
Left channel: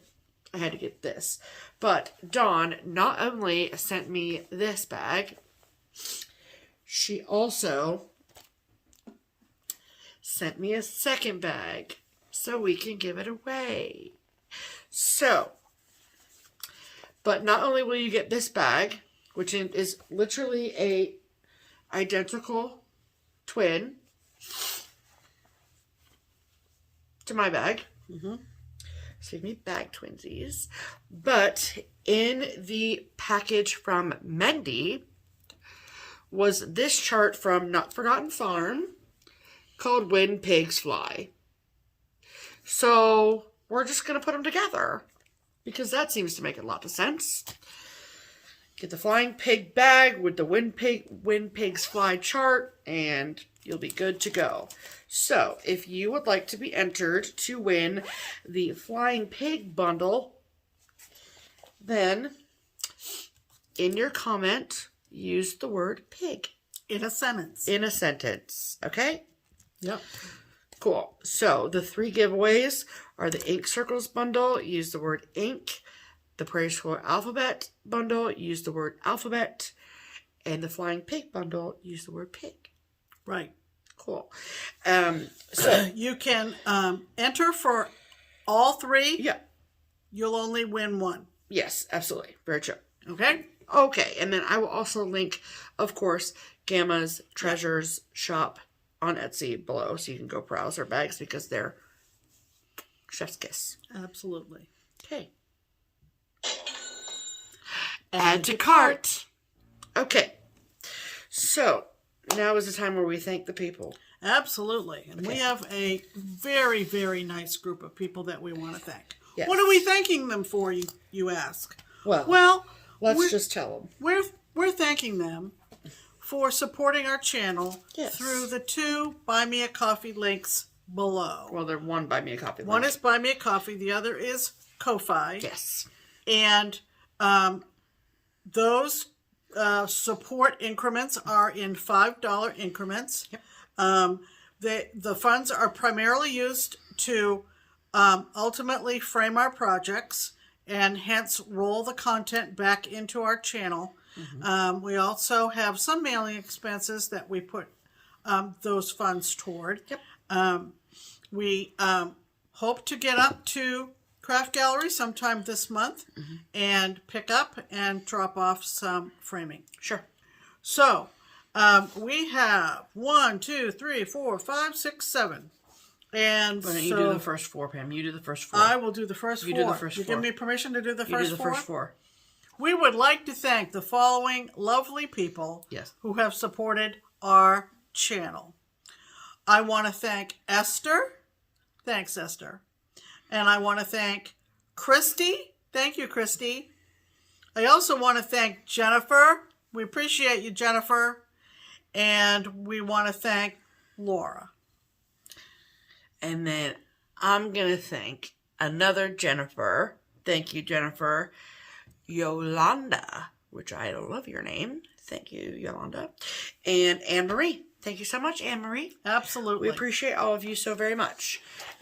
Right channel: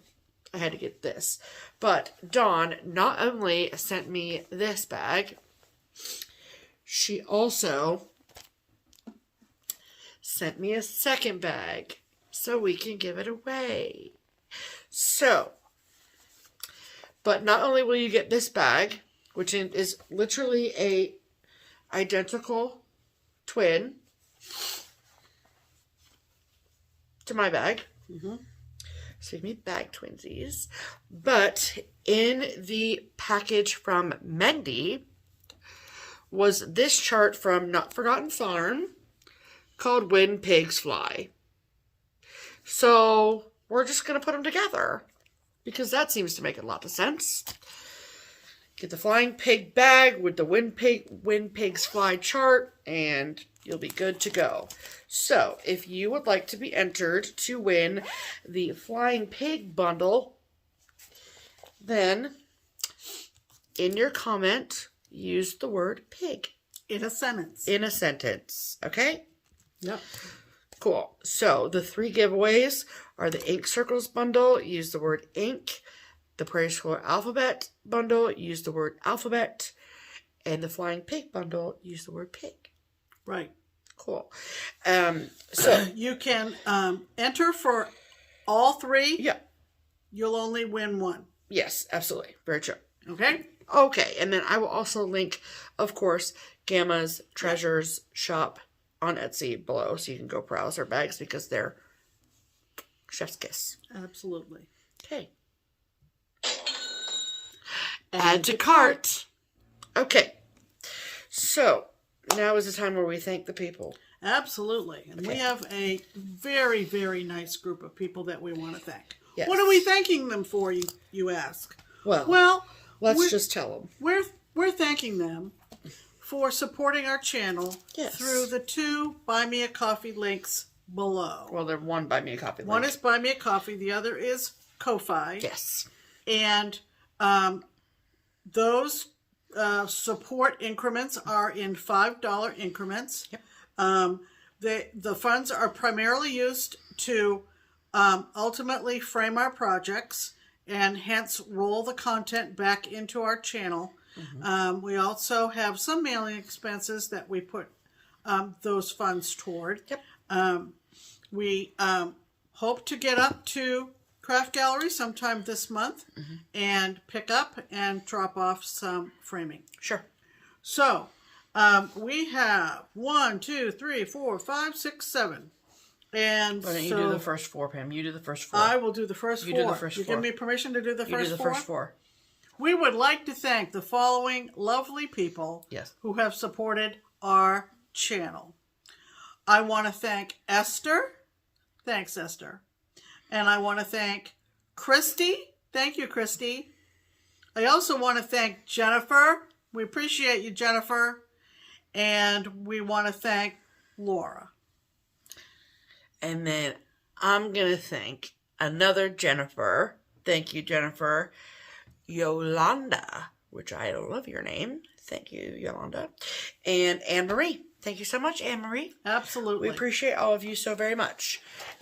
I had to get this. But Dawn not only sent me this bag, she also sent me a second bag so we can give it away. So, but not only will you get this bag, which is literally a identical twin to my bag. Excuse me, bag twinsies. But in the package from Mendy was this chart from Not Forgotten Farm called When Pigs Fly. So we're just going to put them together because that seems to make a lot of sense. Get the flying pig bag with the When Pigs Fly chart, and you'll be good to go. So, if you would like to be entered to win the flying pig bundle, then in your comment, use the word pig. In a sentence. In a sentence. Okay? Yep. Cool. So, the 3 giveaways are the Ink Circles bundle. Use the word ink. The Prairie Schooler Alphabet bundle, use the word alphabet. And the Flying Pig bundle, use the word pig. Right. Cool. So you can enter for all 3. Yeah. You'll only win 1. Yes, absolutely. Very true. Okay? Okay. And then I will also link, of course, Gamma's Treasures shop on Etsy below. So you can go browse her bags because they're chef's kiss. Absolutely. Okay. Add to cart. Okay. So, now is the time where we thank the people. Absolutely. And we have a very, very nice group of people that we want to thank. Yes. What are we thanking them for, you ask? Well, let's just tell them. We're thanking them for supporting our channel through the 2 Buy Me a Coffee links below. Well, they're one Buy Me a Coffee link. One is Buy Me a Coffee. The other is Ko-Fi. Yes. And those support increments are in $5 increments. Yep. The funds are primarily used to ultimately frame our projects and hence roll the content back into our channel. Mm-hmm. We also have some mailing expenses that we put those funds toward. Yep. We hope to get up to Craft Gallery sometime this month and pick up and drop off some framing. Sure. So we have 1, 2, 3, 4, 5, 6, 7. And why don't you do the first 4, Pam? You do the first 4. I will do the first 4. You do the first 4. You give me permission to do the first 4? You do the first 4. We would like to thank the following lovely people who have supported our channel. I want to thank Esther. Thanks, Esther. And I want to thank Christy. Thank you, Christy. I also want to thank Jennifer. We appreciate you, Jennifer. And we want to thank Laura. And then I'm going to thank another Jennifer. Thank you, Jennifer. Yolanda, which I love your name. Thank you, Yolanda. And Anne-Marie. Thank you so much, Anne-Marie. Absolutely. We appreciate all of you so very much.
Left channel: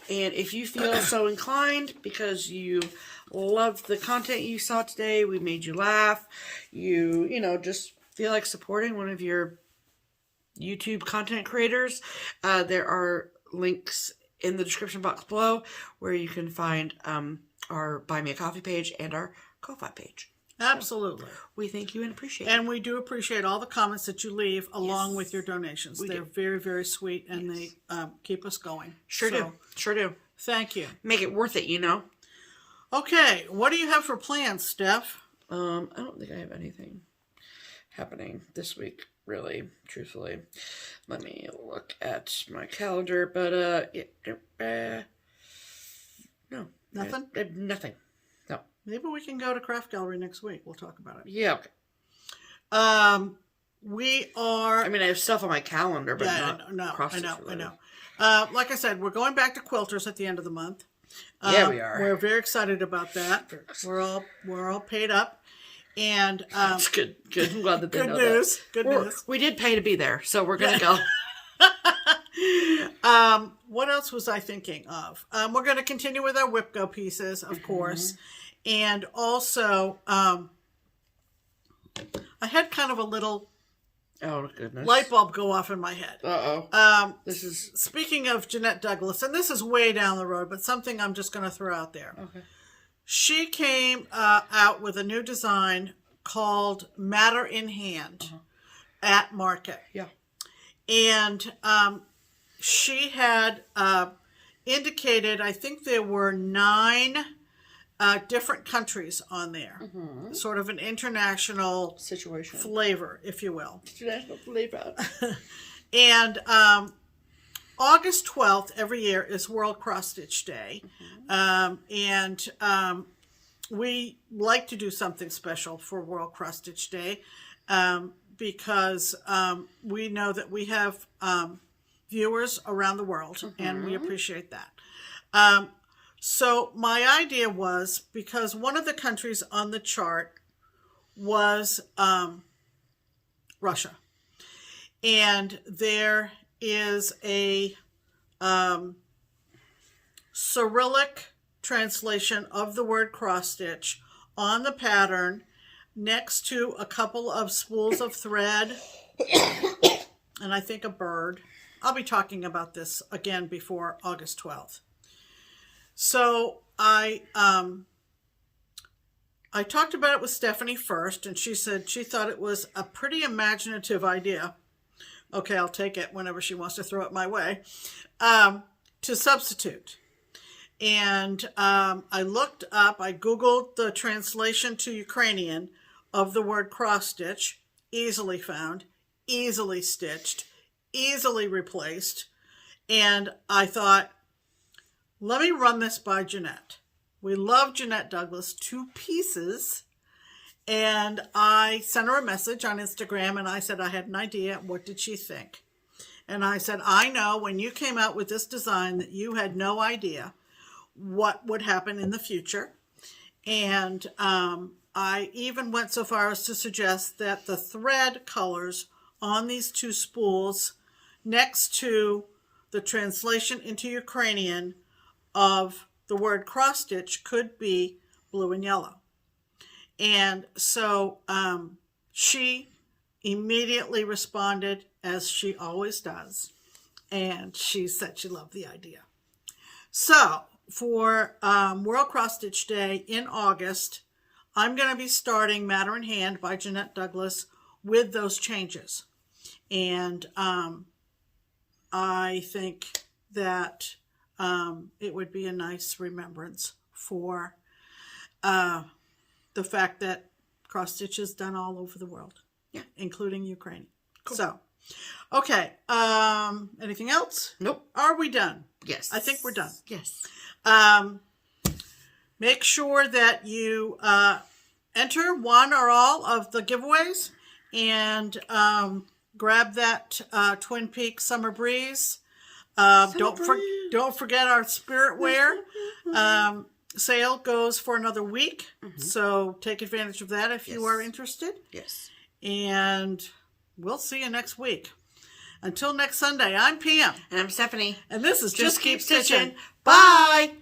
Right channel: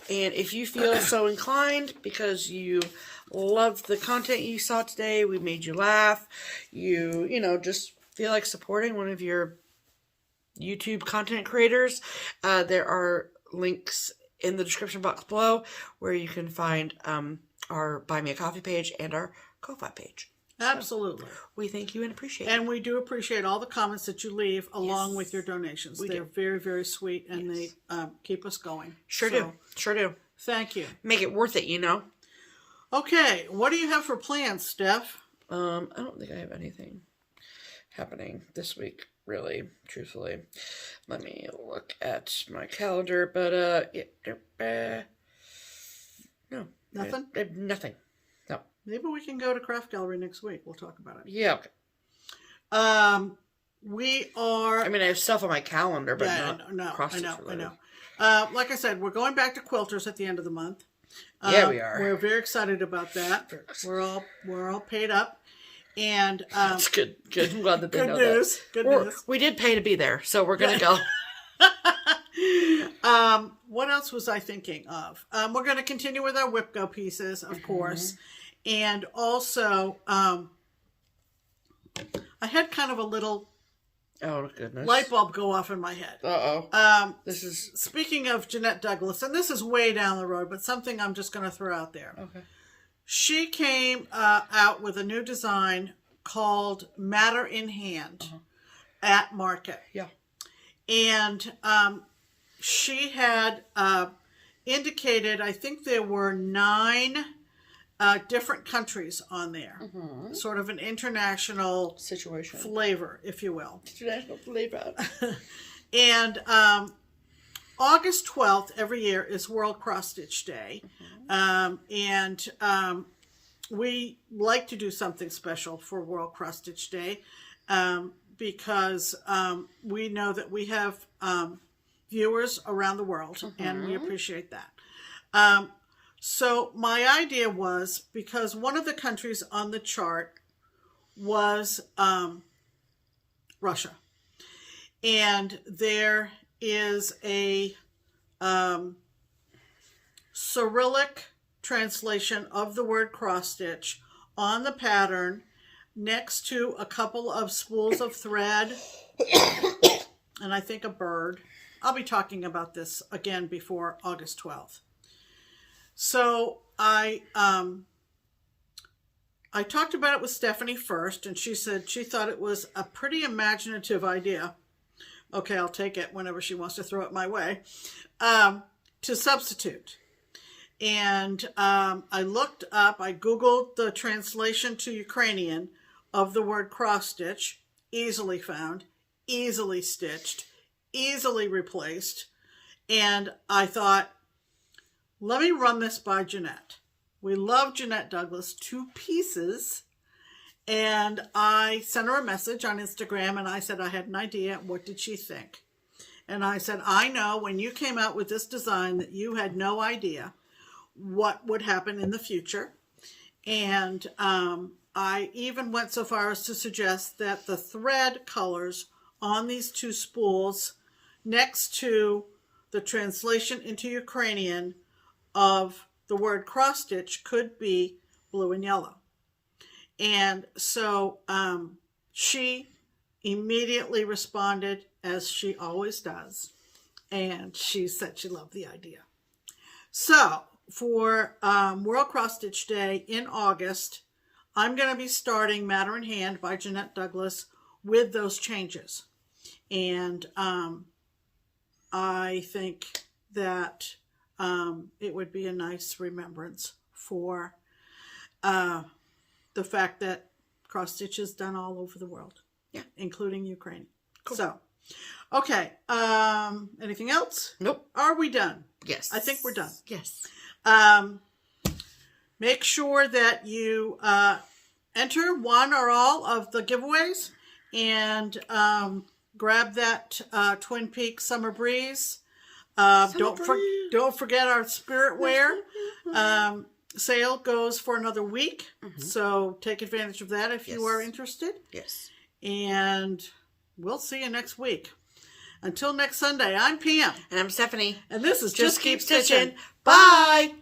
And if you feel so inclined because you loved the content you saw today, we made you laugh, you just feel like supporting one of your YouTube content creators, there are links in the description box below where you can find our Buy Me a Coffee page and our Ko-Fi page. Absolutely. So we thank you and appreciate it. And we do appreciate all the comments that you leave along with your donations. They're very, very sweet, and they keep us going. Sure do. Thank you. Make it worth it, Okay, what do you have for plans, Steph? I don't think I have anything happening this week. really, truthfully. Let me look at my calendar, but, no. Nothing? Nothing. No. Maybe we can go to Craft Gallery next week. We'll talk about it. Yeah, okay. We are... I mean, I have stuff on my calendar, but not cross-stitch related. I know. Like I said, we're going back to quilters at the end of the month. Yeah, we are. We're very excited about that. We're all paid up. And that's good. Good. I'm glad that they know news. that. Good news. We did pay to be there, so we're gonna go. What else was I thinking of? We're going to continue with our whip go pieces, of course, and also I had kind of a little light bulb go off in my head. This is speaking of Jeanette Douglas, and this is way down the road, but something I'm just going to throw out there. Okay. She came out with a new design called Matter in Hand at Market. Yeah. And she had indicated, I think there were 9 different countries on there. Sort of an international situation flavor, if you will. International flavor. And August 12th every year is World Cross Stitch Day. And we like to do something special for World Cross Stitch Day because we know that we have viewers around the world, and we appreciate that. So my idea was, because one of the countries on the chart was Russia, and there is a Cyrillic translation of the word cross stitch on the pattern next to a couple of spools of thread and I think a bird. I'll be talking about this again before August 12th. So I talked about it with Stephanie first, and she said she thought it was a pretty imaginative idea. Okay, I'll take it whenever she wants to throw it my way, to substitute. And I looked up, I Googled the translation to Ukrainian of the word cross stitch, easily found, easily stitched, easily replaced. And I thought, let me run this by Jeanette. We love Jeanette Douglas to pieces. And I sent her a message on Instagram, and I said I had an idea. What did she think? And I said, I know when you came out with this design that you had no idea what would happen in the future. And I even went so far as to suggest that the thread colors on these 2 spools next to the translation into Ukrainian of the word cross stitch could be blue and yellow. And so she immediately responded, as she always does, and she said she loved the idea. So for World Cross Stitch Day in August, I'm going to be starting Matter in Hand by Jeanette Douglas with those changes. And I think that it would be a nice remembrance for the fact that cross stitch is done all over the world, including Ukraine. Cool. So, okay. Anything else? Nope. Are we done? Yes. I think we're done. Yes. Make sure that you enter one or all of the giveaways and grab that Twin Peaks Summer Breeze. Don't forget our Spirit Wear. Sale goes for another week, so take advantage of that if you are interested. Yes. And we'll see you next week. Until next Sunday, I'm Pam. And I'm Stephanie. And this is Just Keep Stitching. Stitching. Bye!